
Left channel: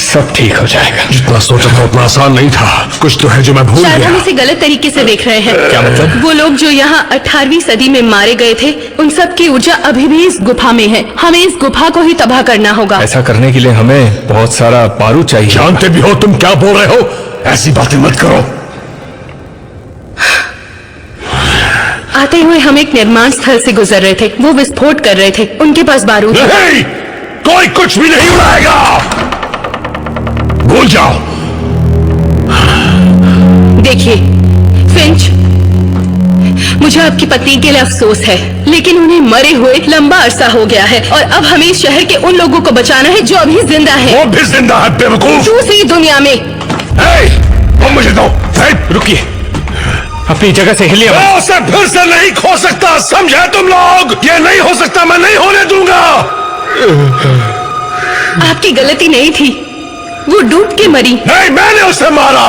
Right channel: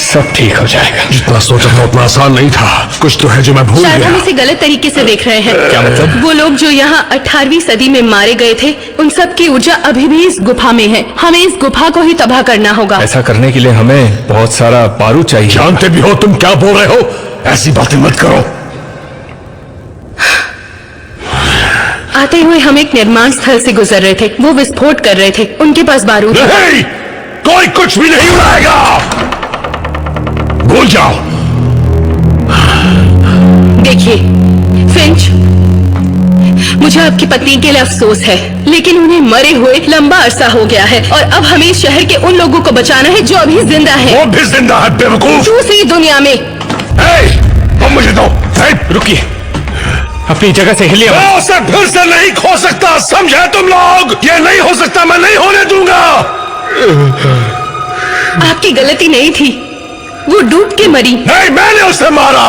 सब ठीक हो जाएगा। जितना सोचा था उतना आसान नहीं था। कुछ तो है जो मैं भूल शायद गया। हम इसे गलत तरीके से देख रहे हैं। क्या मतलब? वो लोग जो यहाँ 18वीं सदी में मारे गए थे, उन सब की ऊर्जा अभी भी इस गुफा में है। हमें इस गुफा को ही तबाह करना होगा। ऐसा करने के लिए हमें बहुत सारा बारूद चाहिए। जानते भी हो तुम क्या बोल रहे हो, ऐसी बातें मत करो। आते हुए हम एक निर्माण स्थल से गुजर रहे थे। वो विस्फोट कर रहे थे, उनके पास बारूद था। नहीं, कोई कुछ भी नहीं उड़ाएगा, भूल जाओ। देखिए फिंच, मुझे आपकी पत्नी के लिए अफसोस है, लेकिन उन्हें मरे हुए लंबा अरसा हो गया है और अब हमें इस शहर के उन लोगों को बचाना है जो अभी जिंदा हैं। वो भी जिंदा है बेवकूफ। दूसरी दुनिया में। वो मुझे दो। रुकिए, अपनी जगह से हिलिए। मैं उसे फिर से नहीं खो सकता, समझे तुम लोग? ये नहीं हो सकता, मैं नहीं होने दूंगा। आपकी गलती नहीं थी, वो डूब के मरी। नहीं, मैंने उसे मारा,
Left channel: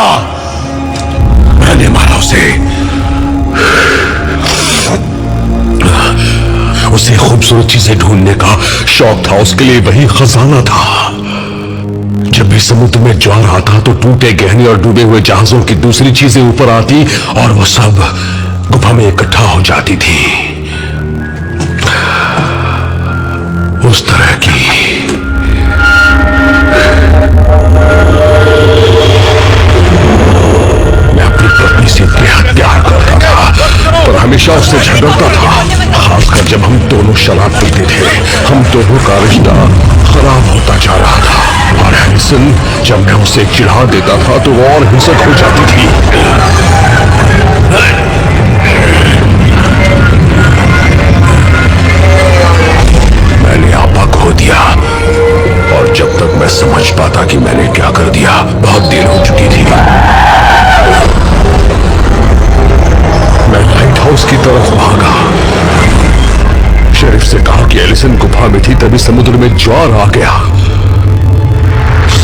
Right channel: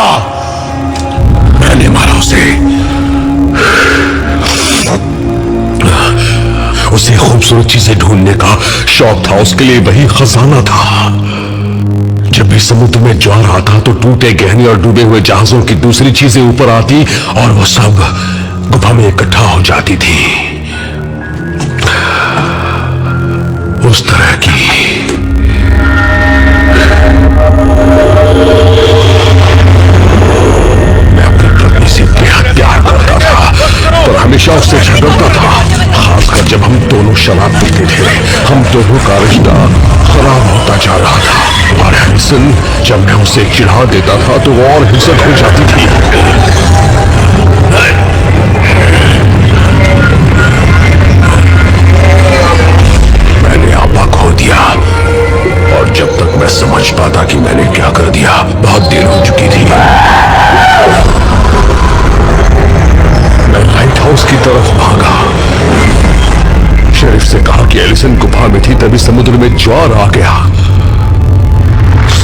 मैंने मारा उसे। उसे खूबसूरत चीजें ढूंढने का शौक था, उसके लिए वही खजाना था। जब भी समुद्र में ज्वार आता तो टूटे गहने और डूबे हुए जहाजों की दूसरी चीजें ऊपर आती और वो सब गुफा में इकट्ठा हो जाती थी। उस तरह की मैं अपनी पत्नी से बेहद प्यार करता था, पर हमेशा उससे झगड़ता था, खासकर जब हम दोनों शराब पीते थे। हम दोनों का रिश्ता खराब होता जा रहा था और हैरिसन, जब मैं उसे चिढ़ा देता था तो वो और हिंसक हो जाती थी। मैंने आपा खो दिया और जब तक मैं समझ पाता कि मैंने क्या कर दिया, बहुत देर हो चुकी थी। मैं लाइट हाउस की तरफ भागा। शेरिफ से कहा कि एलिसन गुफा में थी, तभी समुद्र में ज्वार आ गया।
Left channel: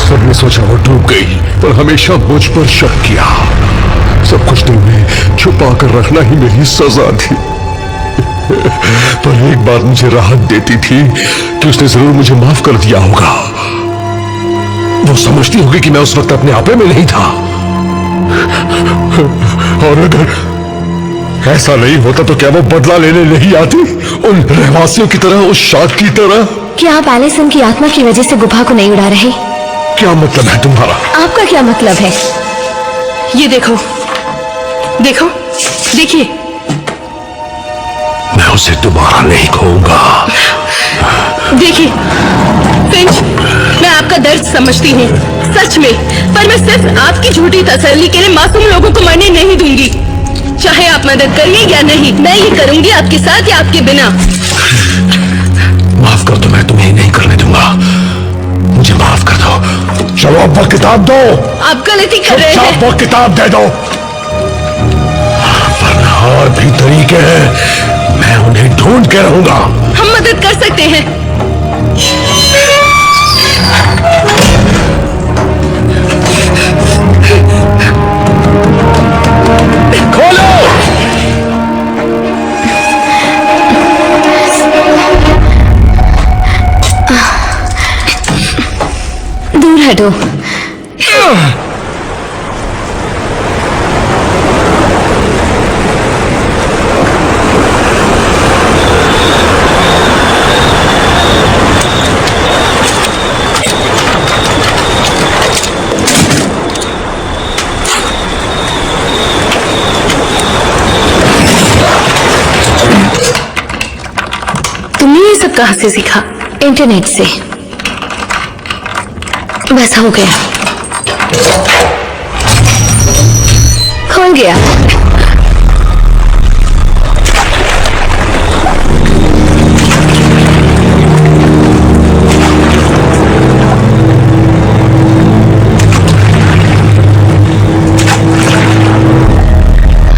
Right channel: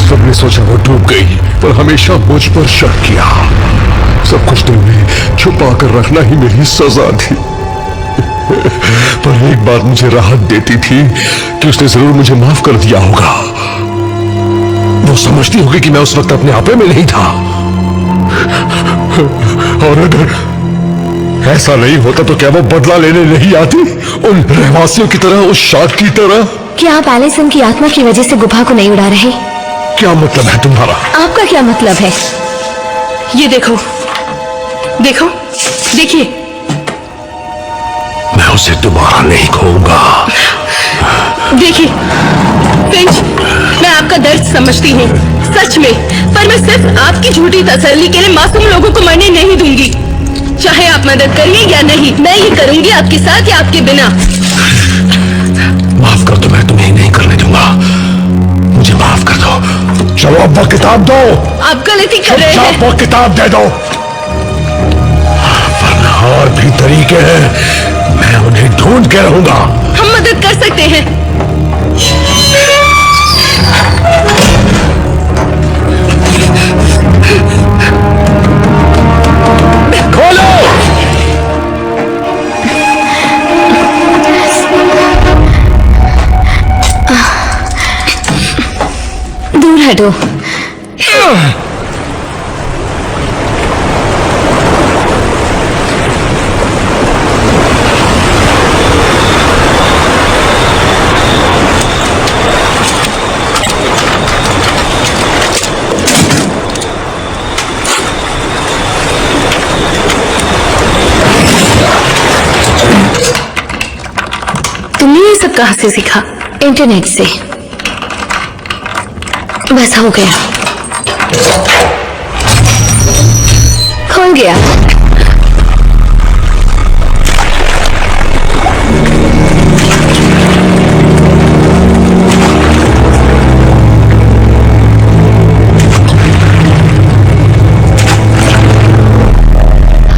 सबने सोचा वो डूब गई, पर हमेशा मुझ पर शक किया। सब कुछ दिल में छुपा कर रखना ही मेरी सजा थी। पर एक बात मुझे राहत देती थी कि उसने जरूर मुझे माफ कर दिया होगा। वो समझती होगी कि मैं उस वक्त अपने आपे में नहीं था। और अगर ऐसा नहीं होता तो क्या वो बदला लेने नहीं आती, उन रहवासियों की तरह, उस शार्क की तरह? क्या आप एलिसन की आत्मा की वजह से गुफा को नहीं उड़ा रहे? क्या मतलब है तुम्हारा? आपका क्या मतलब है? ये देखो, देखो, देखिए। मैं उसे दोबारा नहीं खोऊंगा। देखिए फिंच, मैं आपका दर्द समझती हूँ, सच में, पर मैं सिर्फ आपकी झूठी तसल्ली के लिए मासूम लोगों को मरने नहीं दूंगी। चाहे आप मदद करिए या नहीं, मैं ये करूंगी आपके साथ या आपके बिना। माफ कर दो, मैं तुम्हें नहीं करने दूंगा। मुझे माफ कर दो। चलो अब वो किताब दो। आप गलती कर रहे हैं। वो किताब दे दो, वरना और भी तरीके हैं, मैं उन्हें ढूंढ के रहूंगा। हम मदद कर सकते हैं। खोलो। दूर हटो। तुमने ये सब कहाँ से सीखा? इंटरनेट से। बस हो गया, खुल गया।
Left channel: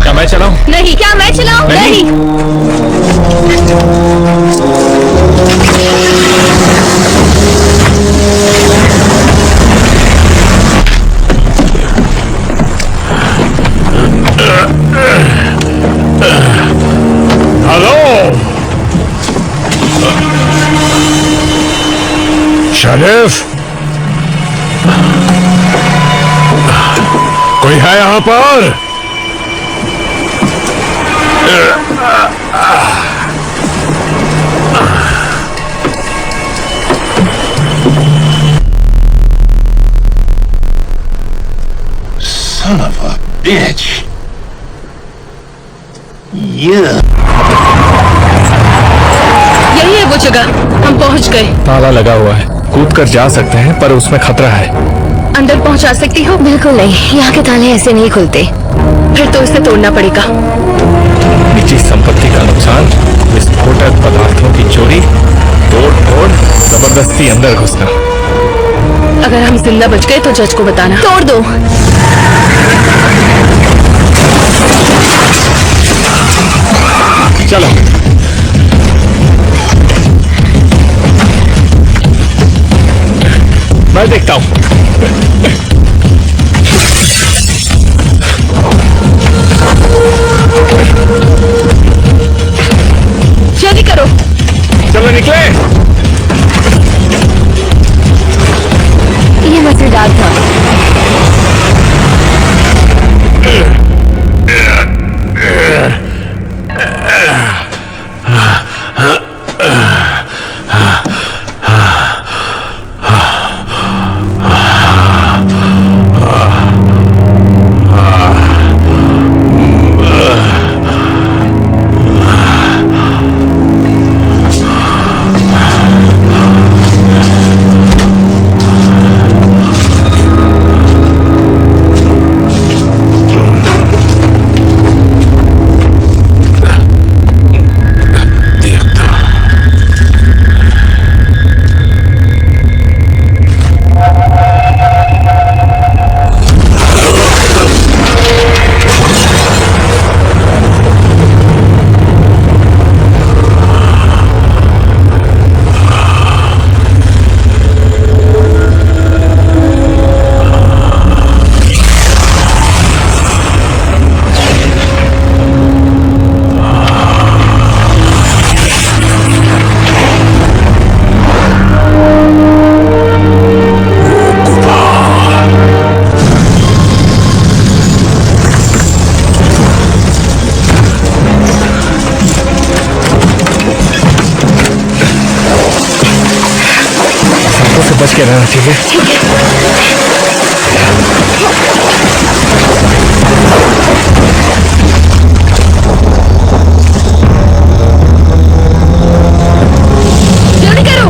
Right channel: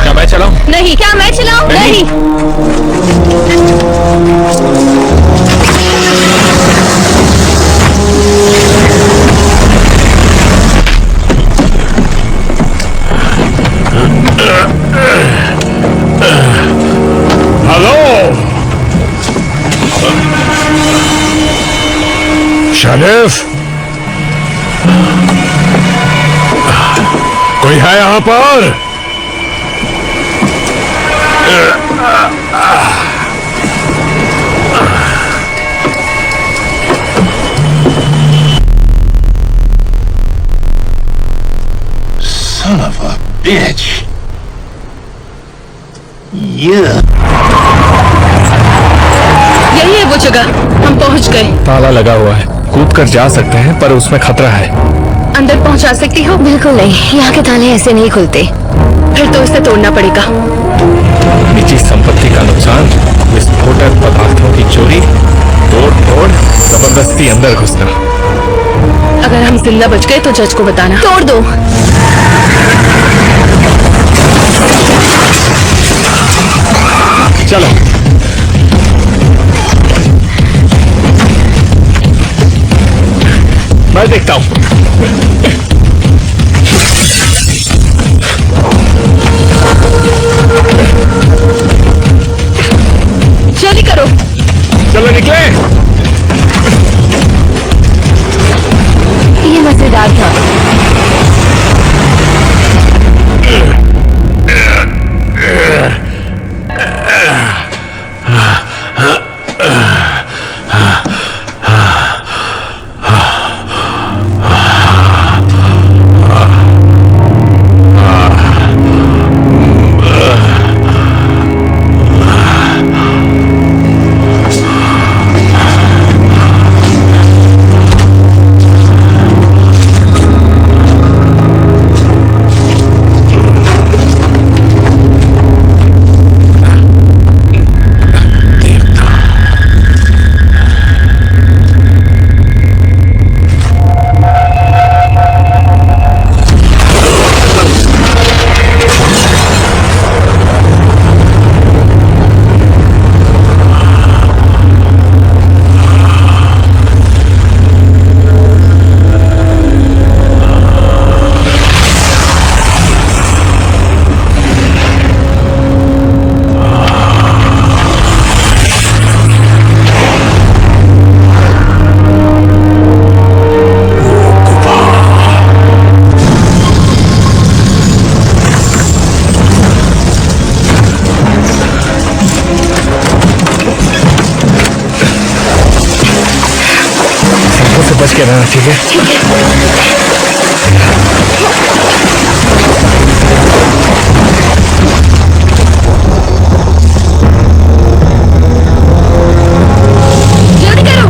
क्या मैं चलाऊं? नहीं। क्या मैं चलाऊं? नहीं। हेलो शेरिफ, कोई है यहाँ पर? Son of a bitch. Yeah. यही है वो जगह, हम पहुंच गए। ताला लगा हुआ है, कूद कर जा सकते हैं पर उसमें खतरा है। अंदर पहुंचा सकती हो? बिल्कुल नहीं, यहाँ के ताले ऐसे नहीं खुलते। फिर तो इसे तोड़ना पड़ेगा। निजी संपत्ति का नुकसान, विस्फोटक पदार्थों की चोरी, तोड़ फोड़, जबरदस्ती अंदर घुसना। अगर हम जिंदा बच गए तो जज को बताना। तोड़ दो। चलो मैं देखता हूं। जल्दी करो। चलो निकले। ये मजेदार था। बच के रहना, ठीक है? ठीक है। जल्दी करो।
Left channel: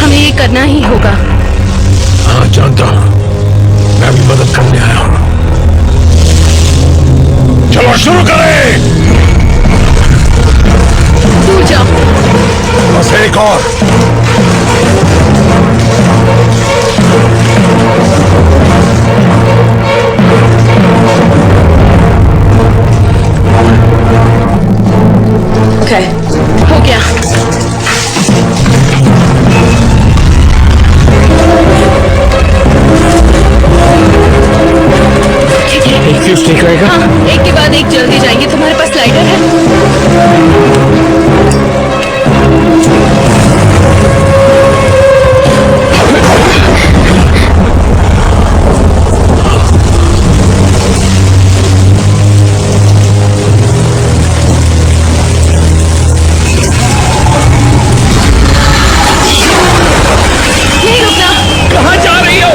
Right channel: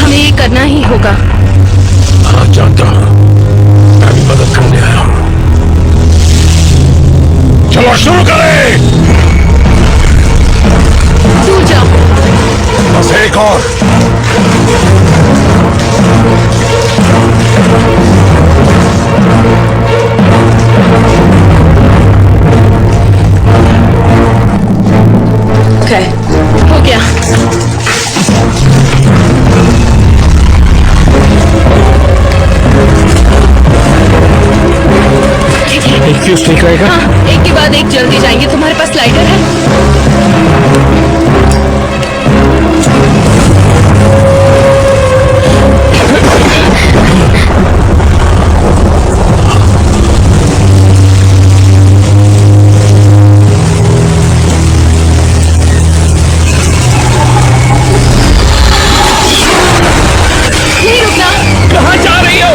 हमें ये करना ही होगा। हाँ जानता हूँ, मैं भी मदद करने आया हूँ। चलो शुरू करें। दूर जाओ। बस एक और। ओके, हो गया। एक फ्यूज ठीक रहेगा? हाँ, एक के बाद एक जल्दी जाएंगे। तुम्हारे पास लाइटर है? यहीं रुकना। कहाँ जा रही हो?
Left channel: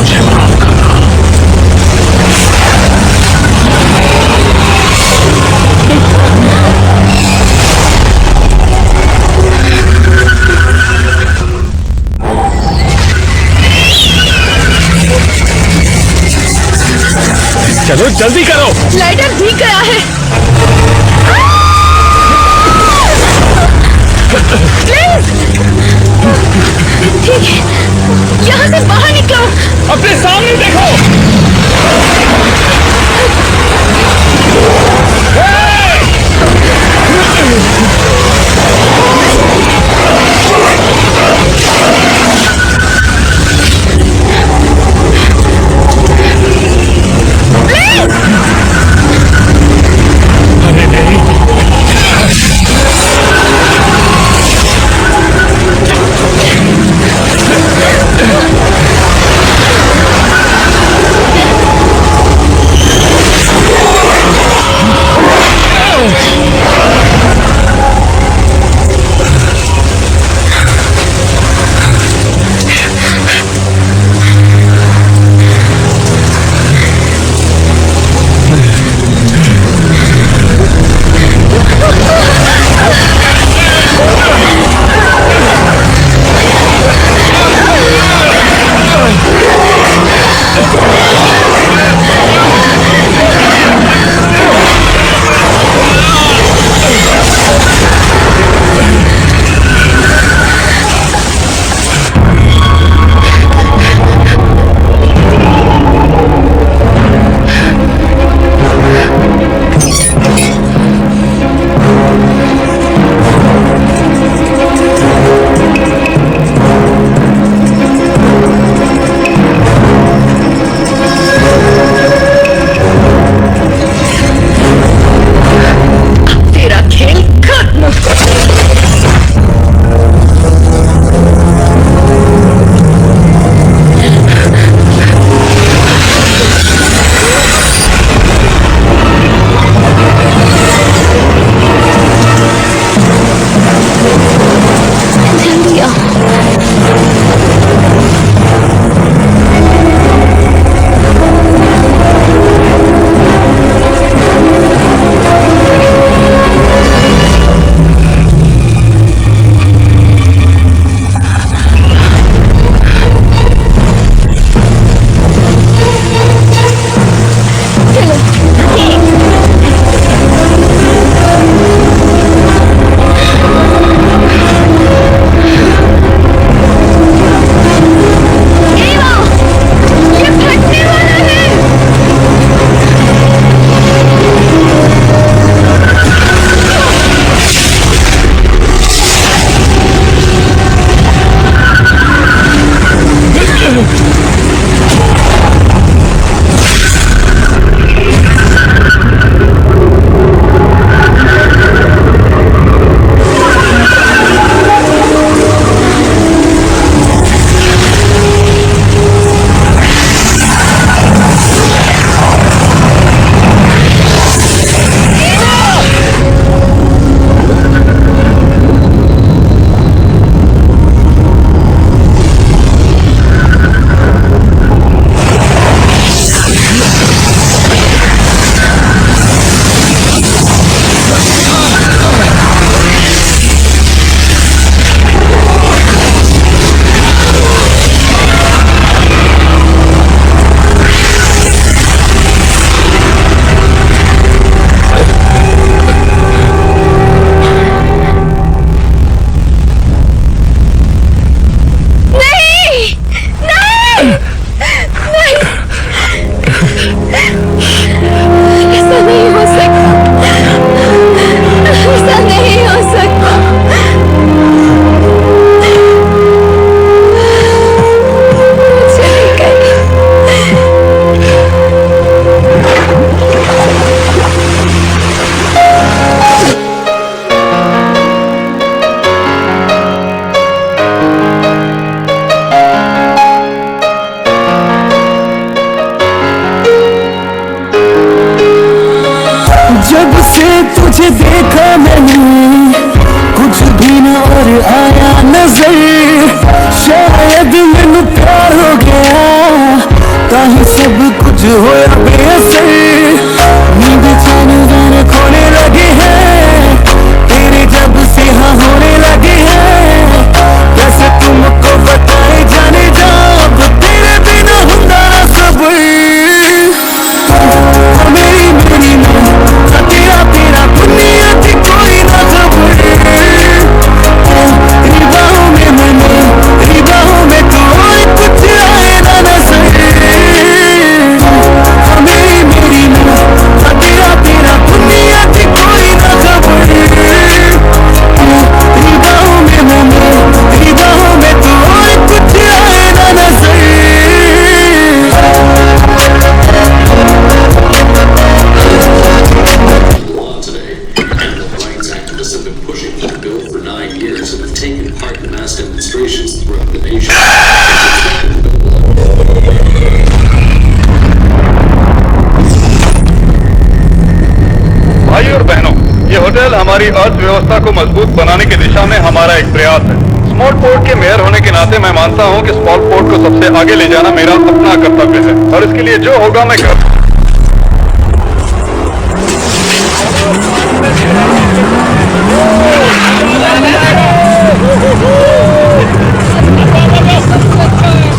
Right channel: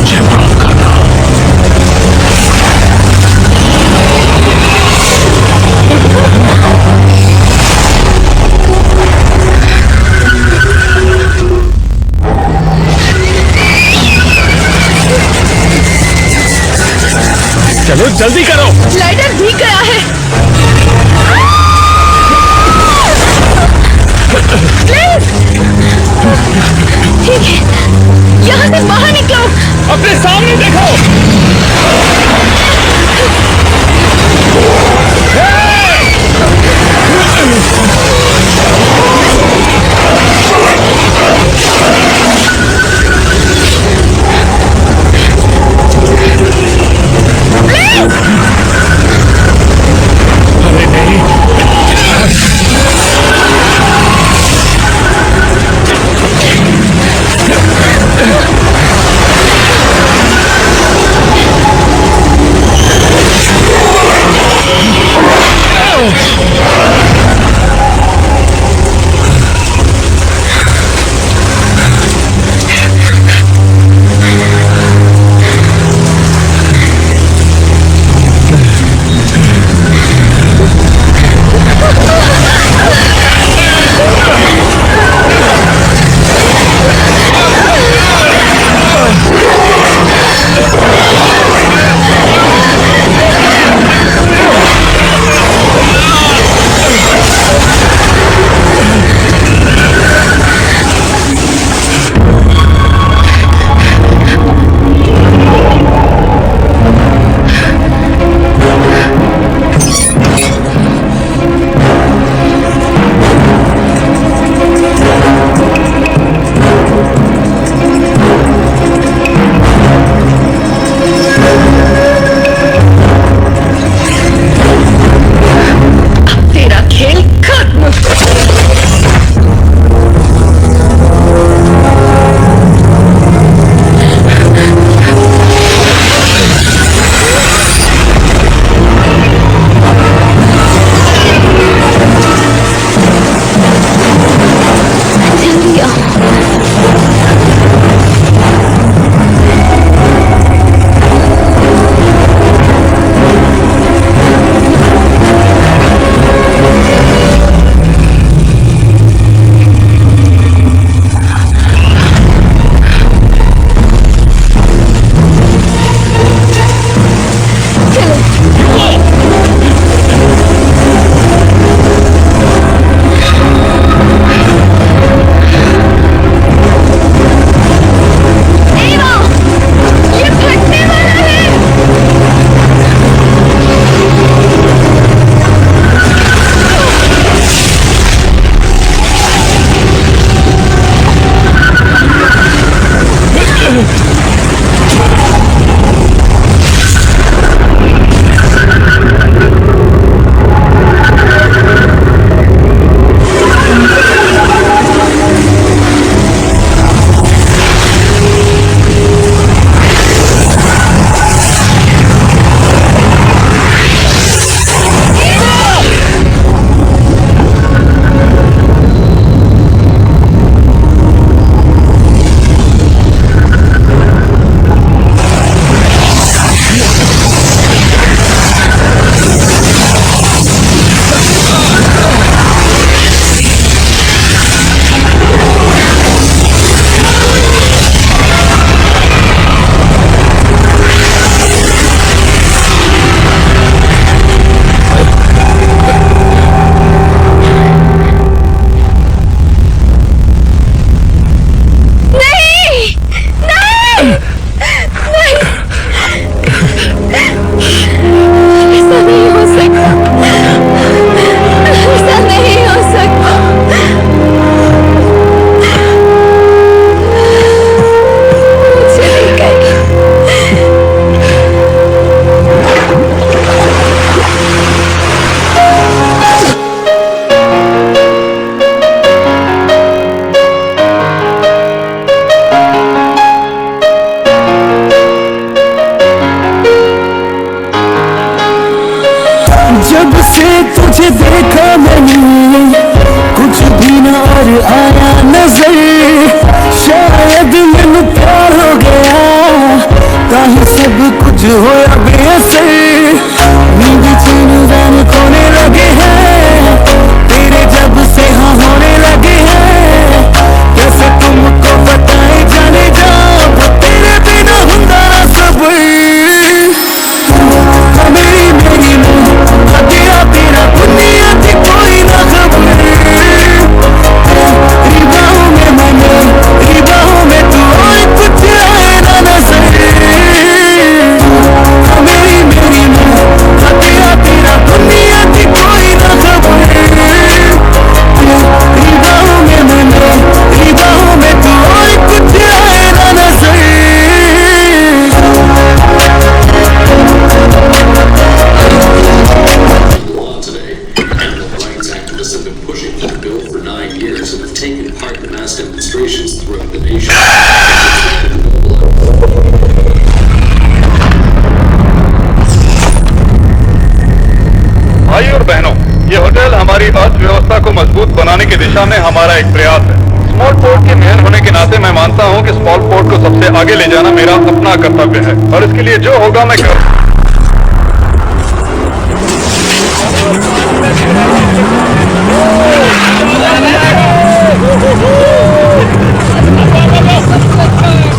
मुझे माफ करना। चलो जल्दी करो। लाइटर भीग गया है। प्लीज। ठीक है, यहाँ से बाहर निकलो। अपने सामने देखो। हे! जब से तुझे देखा मैंने कुछ भी न और आया नजर, शायद मैनू प्यार हो गया ताही सब कुछ होया बेअसर। नींद चैन वैन खोने लगे हैं तेरे जब से हाँ होने लगे हैं, कैसे तुमको बताए जाने जा तेरे बिना हुंदा ना सब्र। मेरी मेरी मैं तेरा तेरा दुनिया की कोई ना खबर, तेरी बाहों में मैंने तेरी बाहों में तू और कुछ आए ना नजर। मेरी मेरी मैं तेरा तेरा दुनिया की कोई ना खबर, तेरी बाहों में मैंने तेरी बाहों में तू और कुछ आए ना नजर। भाई और बहनों, ये होटल हमारी अर्थव्यवस्था को मजबूत बनाने की दिशा में हमारा एक प्रयास है। स्मॉल पोर्ट के मेयर होने के नाते मैं मानता हूँ कि स्मॉल पोर्ट को सबसे आगे ले जाना मेरा अपना कर्तव्य है और इसके लिए जो होगा मैं कर।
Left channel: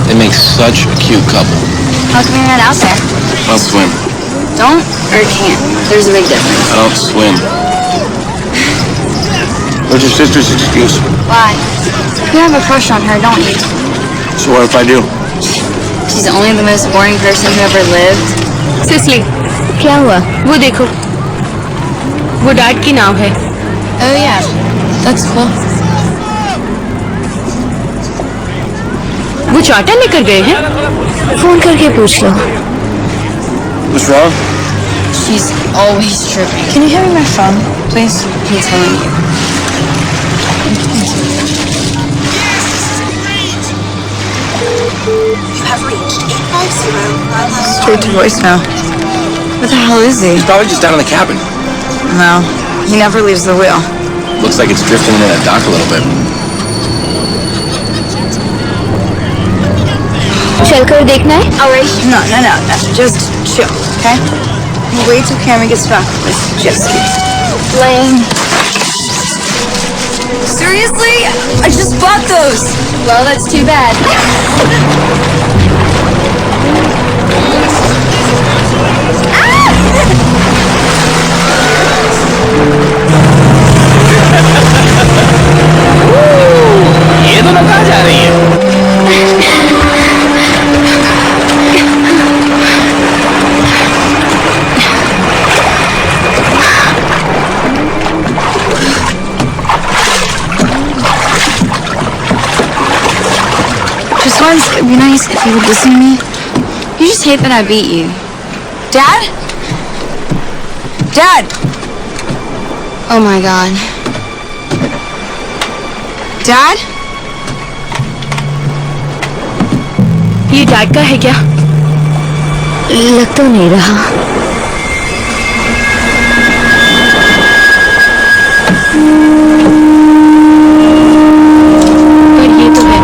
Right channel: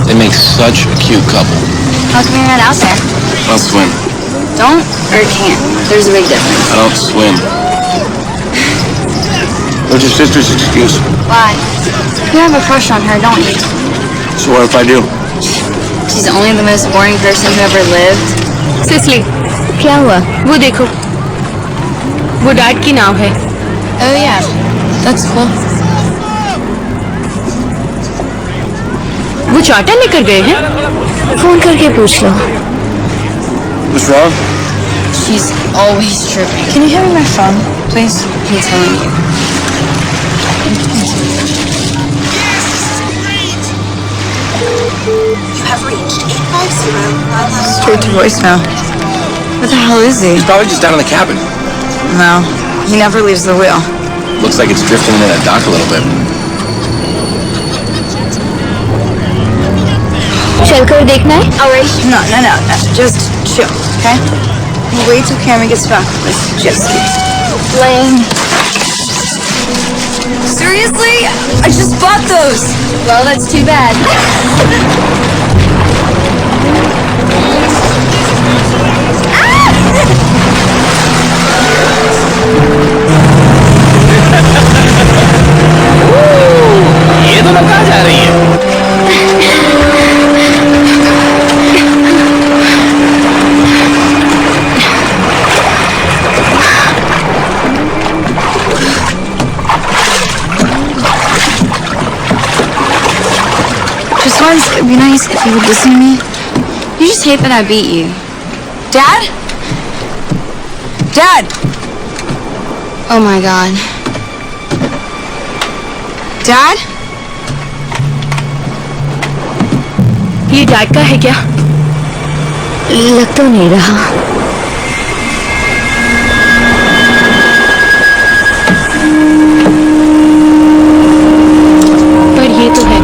They make such a cute couple. How come you're not out there? I'll swim. Don't or can't. There's a big difference. I don't swim. What's your sister's excuse? Why? You have a crush on her, don't you? So what if I do? She's only the most boring person who ever lived. Sicily, क्या हुआ? वो देखो, वो dad की नाव है। Oh yeah, that's cool. वो charter लेकर गए हैं। फोन करके पूछ लो। What's wrong? She's always tripping. Can you hand me my phone, please? I'm telling you. You have reached 850 Straight to voicemail. What the hell is he? He's probably just down in the cabin. No, he never leaves the wheel. Looks like it's drifting in that dock a little bit. चलकर देखना है? Alright. No. Just chill, okay? We'll wait till Cameron gets back with this jet ski. Lame. Seriously? I just bought those. Well, that's too bad. ये दोनों कहाँ जा रही है? Just once, it'd be nice if you would listen to me. You just hate that I beat you. Dad? Dad! Oh my God. Dad? ये dad का है क्या? लग तो नहीं रहा। पर ये तो है।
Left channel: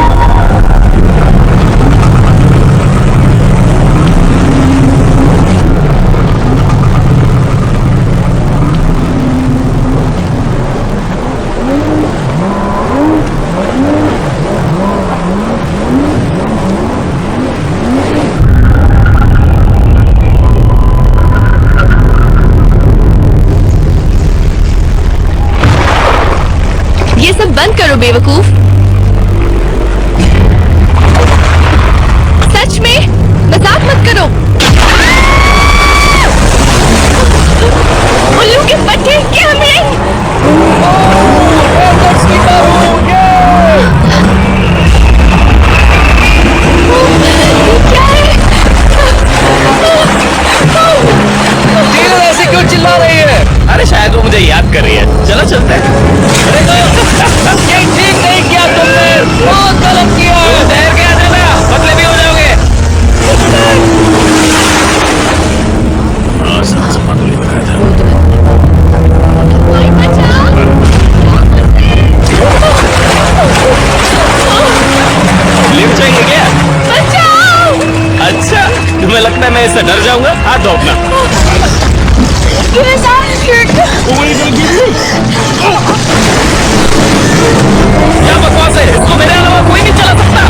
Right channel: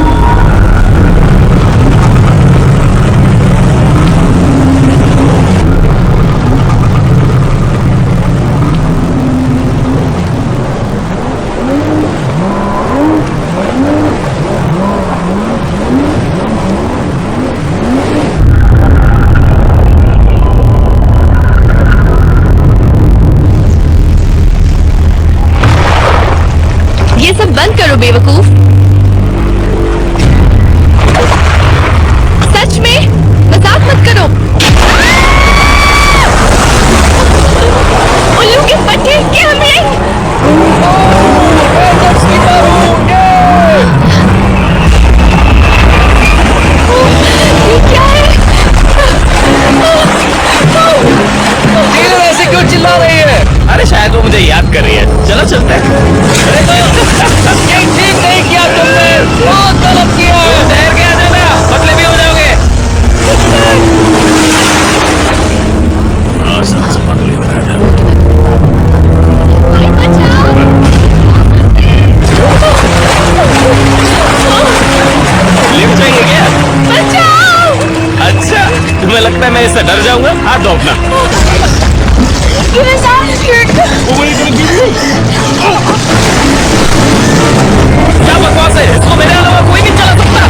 ये सब बंद करो बेवकूफ। सच में मजाक मत करो। उल्लू के पट्टे कैमरे। ये क्या है? टीलर ऐसे क्यों चिल्ला रही है? अरे शायद वो मुझे याद कर रही है। चलो चलते हैं। ये ठीक नहीं किया तुमने, बहुत गलत किया। ठहर के आ जाना, बदले भी हो जाओगे। तुम्हें लगता है मैं इससे डर जाऊंगा? हाथ दो अपना। क्या बकवास है? इसको मेरे अलावा कोई नहीं चला सकता।